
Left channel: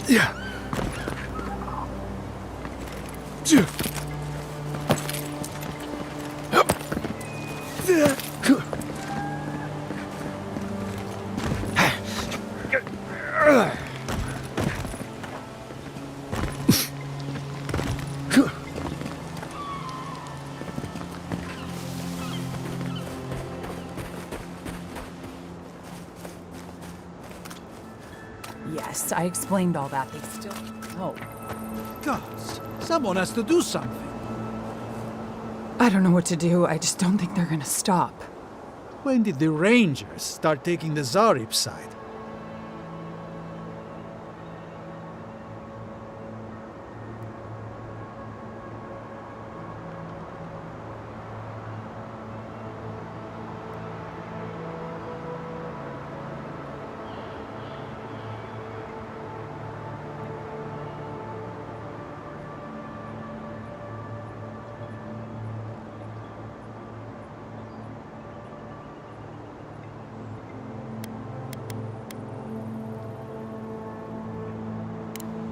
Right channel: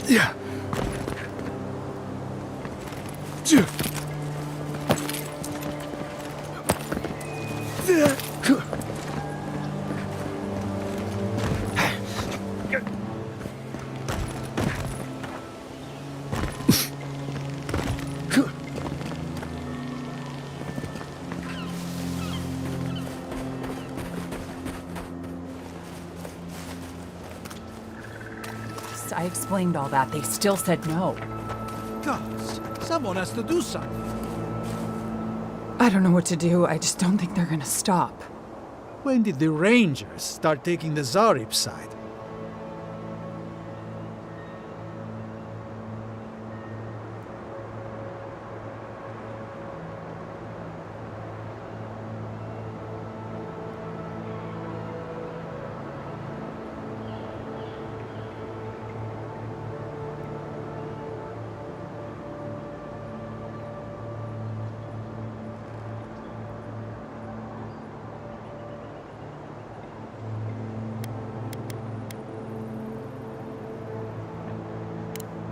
Yeah. Yes, I explained all that. They still said no. Gods, someone has to do something. I don't know what to do. I just don't think they're gonna stop. When did the Rangers start taking the Zarip side?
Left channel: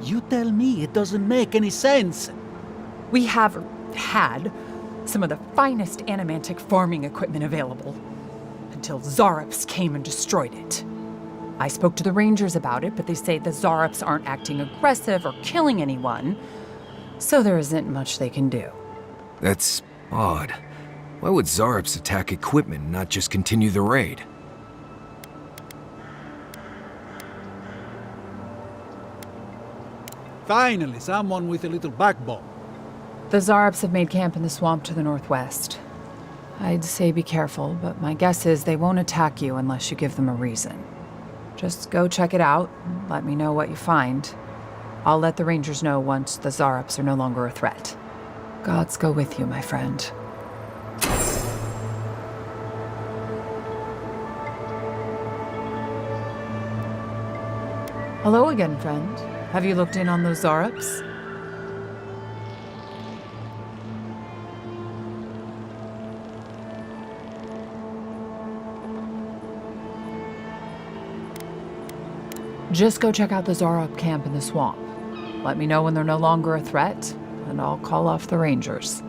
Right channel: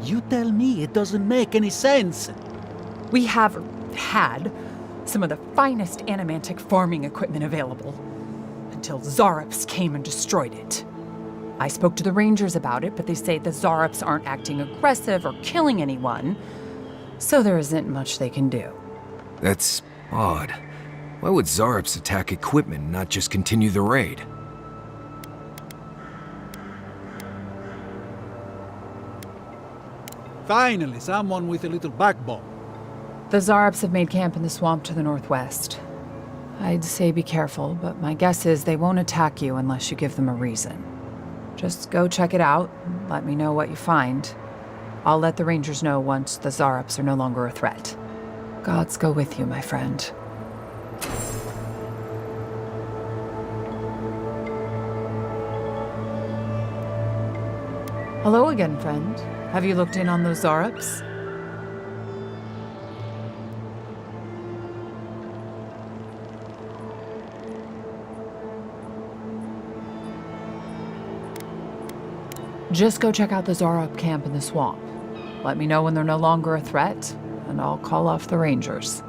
You tell me, it doesn't make any sense. We have had some of the finest animantic farming equipment available until Zarops came and destroyed it. I spoke to the Rangers about it, but they say the Zarops aren't acting aggressive or killing anyone, so there isn't much they can do. That's odd. Why would Zarops attack equipment and not just continue the raid? Finally, someone with a little backbone. The Zarops have made camp in the swamp to the northwest. I'd say be careful, but my guess is they won't attack you unless you give them a reason. Just go check it out and let me know what you find. I'll let the Rangers know once the Zarups are no longer a threat. Gods go with you, my friend. Hello again, friend. Have you looked in on those Zarups? Just go check out the Zarup camp in the swamp. Let me know when they're no longer a threat, and I'll call off the Rangers.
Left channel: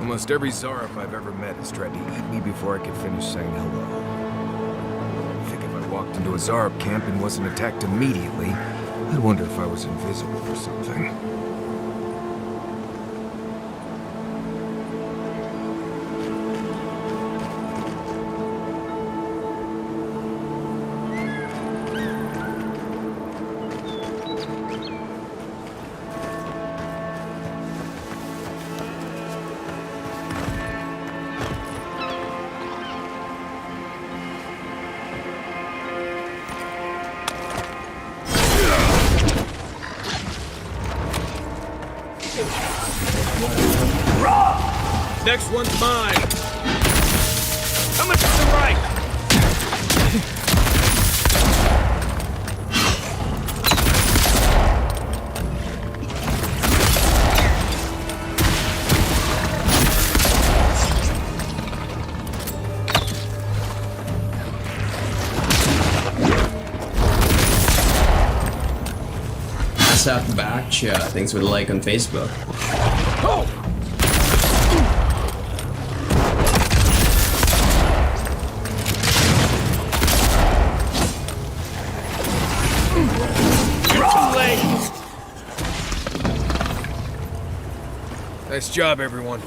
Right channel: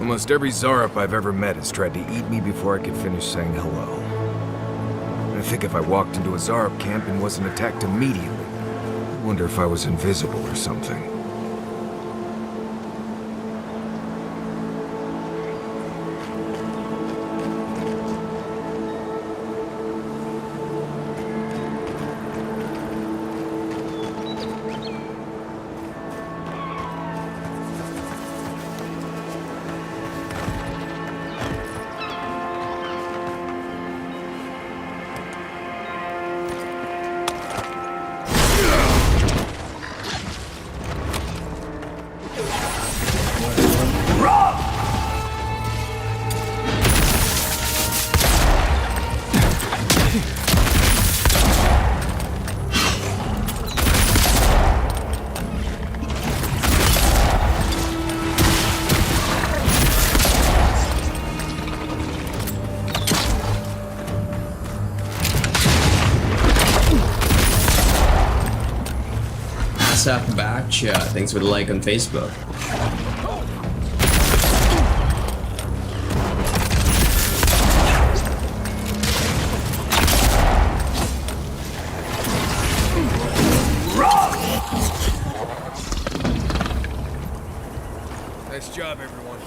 Almost every Zarup I've ever met has tried to eat me before I could finish saying hello. I think if I walked into a Zarup camp and wasn't attacked immediately, I'd wonder if I was invisible or something. Next one's mine. Coming to the right. Subnautica, thanks for the like on Facebook. Nice job, everyone.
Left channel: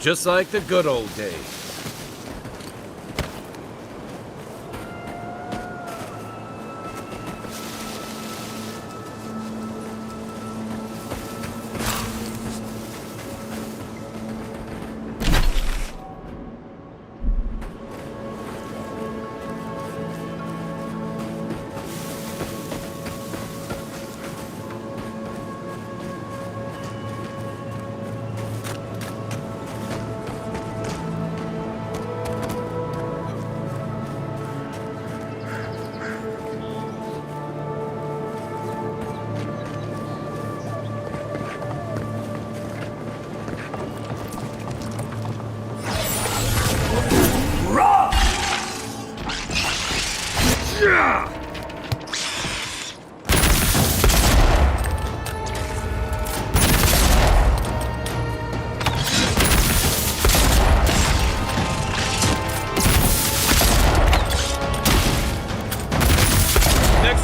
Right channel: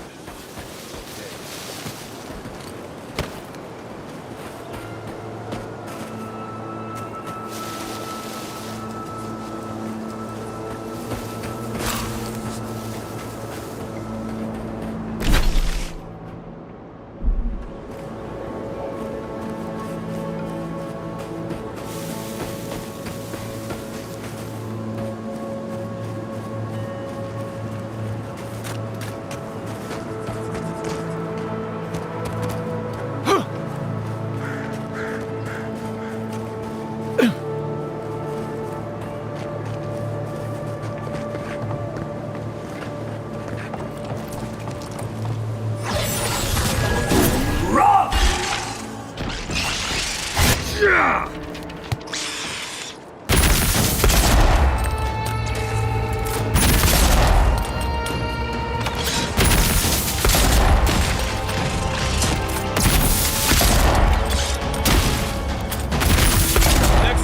Just like the good old days. Next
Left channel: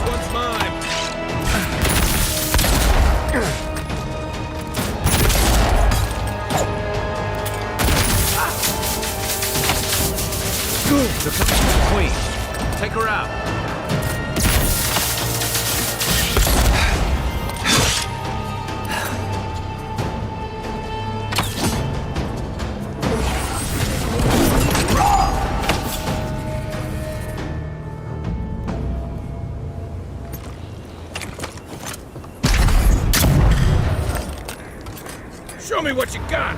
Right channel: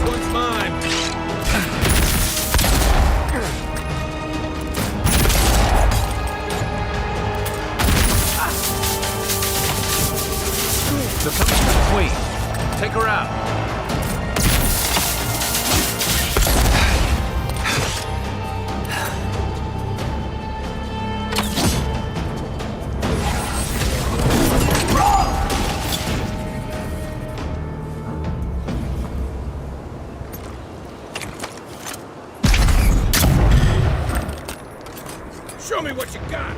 one's mine. They're coming for the Queen. Take her out. Show me what you got!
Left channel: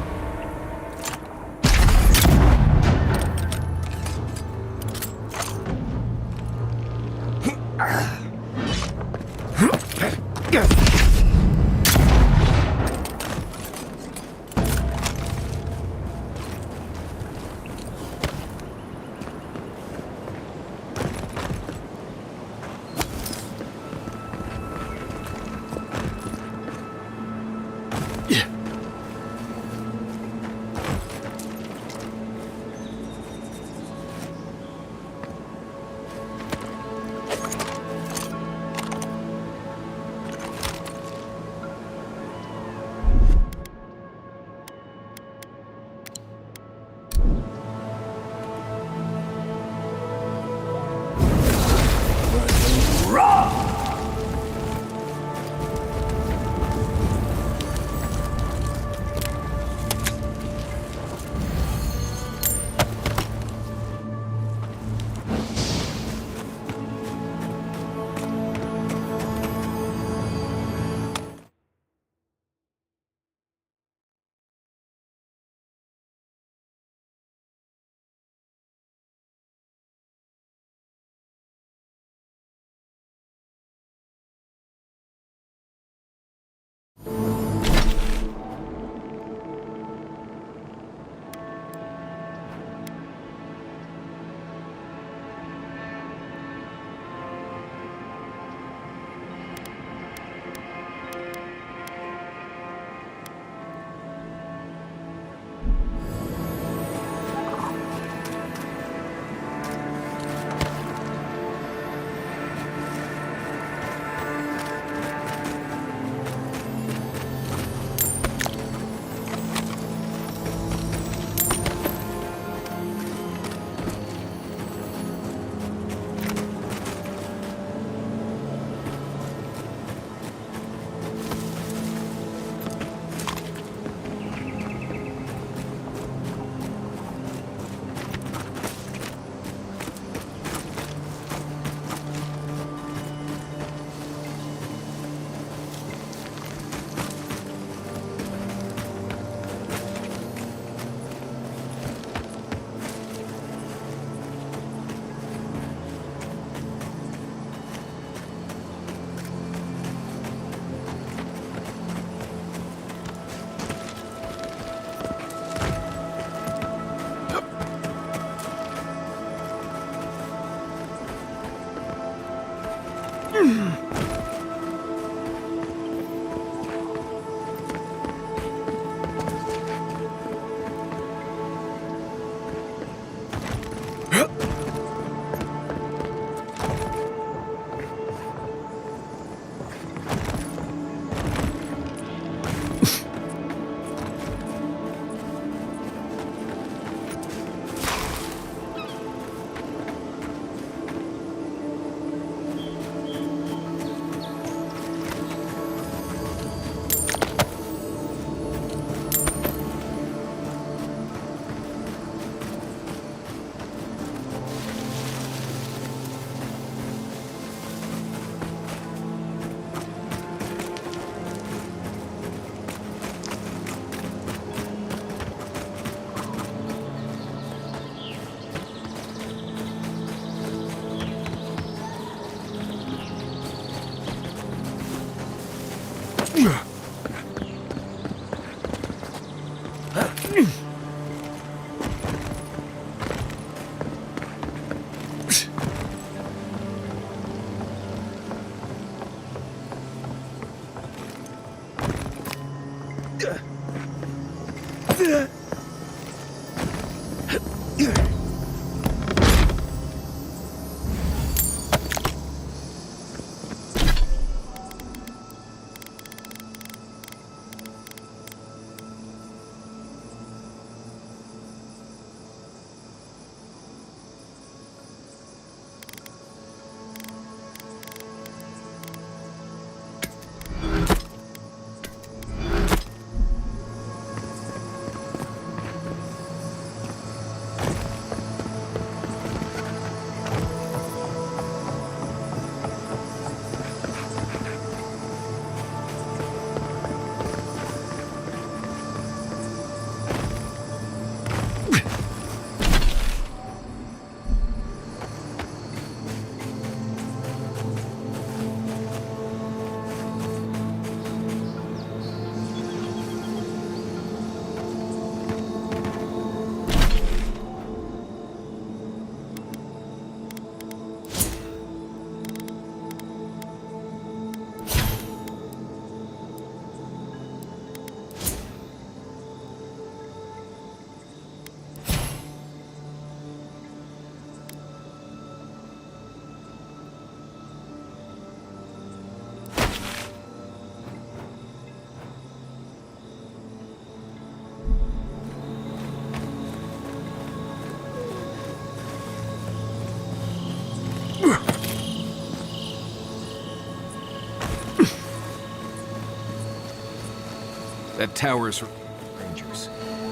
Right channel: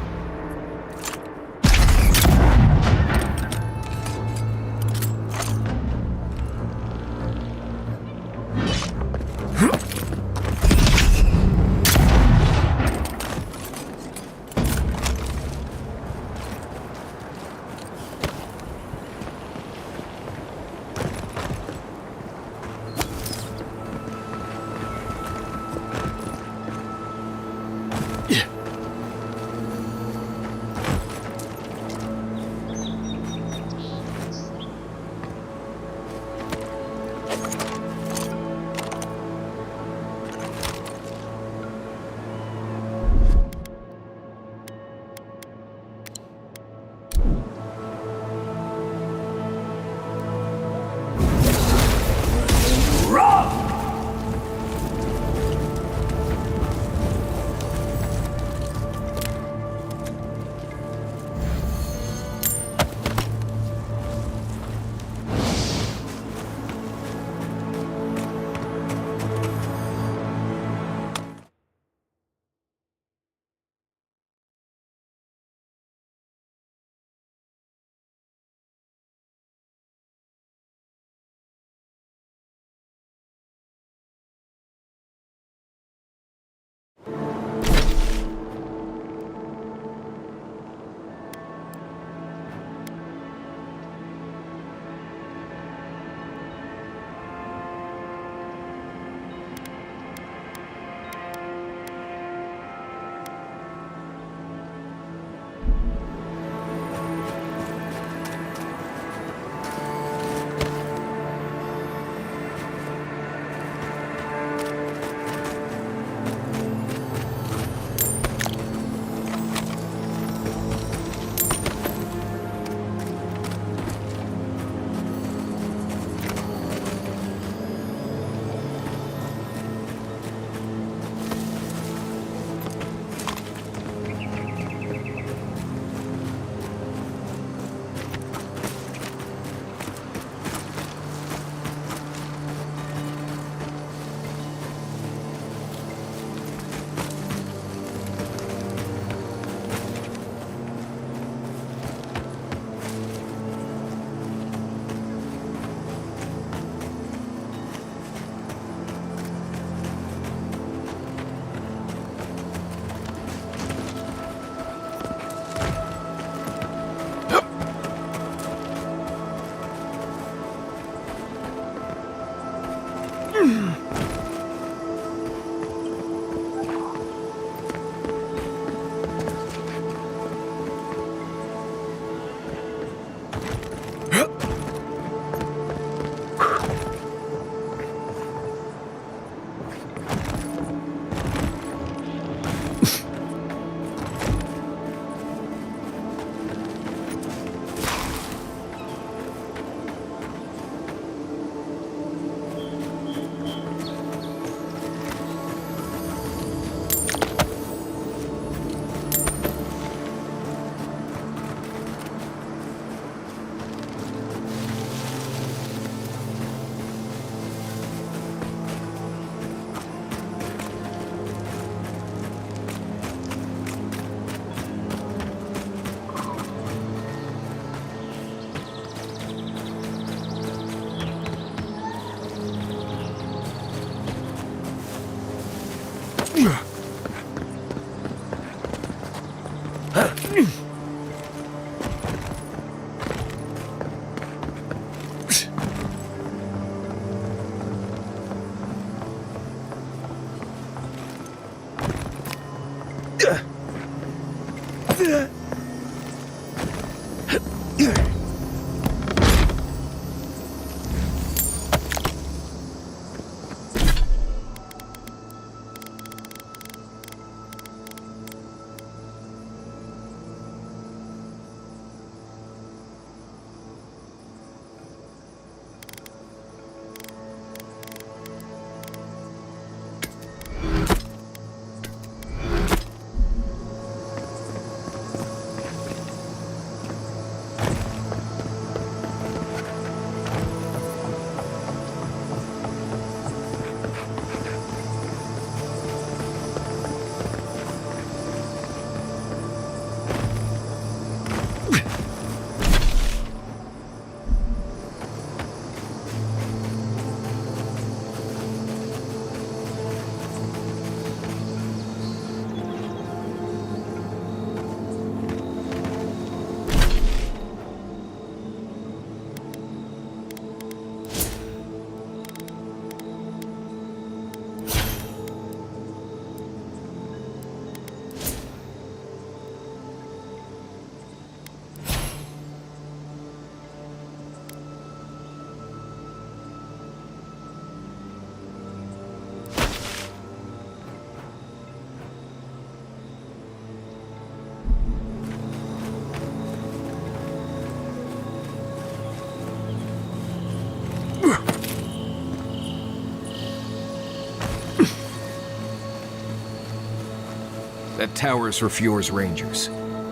That tower is for Fjord's Rangers.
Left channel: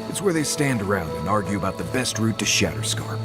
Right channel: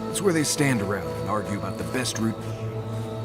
It's where they stand around and argue about the best route to Shatterscarp.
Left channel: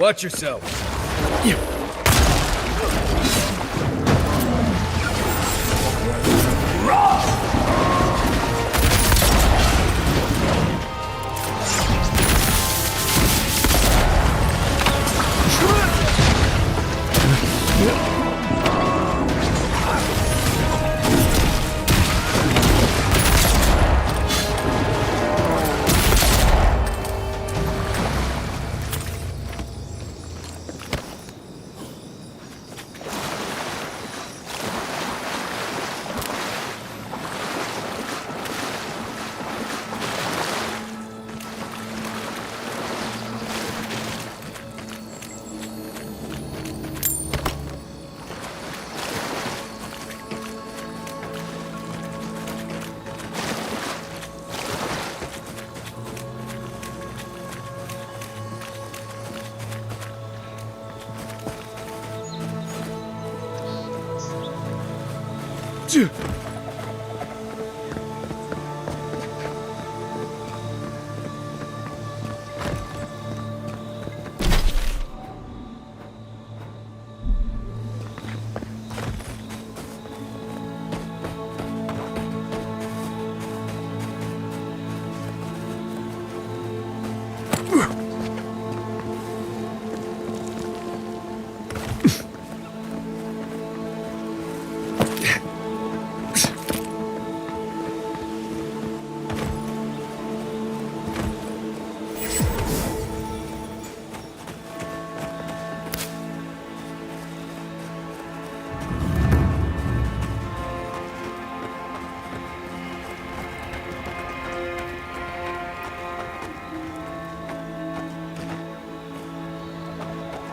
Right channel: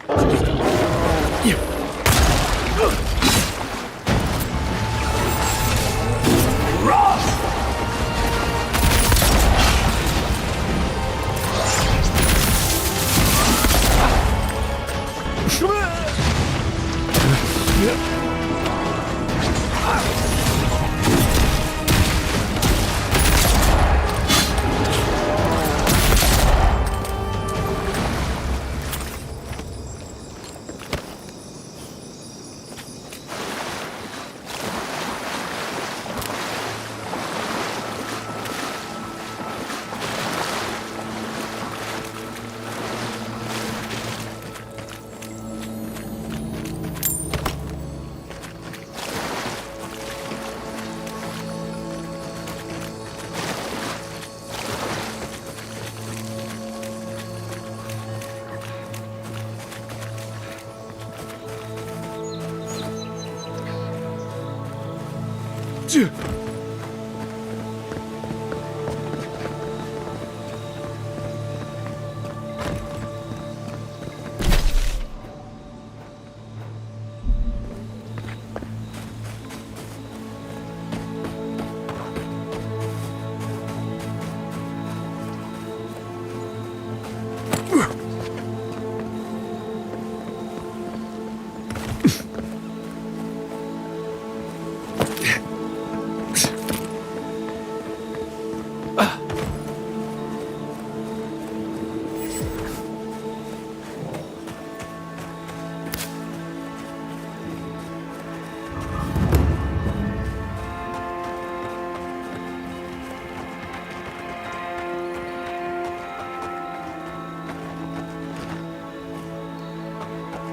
Watch yourself.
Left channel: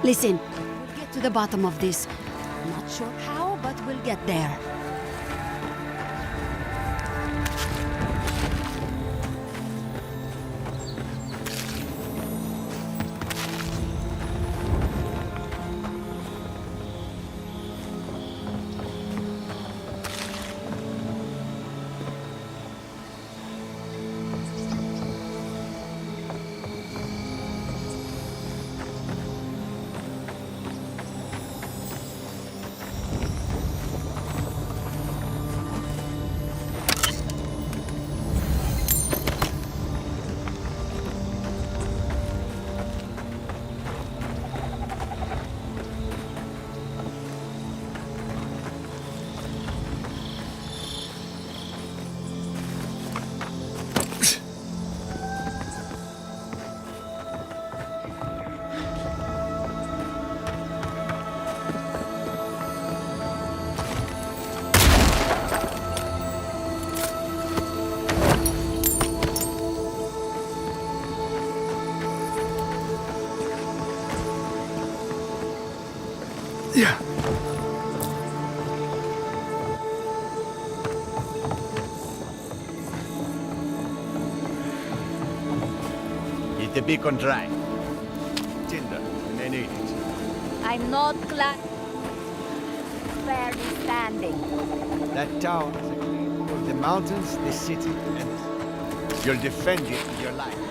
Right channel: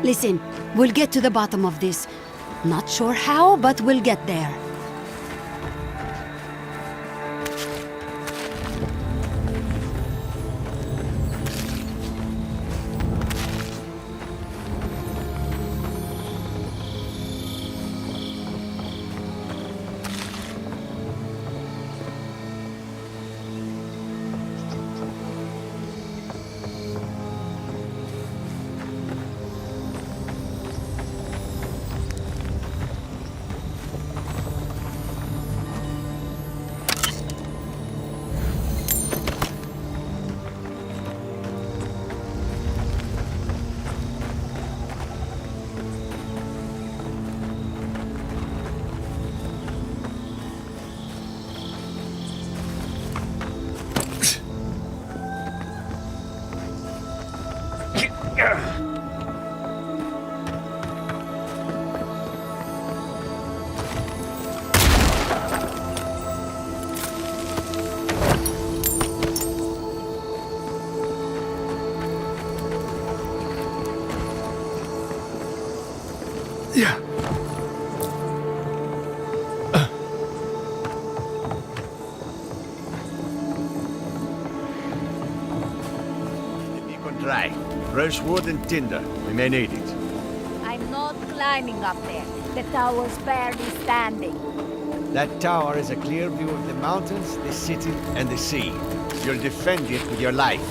Listen, we'll get to the bottom of this. Not sure how, but we'll get there. Yeah. beacon dry. Fresh wood and tinder. We may need it. I'm not climbing up there. The tower's barely standing. That tower is a clear view of the mountains, the city, and the sea. You'll defend it with your life.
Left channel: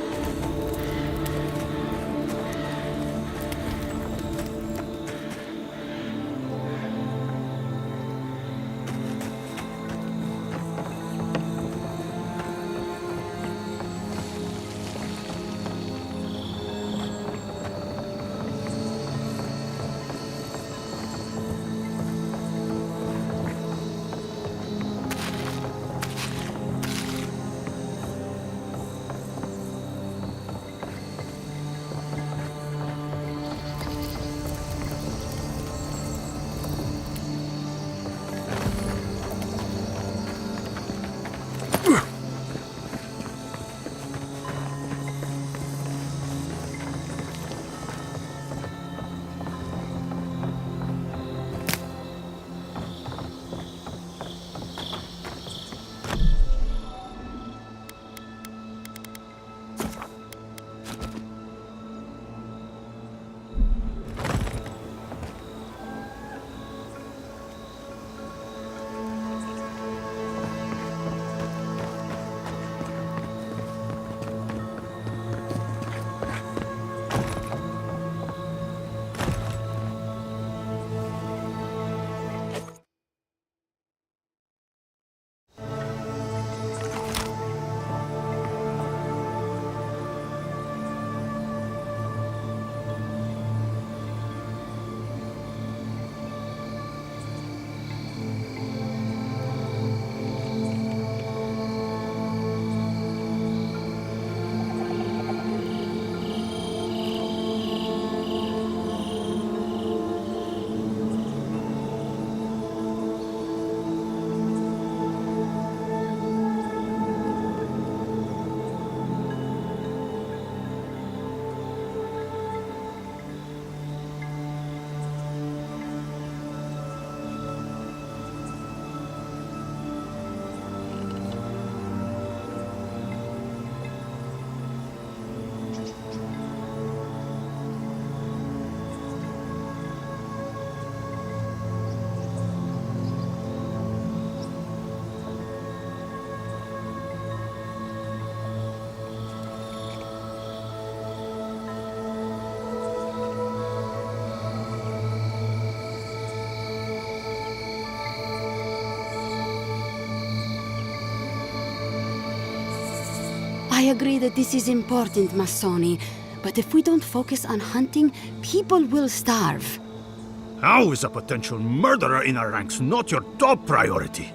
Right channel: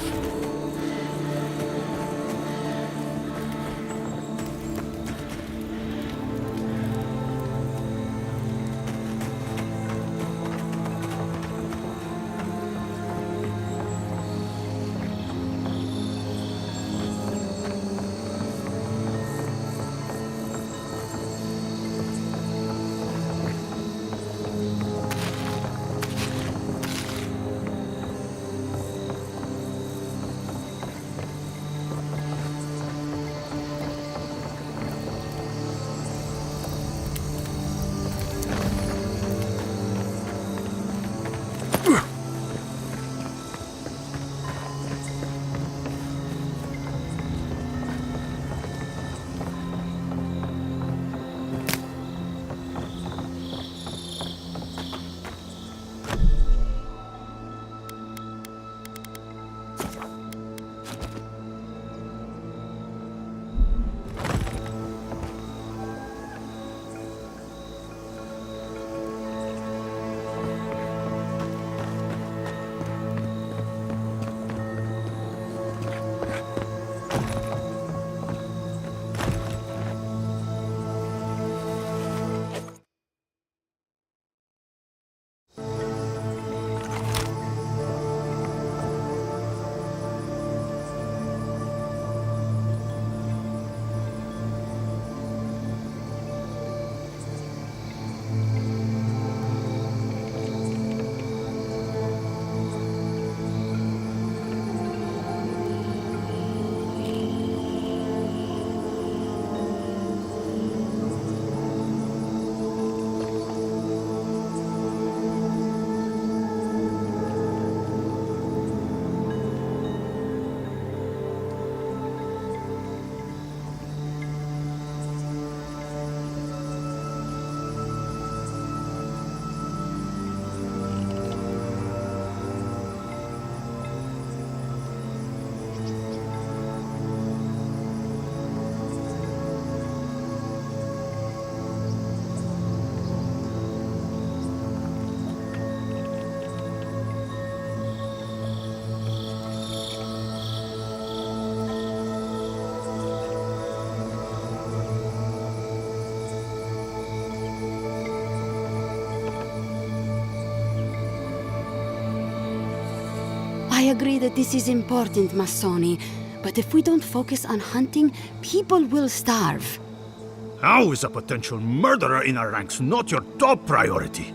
I agree that this is important, Masoni. But if we don't focus on hunting, people will starve. How is a potential murderer in our ranks not your top priority?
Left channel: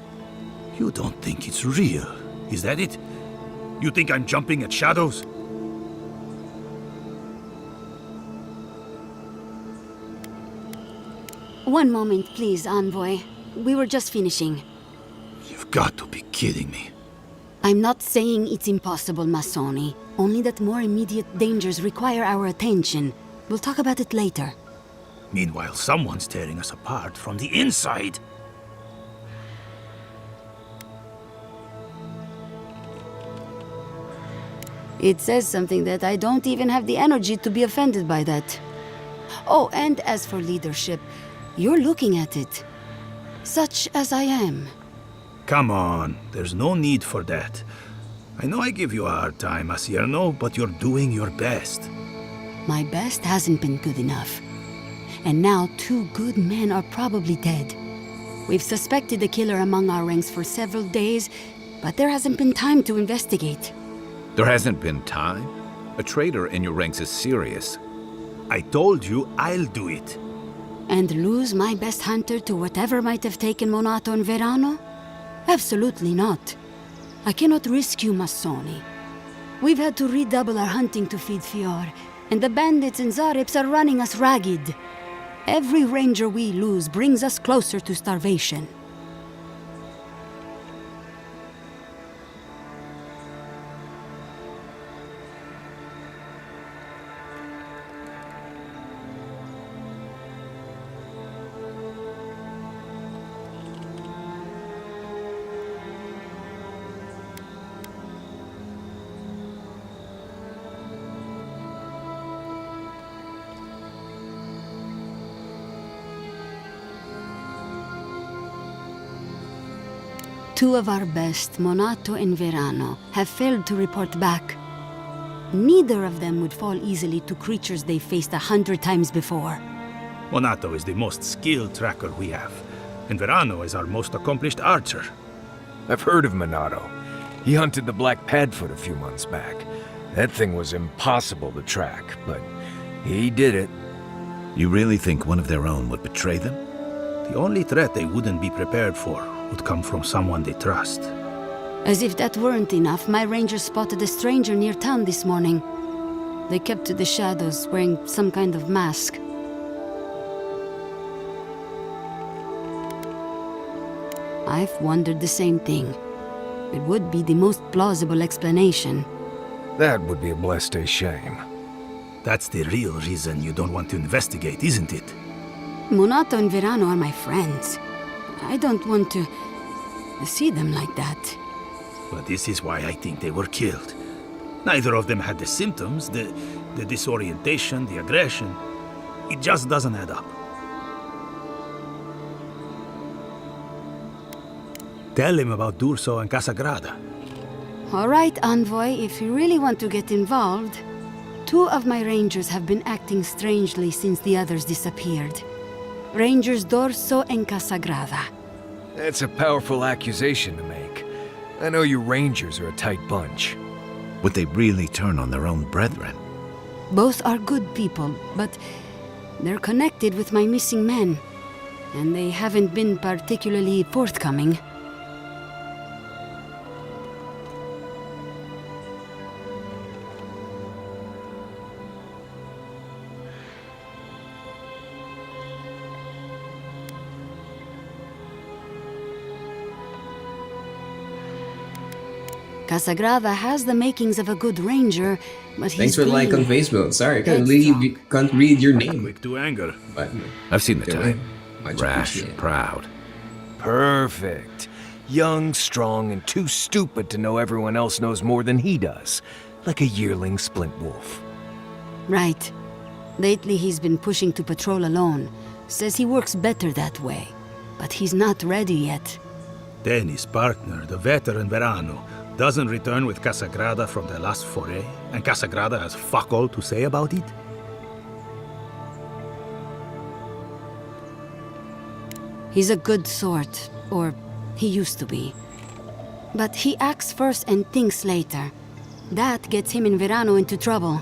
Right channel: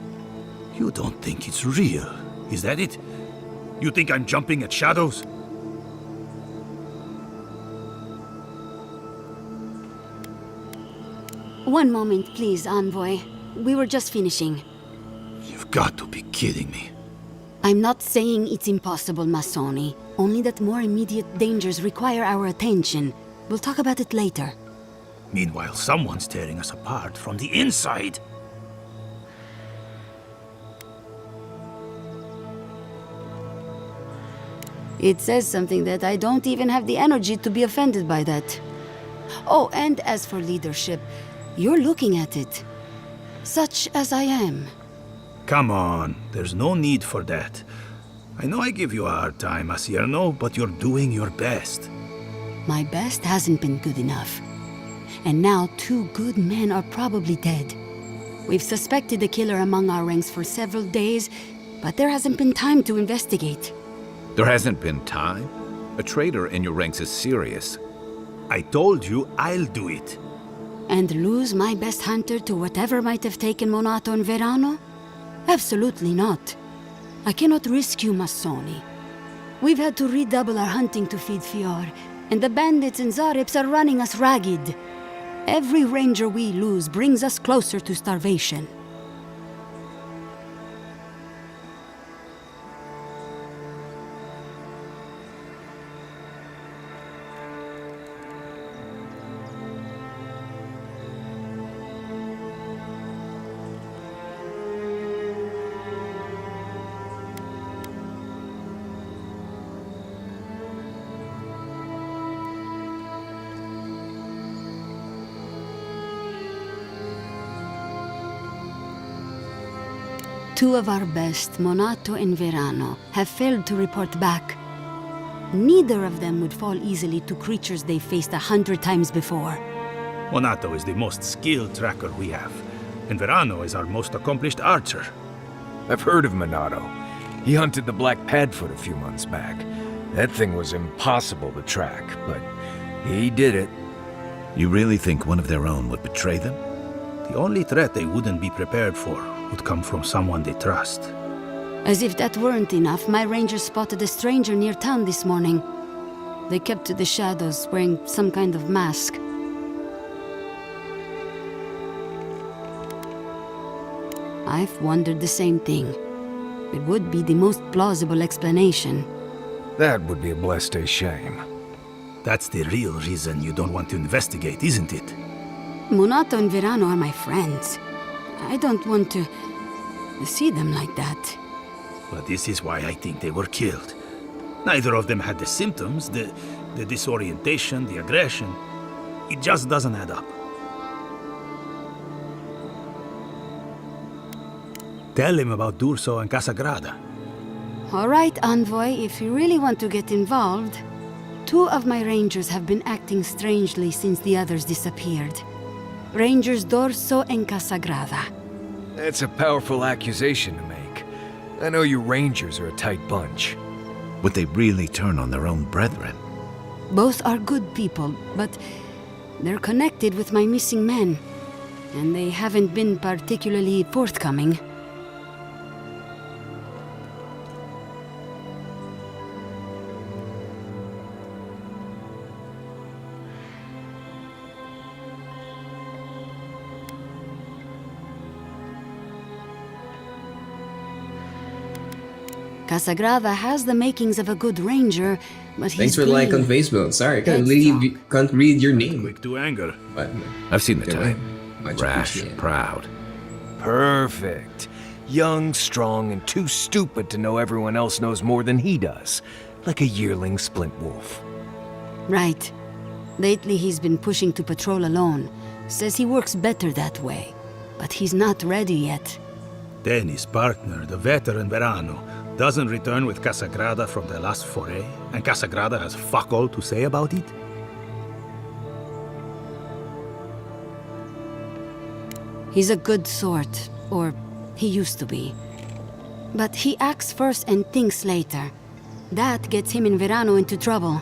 You don't think it's real, is that it? You think I'm jumping at shadows? One moment, please, Envoy. We were just finishing. You've got to be kidding me. I'm not saying it's impossible, Masoni. Only that more immediate dangers require our attention. We'll talk about it later. Meanwhile, someone's tearing us apart from the inside. It says something that I don't even have the energy to be offended by that. Oh, and as for leadership, you're looking at it. Such as I am. Come on, there's no need for that. I know I give you a hard time, Asierno, but you're doing your best. My best hasn't been good enough. And now 2 good men are probably dead. We've suspected the killer among our ranks for several days, but there hasn't been time to investigate. There hasn't been time? A traitor in your ranks is serious. I told you I'll do it. And lose my best hunter to whatever might have taken Monato and Verano? Absolutely not. I cannot risk you, Masoni. We've had to redouble our hunting to feed Fior, and the bandits and Zarips are running us ragged. Every ranger we lose brings us closer to starvation. Two of our best, Monato and Verano, have failed to report back. Neither of them would fall easily to creatures they faced 100 times before. Monato is the most skilled tracker we have, and Verano is our most accomplished archer. I've heard of Monato. He hunted the Black Padfoot a few months back. That thing was impossible to track, but he did it. You really think one of their own would betray them? The only threat they wouldn't be prepared for would come from someone they trust. As if that weren't enough, my rangers spotted a stranger near town this morning. They kept to the shadows, wearing some kind of mask. I've wondered the same thing. It would be the most plausible explanation. That would be a blessed shame. That's the real reason you don't want to investigate, isn't it? Monato and Verano are my friends. I don't want to see them like that. But this is why I think they were killed. Neither of them had the symptoms, the disorientation, the aggression. It just doesn't add up. Tell him about D'Urso and Casagrada. All right, Envoy, if you really want to get involved. Two of my rangers have been acting strangely since the others disappeared. Rangers D'Urso and Casagrada. That's a powerful accusation to make. I know you rangers are a tight bunch. Would they really turn on their own brethren? Both are good people, but they're connected with my missing men. And they haven't been particularly forthcoming. Casagrada has the makings of a good ranger, but he's Thanks for the like on Facebook. Sorry, I can't read your name. Quick to anger. But I've seen the type. much Rash, appreciated. proud. Perfect. Young, strong, and too stupid to know everyone else knows more than he does. Like a yearling splint wolf. Right. Lately he's been pushing to patrol alone. Says he works better that way. But he's not ready yet. Then his partner, the veteran Verano, doesn't return with Casagrada from their last foray, and Casagrada has fuck all to say about it? He's a good sort, or he used to be. But he acts first and thinks later. That gets him and Verano into trouble.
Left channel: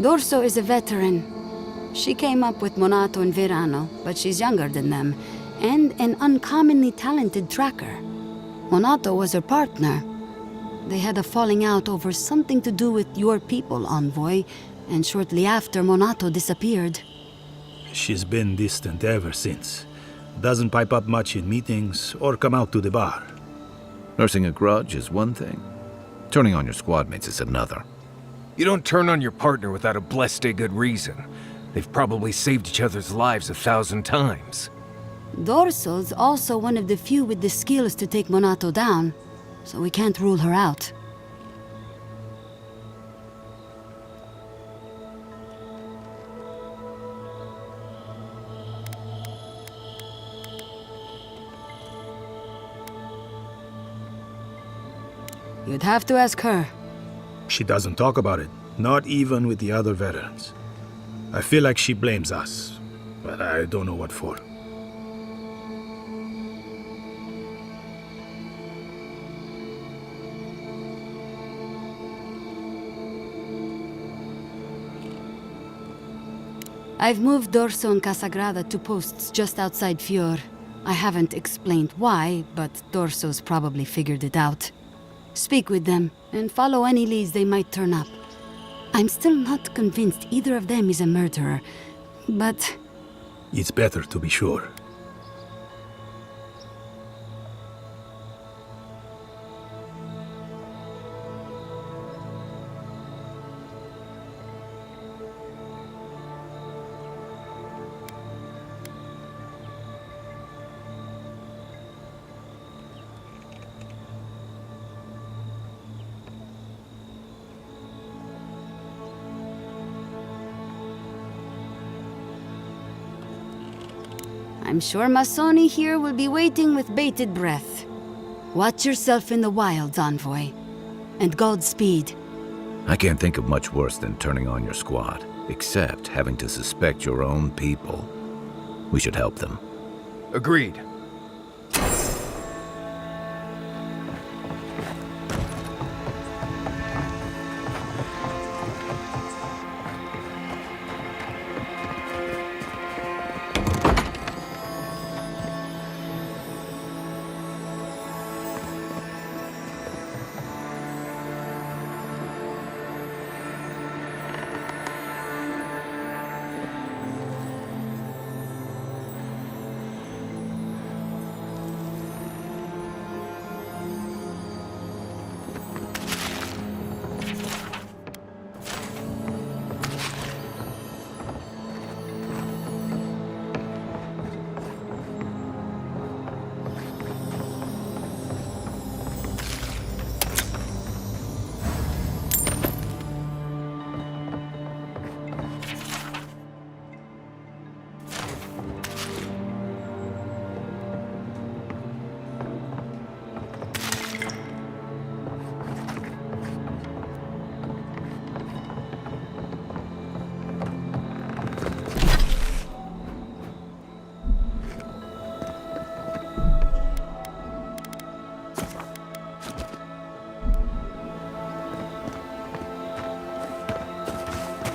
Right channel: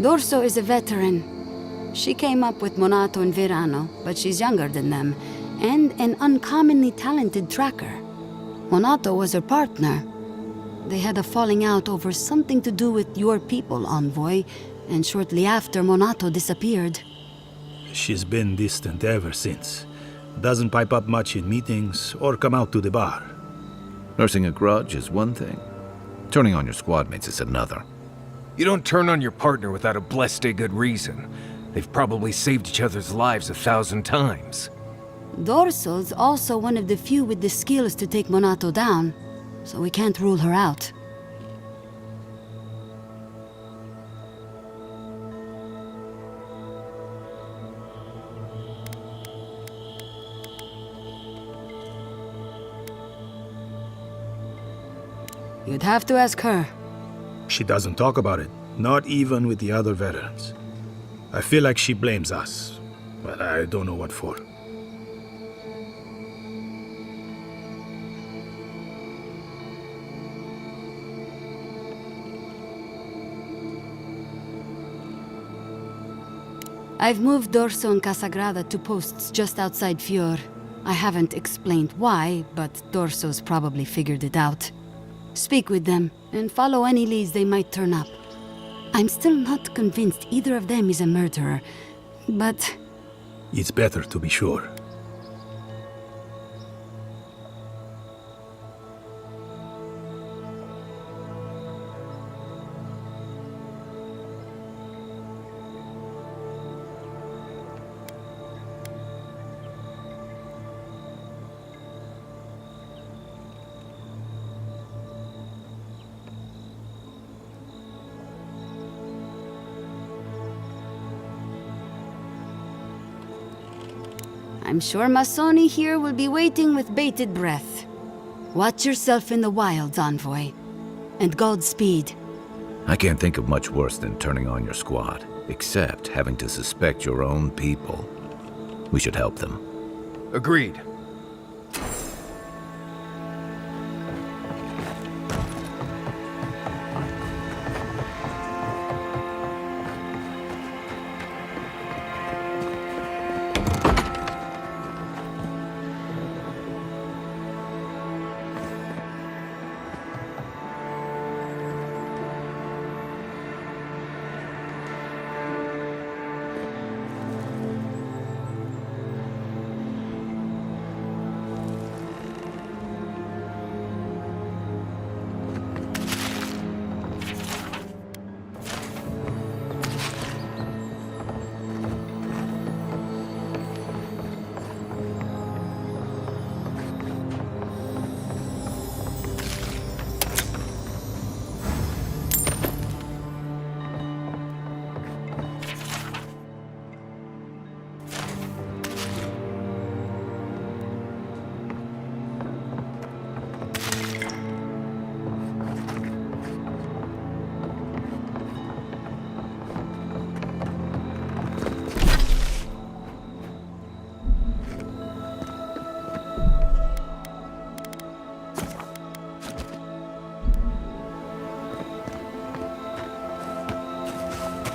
D'Urso is a veteran. She came up with Monato and Verano, but she's younger than them, and an uncommonly talented tracker. Monato was her partner. They had a falling out over something to do with your people, Envoy, and shortly after, Monato disappeared. She's been distant ever since. Doesn't pipe up much in meetings or come out to the bar. Nursing a grudge is one thing. Turning on your squad mates is another. You don't turn on your partner without a blessed good reason. They've probably saved each other's lives 1,000 times. D'Urso's also one of the few with the skills to take Monato down, so we can't rule her out. You'd have to ask her. She doesn't talk about it, not even with the other veterans. I feel like she blames us, but I don't know what for. I've moved D'Urso and Casagrada to posts just outside Fior. I haven't explained why, but D'Urso's probably figured it out. Speak with them, and follow any leads they might turn up. I'm still not convinced either of them is a murderer, but... It's better to be sure. I'm sure Masoni here will be waiting with bated breath. Watch yourself in the wilds, Envoy. And Godspeed. I can't think of much worse than turning on your squad, except having to suspect your own people. We should help them. Agreed.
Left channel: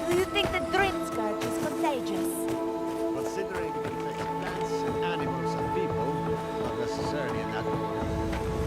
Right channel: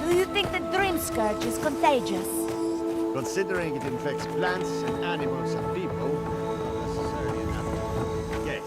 Do you think the Dream Scourge is contagious? Considering it infects plants and animals and people, not necessarily in that case.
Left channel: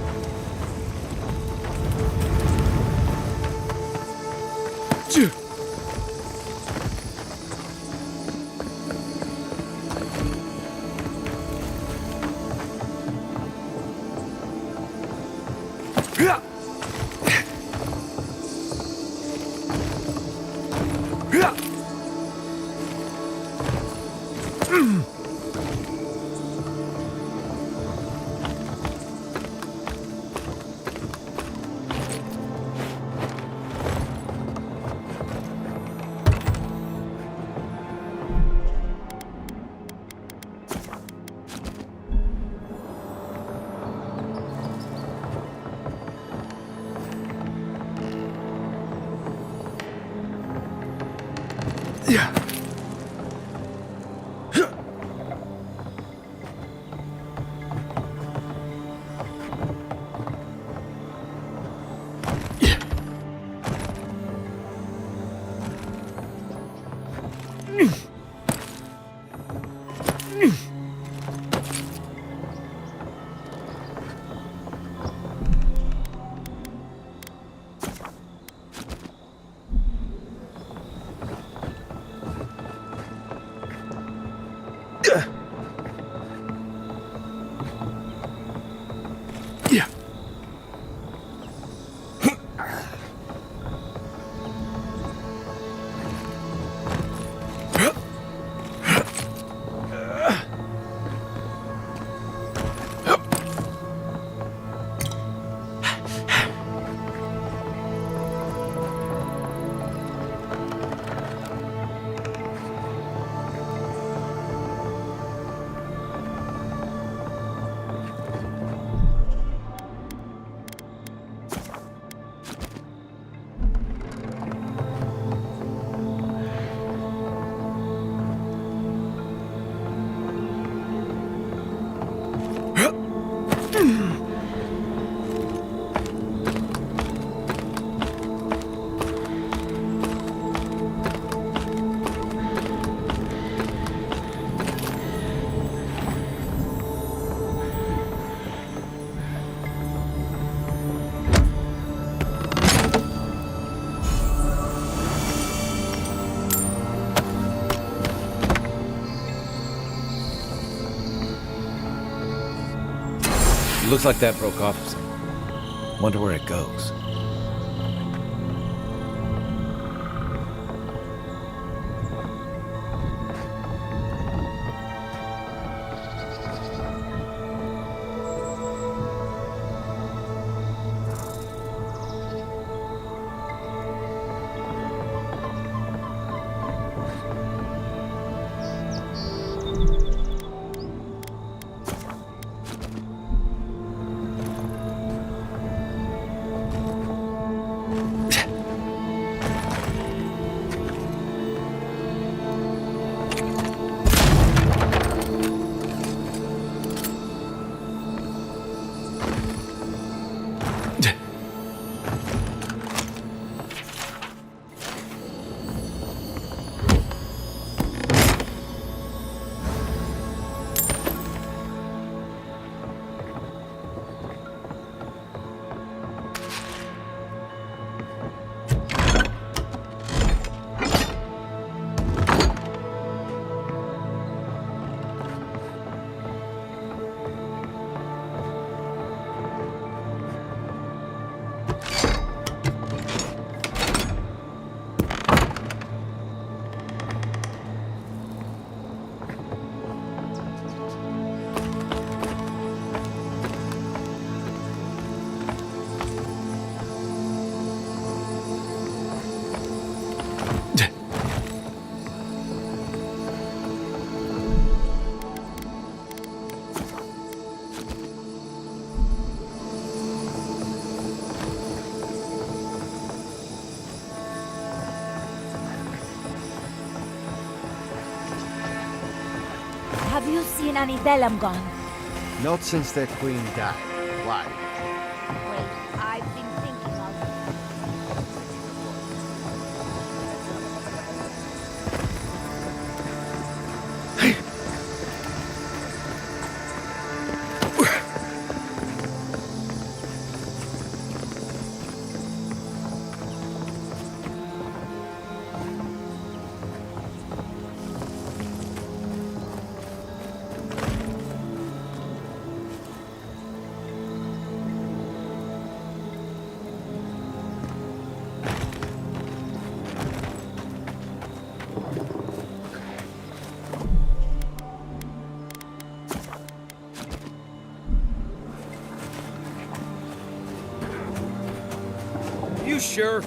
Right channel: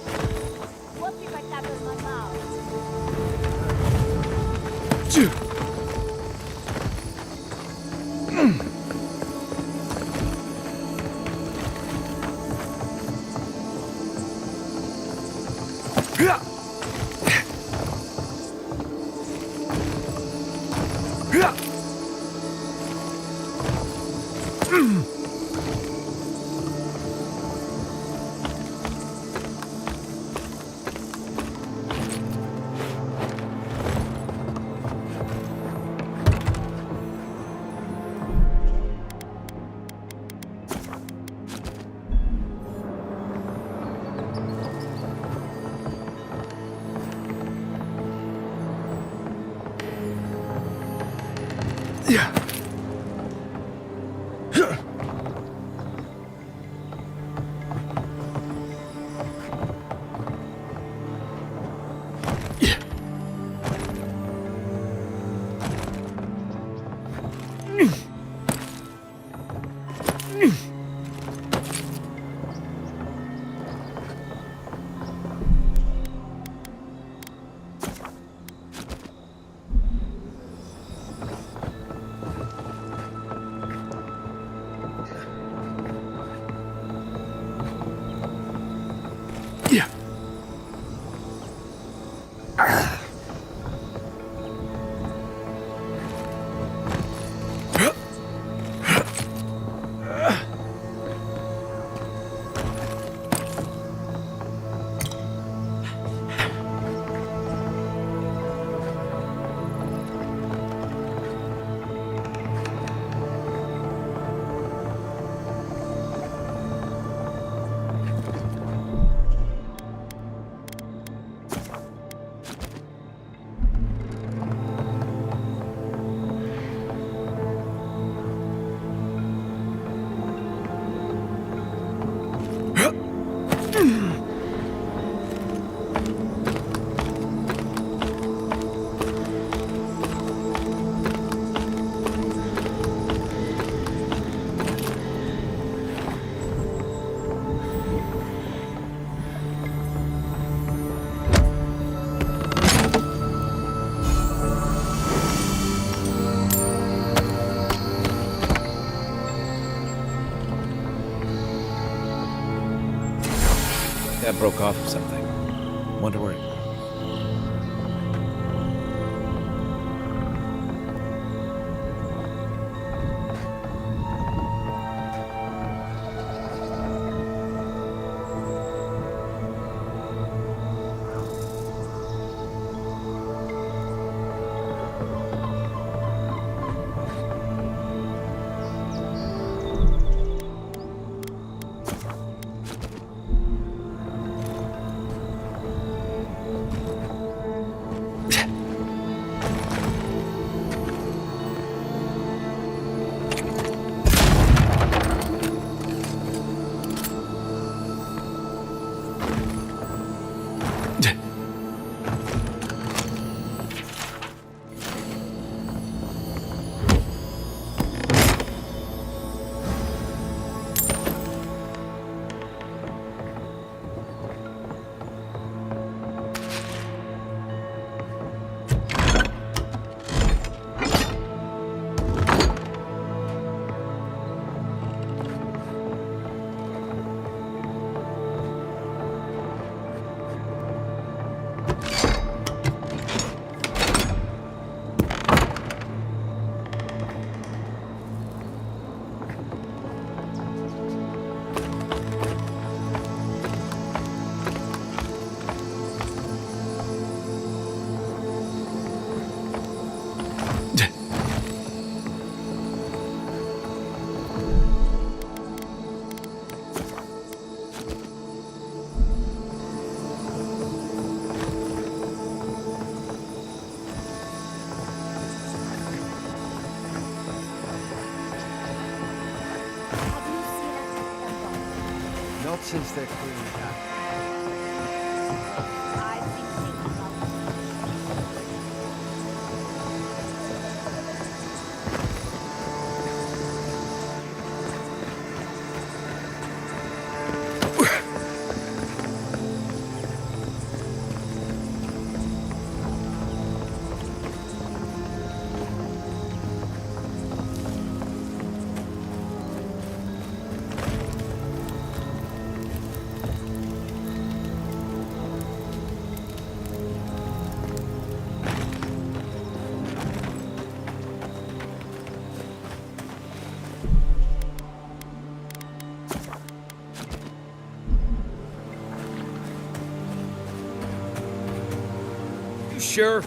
Looks like that broke off of something. Wonder where it goes. Have you seen any Delamgon? Not since their queen died. Why? Wait, I've been thinking of... You sure?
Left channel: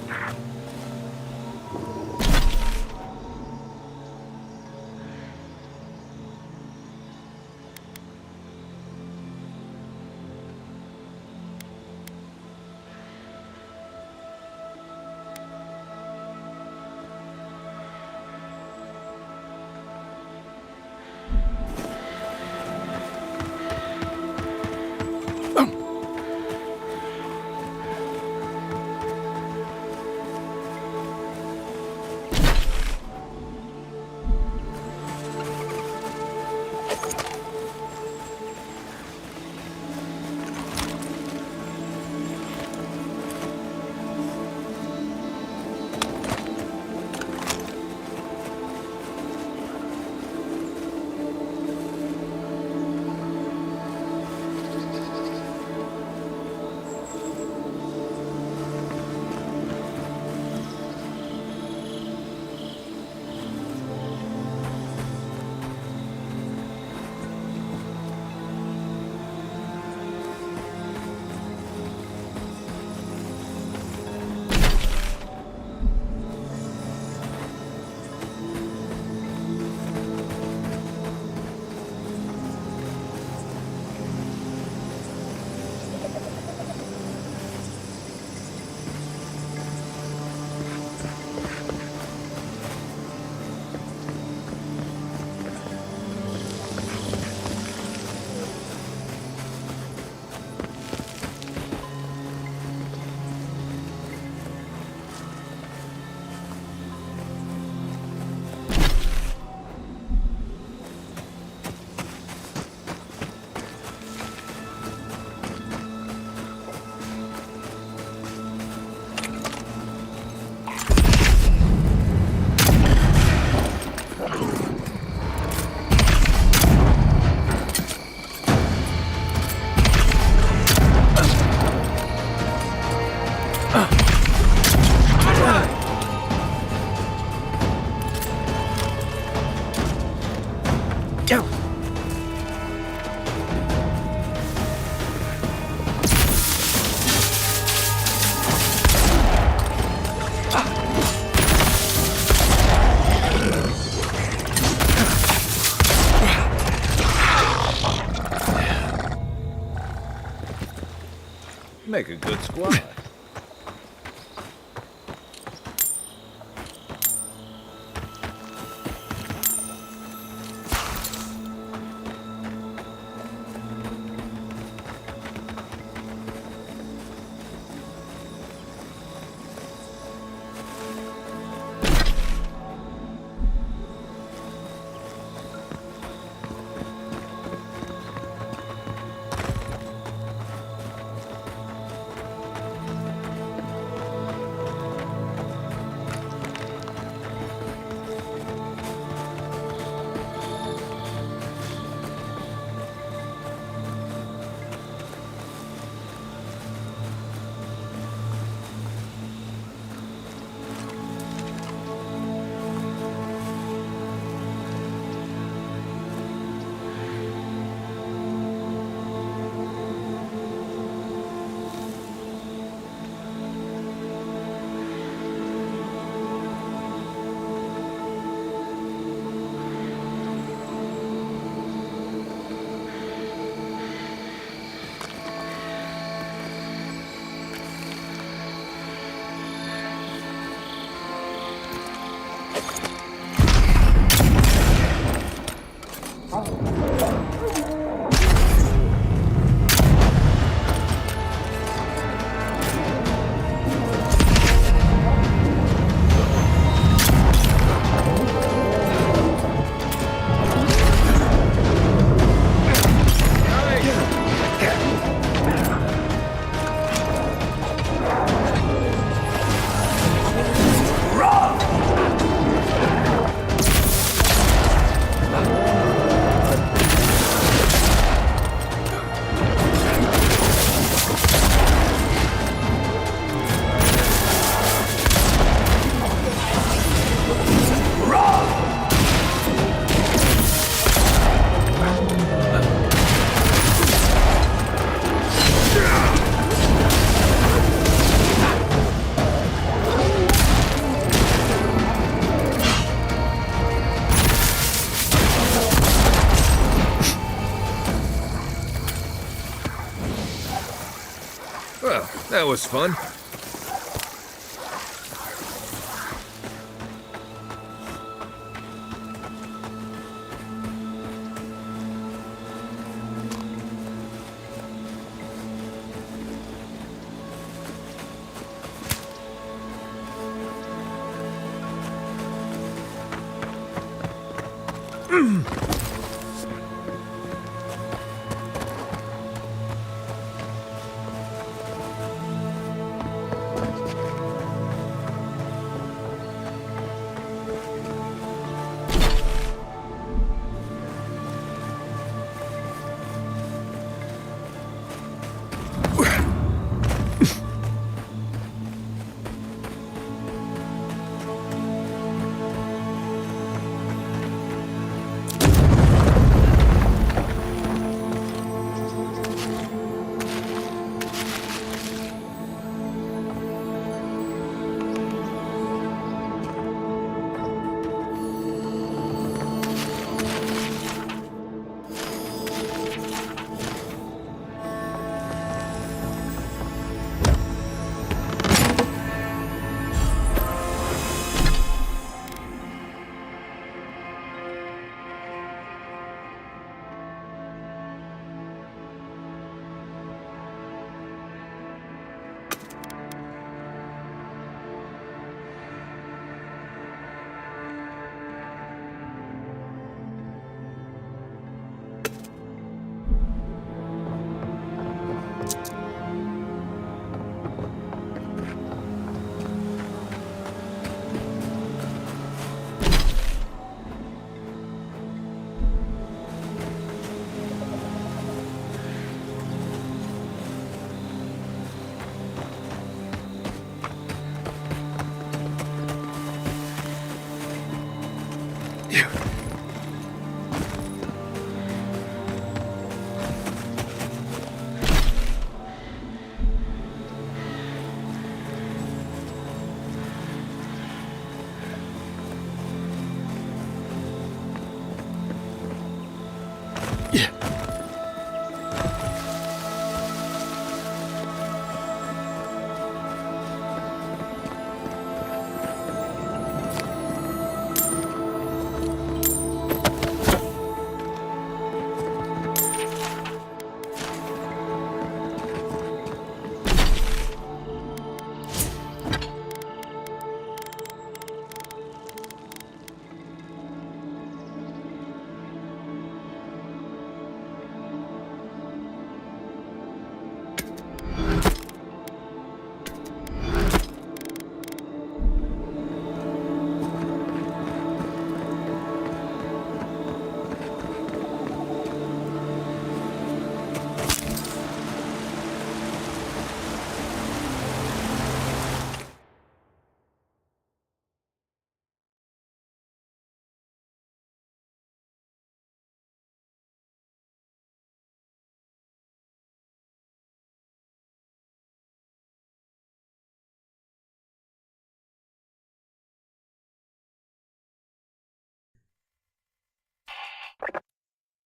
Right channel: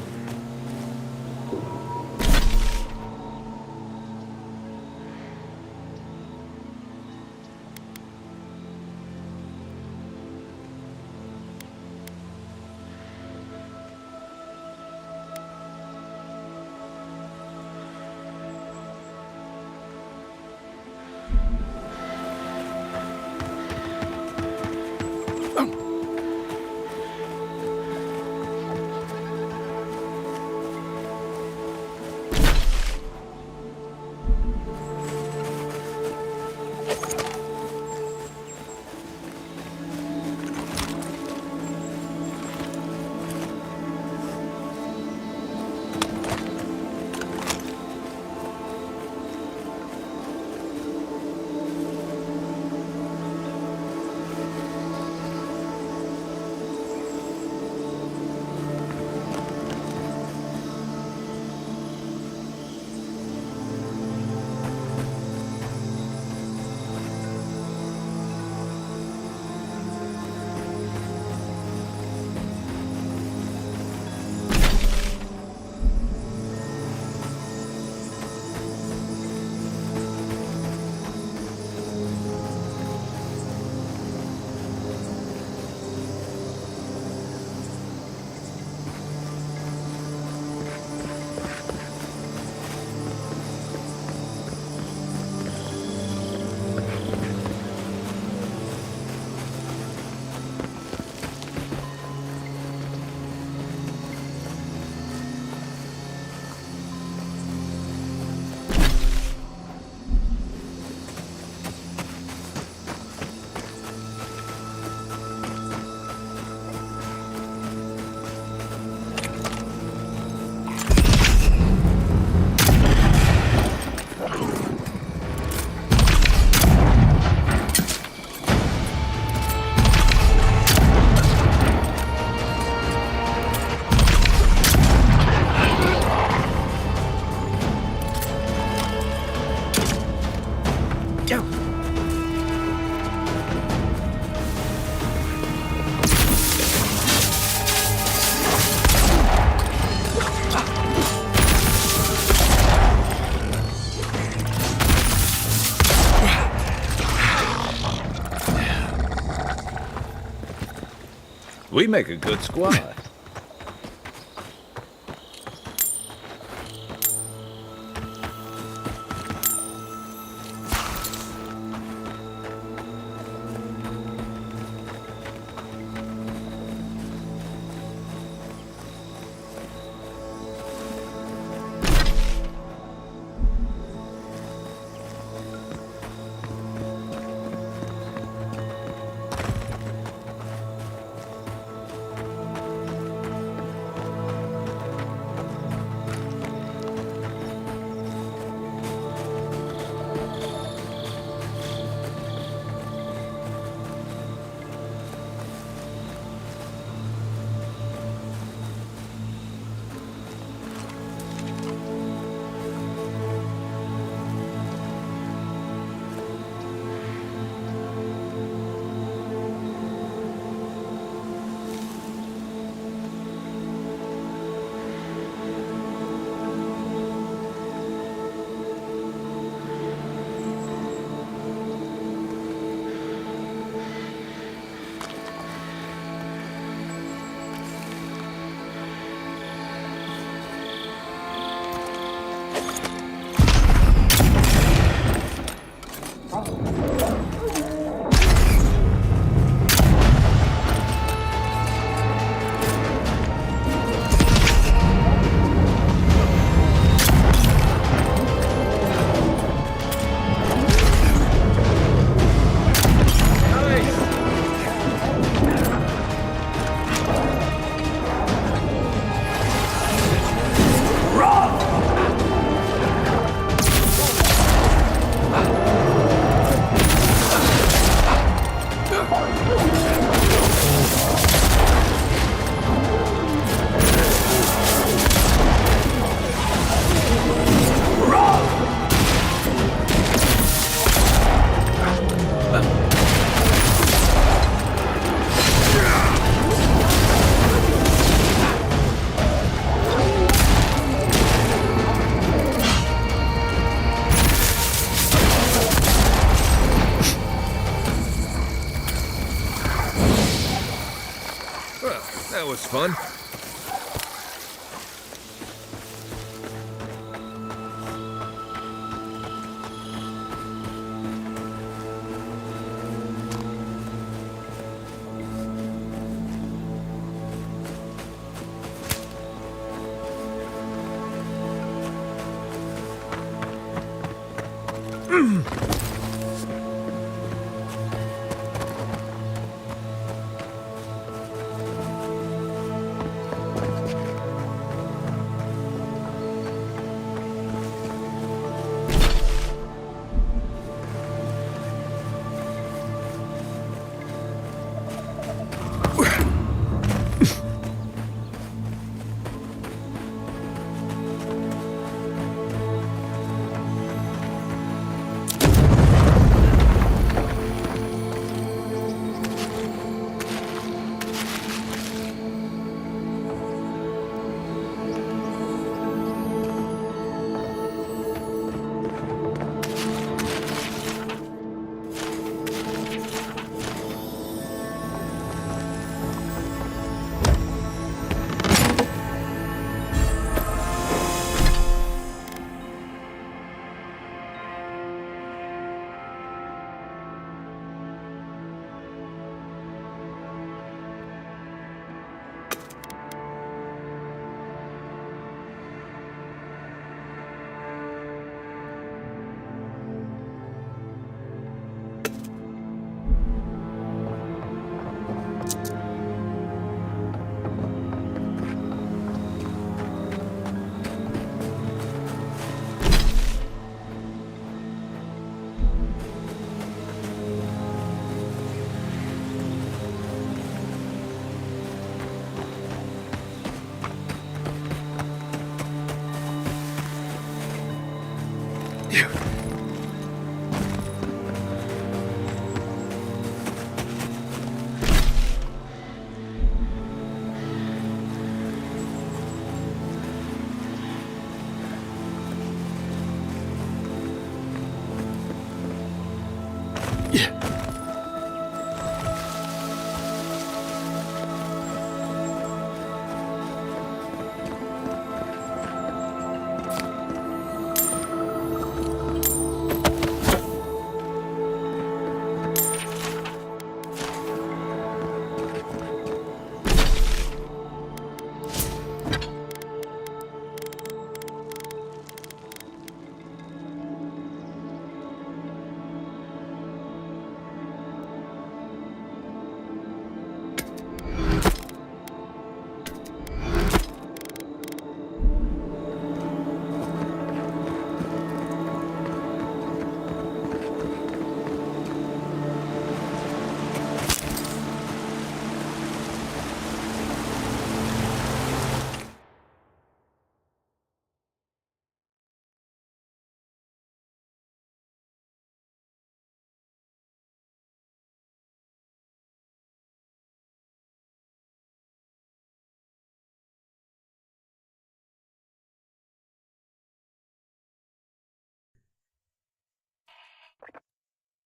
We make a good squad. was fun.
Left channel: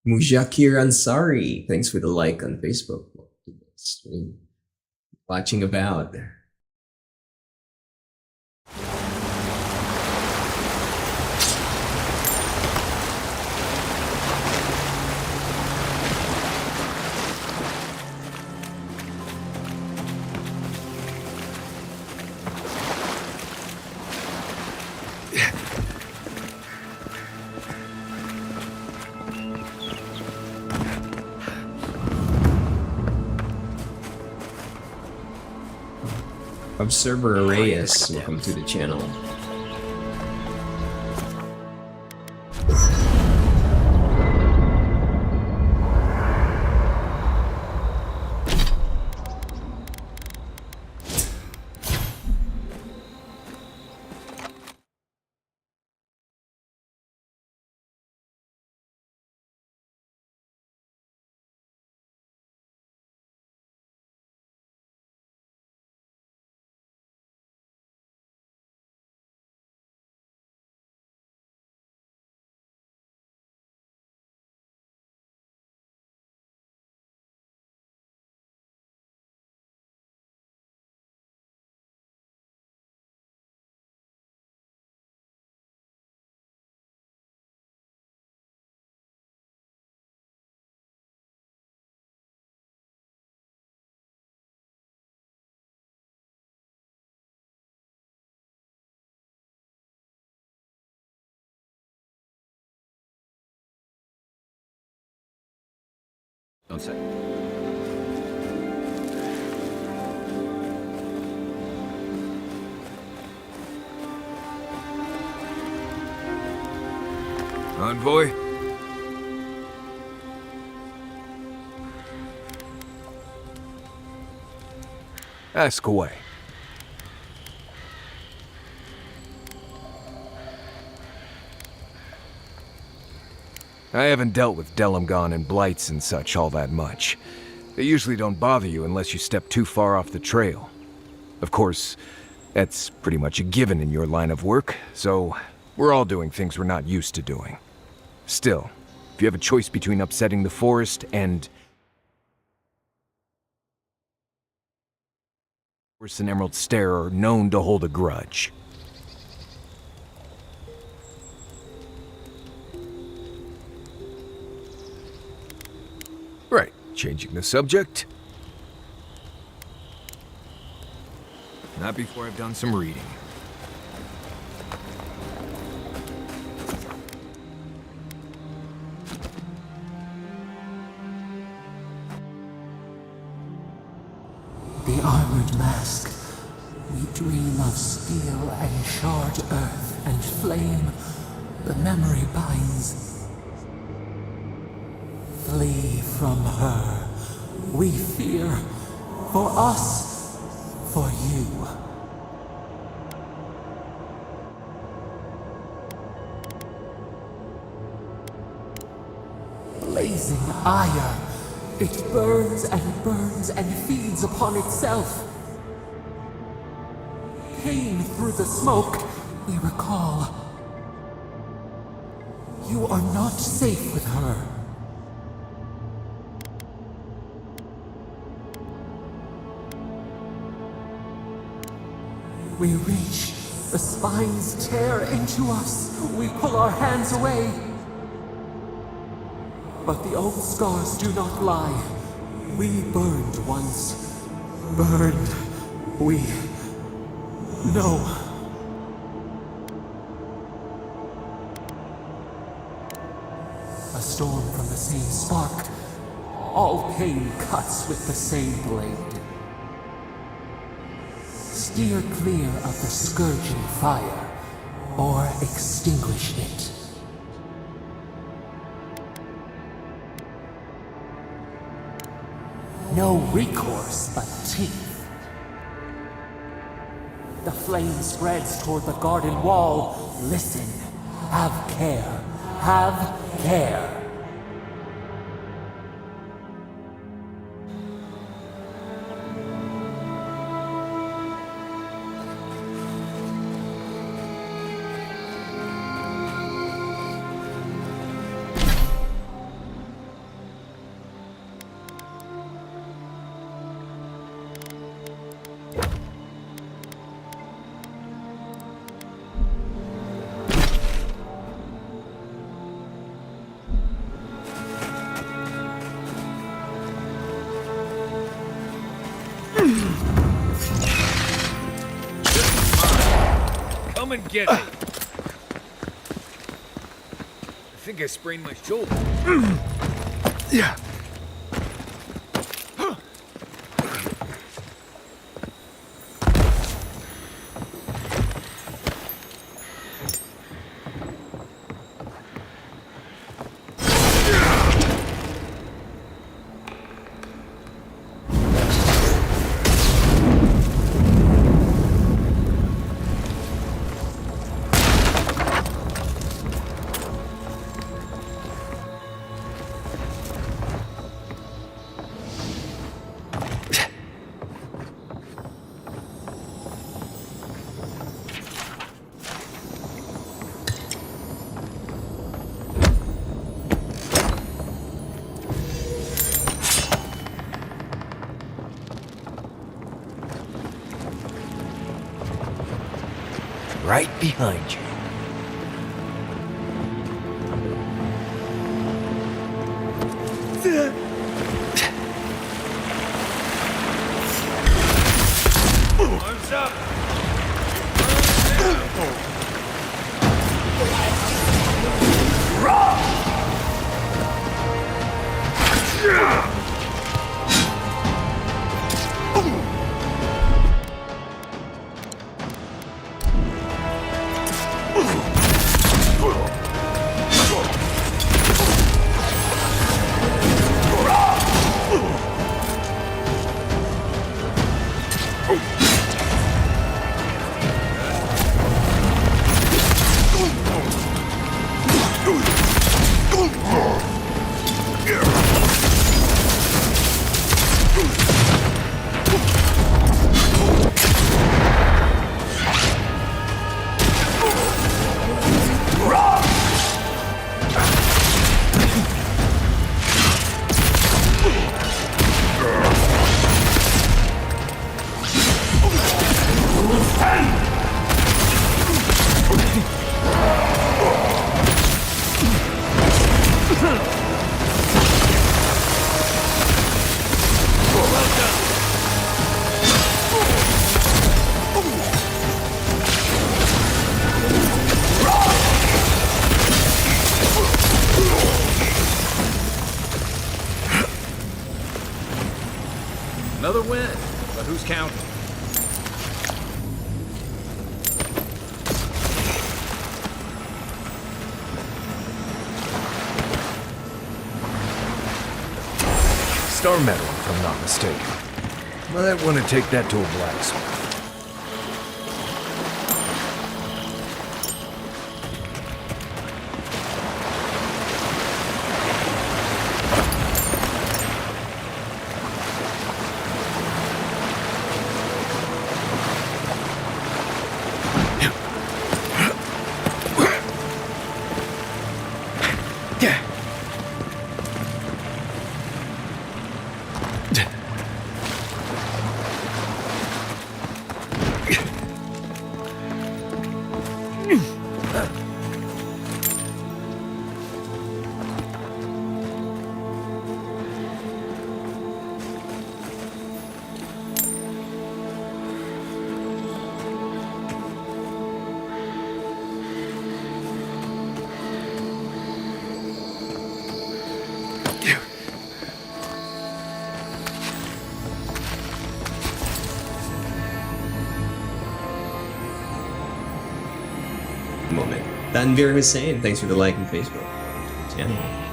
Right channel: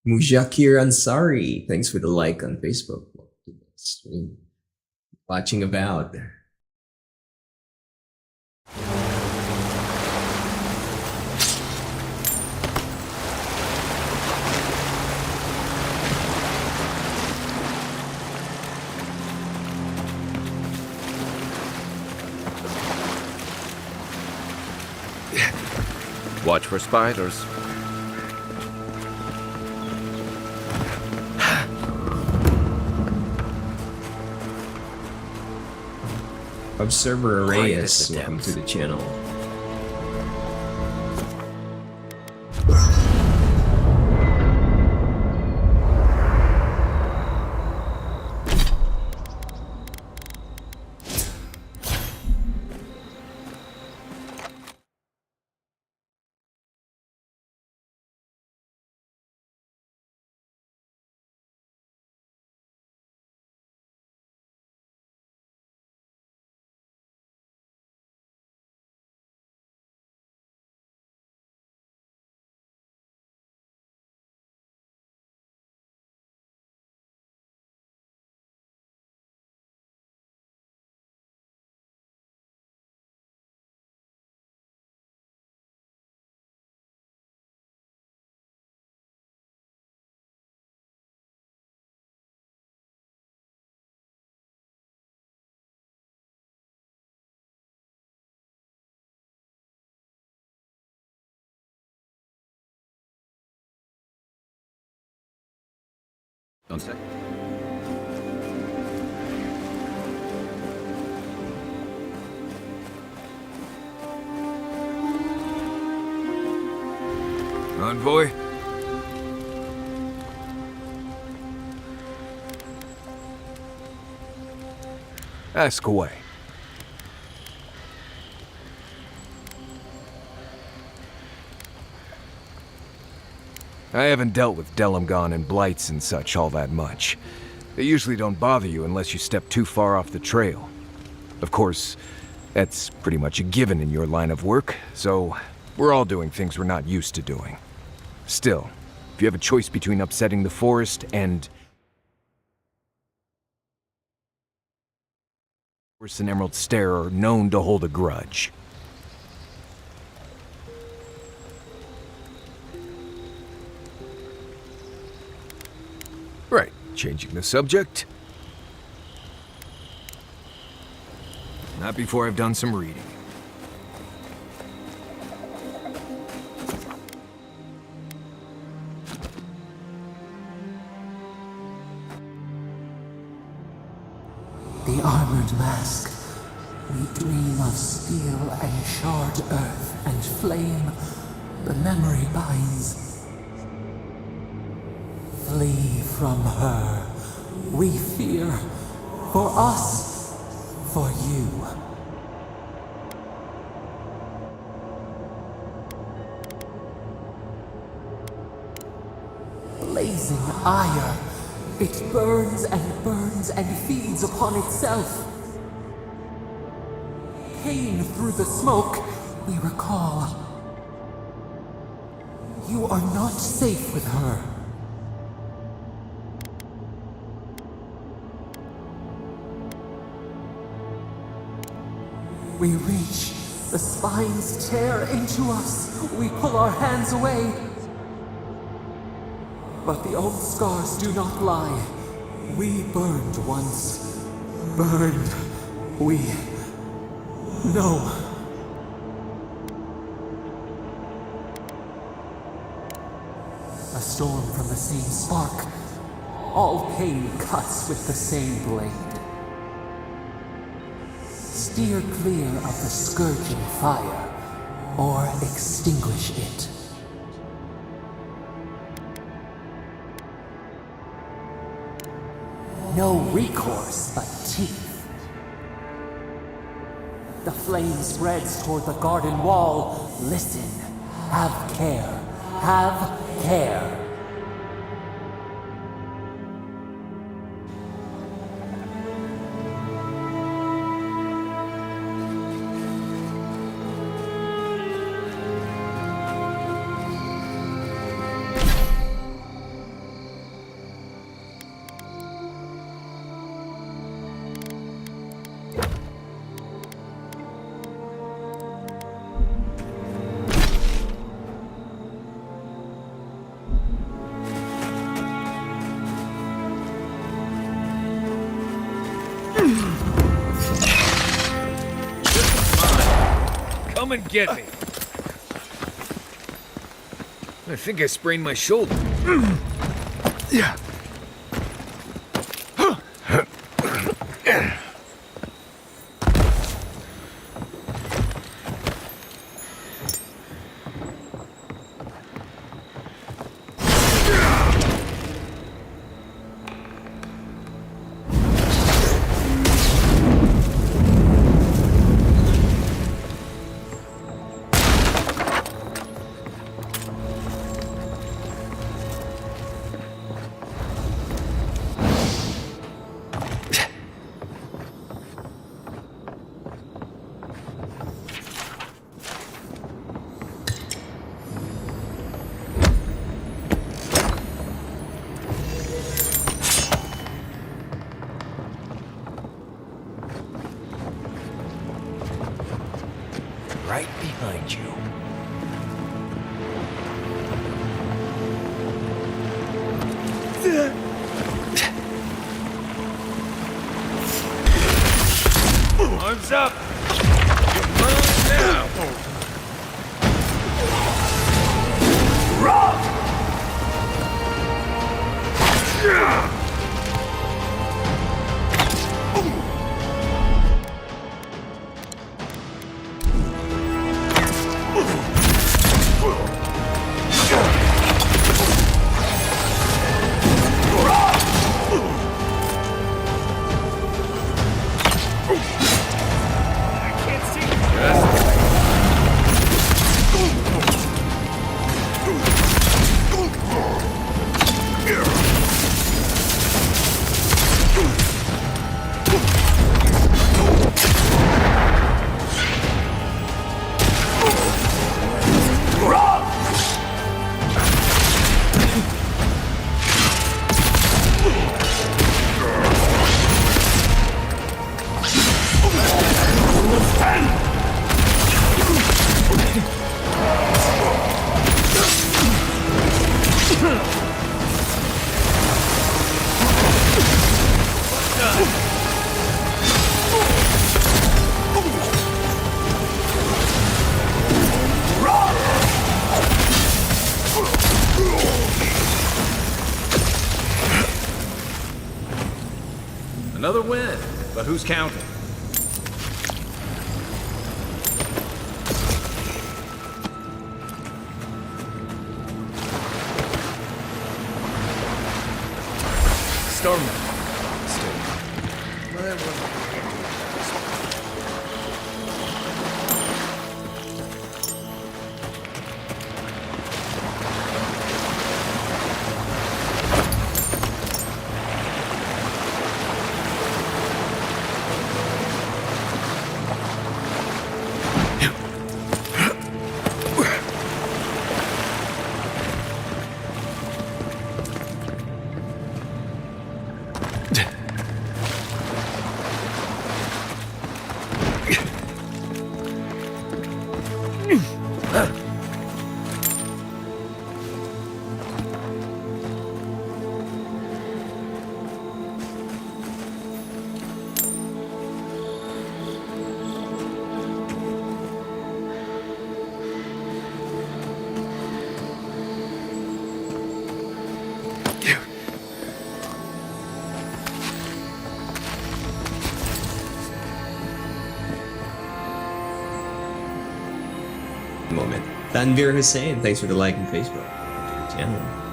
Mujakir Ansari, thanks for the like on Facebook. Stream. Watching Avowed. Watch for spiders. Observer Reyes, welcome to the channel. Don't say. Envoy? Ask away. I haven't dealt with Delimgon and Blights and such all that much. They usually don't bother you unless you step too far off the trail. Of course, that's pretty much a given in your line of work, so we're all doing things we're not used to doing. Still, if you have a choice between upsetting the forest and an Emerald Stare are known to hold a grudge. Right, changing the subject. Not before I've done some reading. The armored mask. We dream of steel and shard earth and flame. The memory binds. Flee from her. We fear. For us. For you. Blazing ire. It burns and feeds upon itself. Pain through the smoke, we recall. You are not safe with her. We reach, the spines tear into us. We pull our hands away. But the old scars do not lie. We burned once. Burned. We know. A storm from the same spark. All pain cuts with the same blade. Steer clear of the scourging fire, or extinguish it. No recourse but teeth. The flame spreads toward the garden wall. Listen. Have care. Have care. Come and get me. I think I sprained my shoulder. Yeah. Right behind you. Arms up! You're burning now! Raw! Another win, but who's counting? Star medal, if I'm not mistaken. Might want to take that to a blacksmith. Moment. Tanvir Hussain, thanks for the like on Facebook. Welcome to the channel.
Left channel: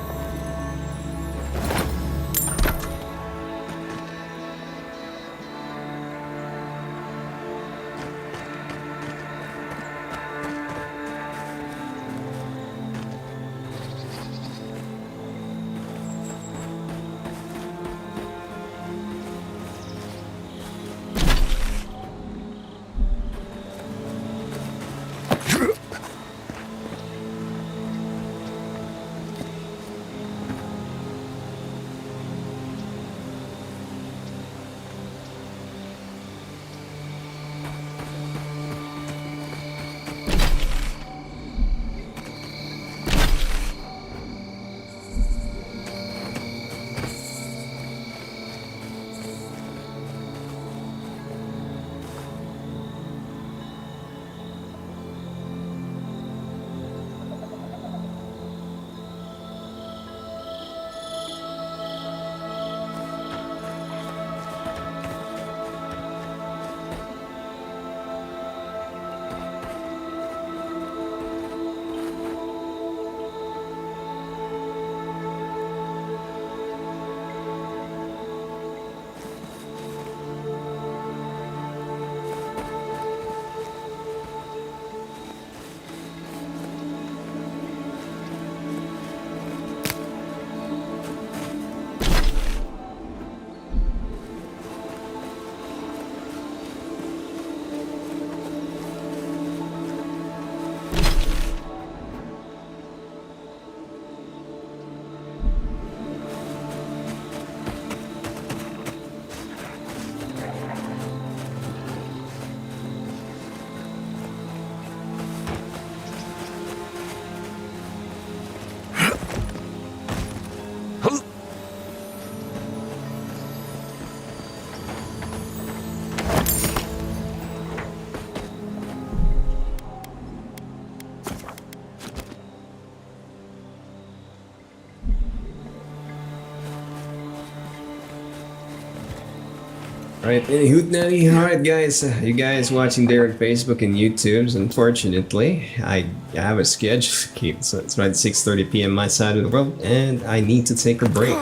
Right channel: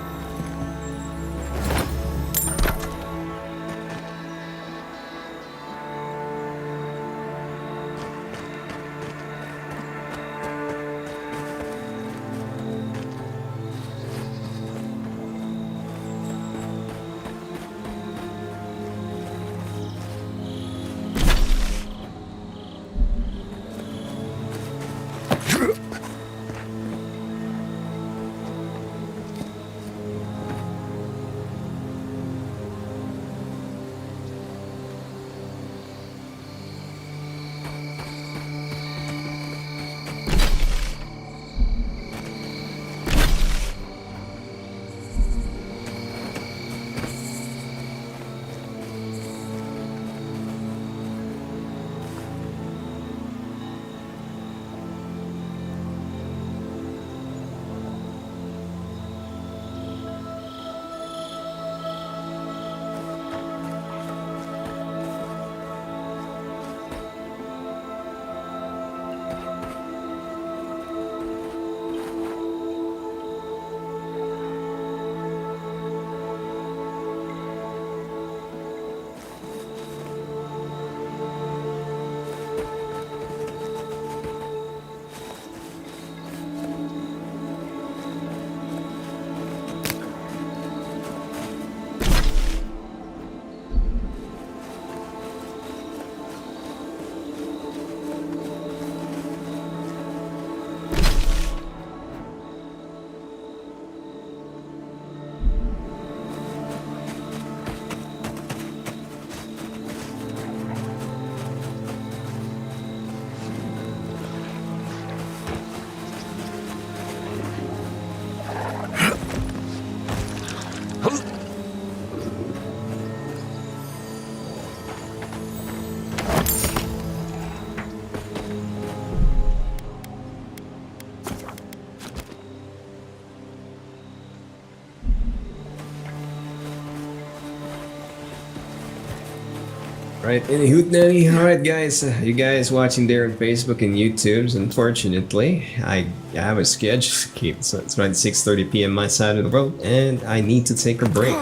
Right, any hoot nanny? Alright guys, you guys watching there on Facebook and YouTube's, unfortunately, I have a schedule to keep, so it's around 6:30 p.m. my side of the world, and I need to take a break.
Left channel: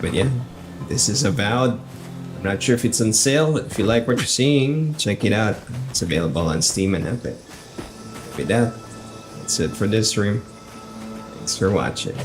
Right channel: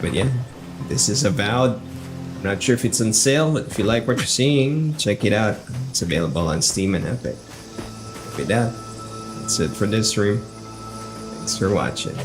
But yeah, this is Avowed. I'm not sure if it's on sale, but if you like what you're seeing, check it out. It's available on Steam and Epic. With that, that's it for this stream. Thanks for watching.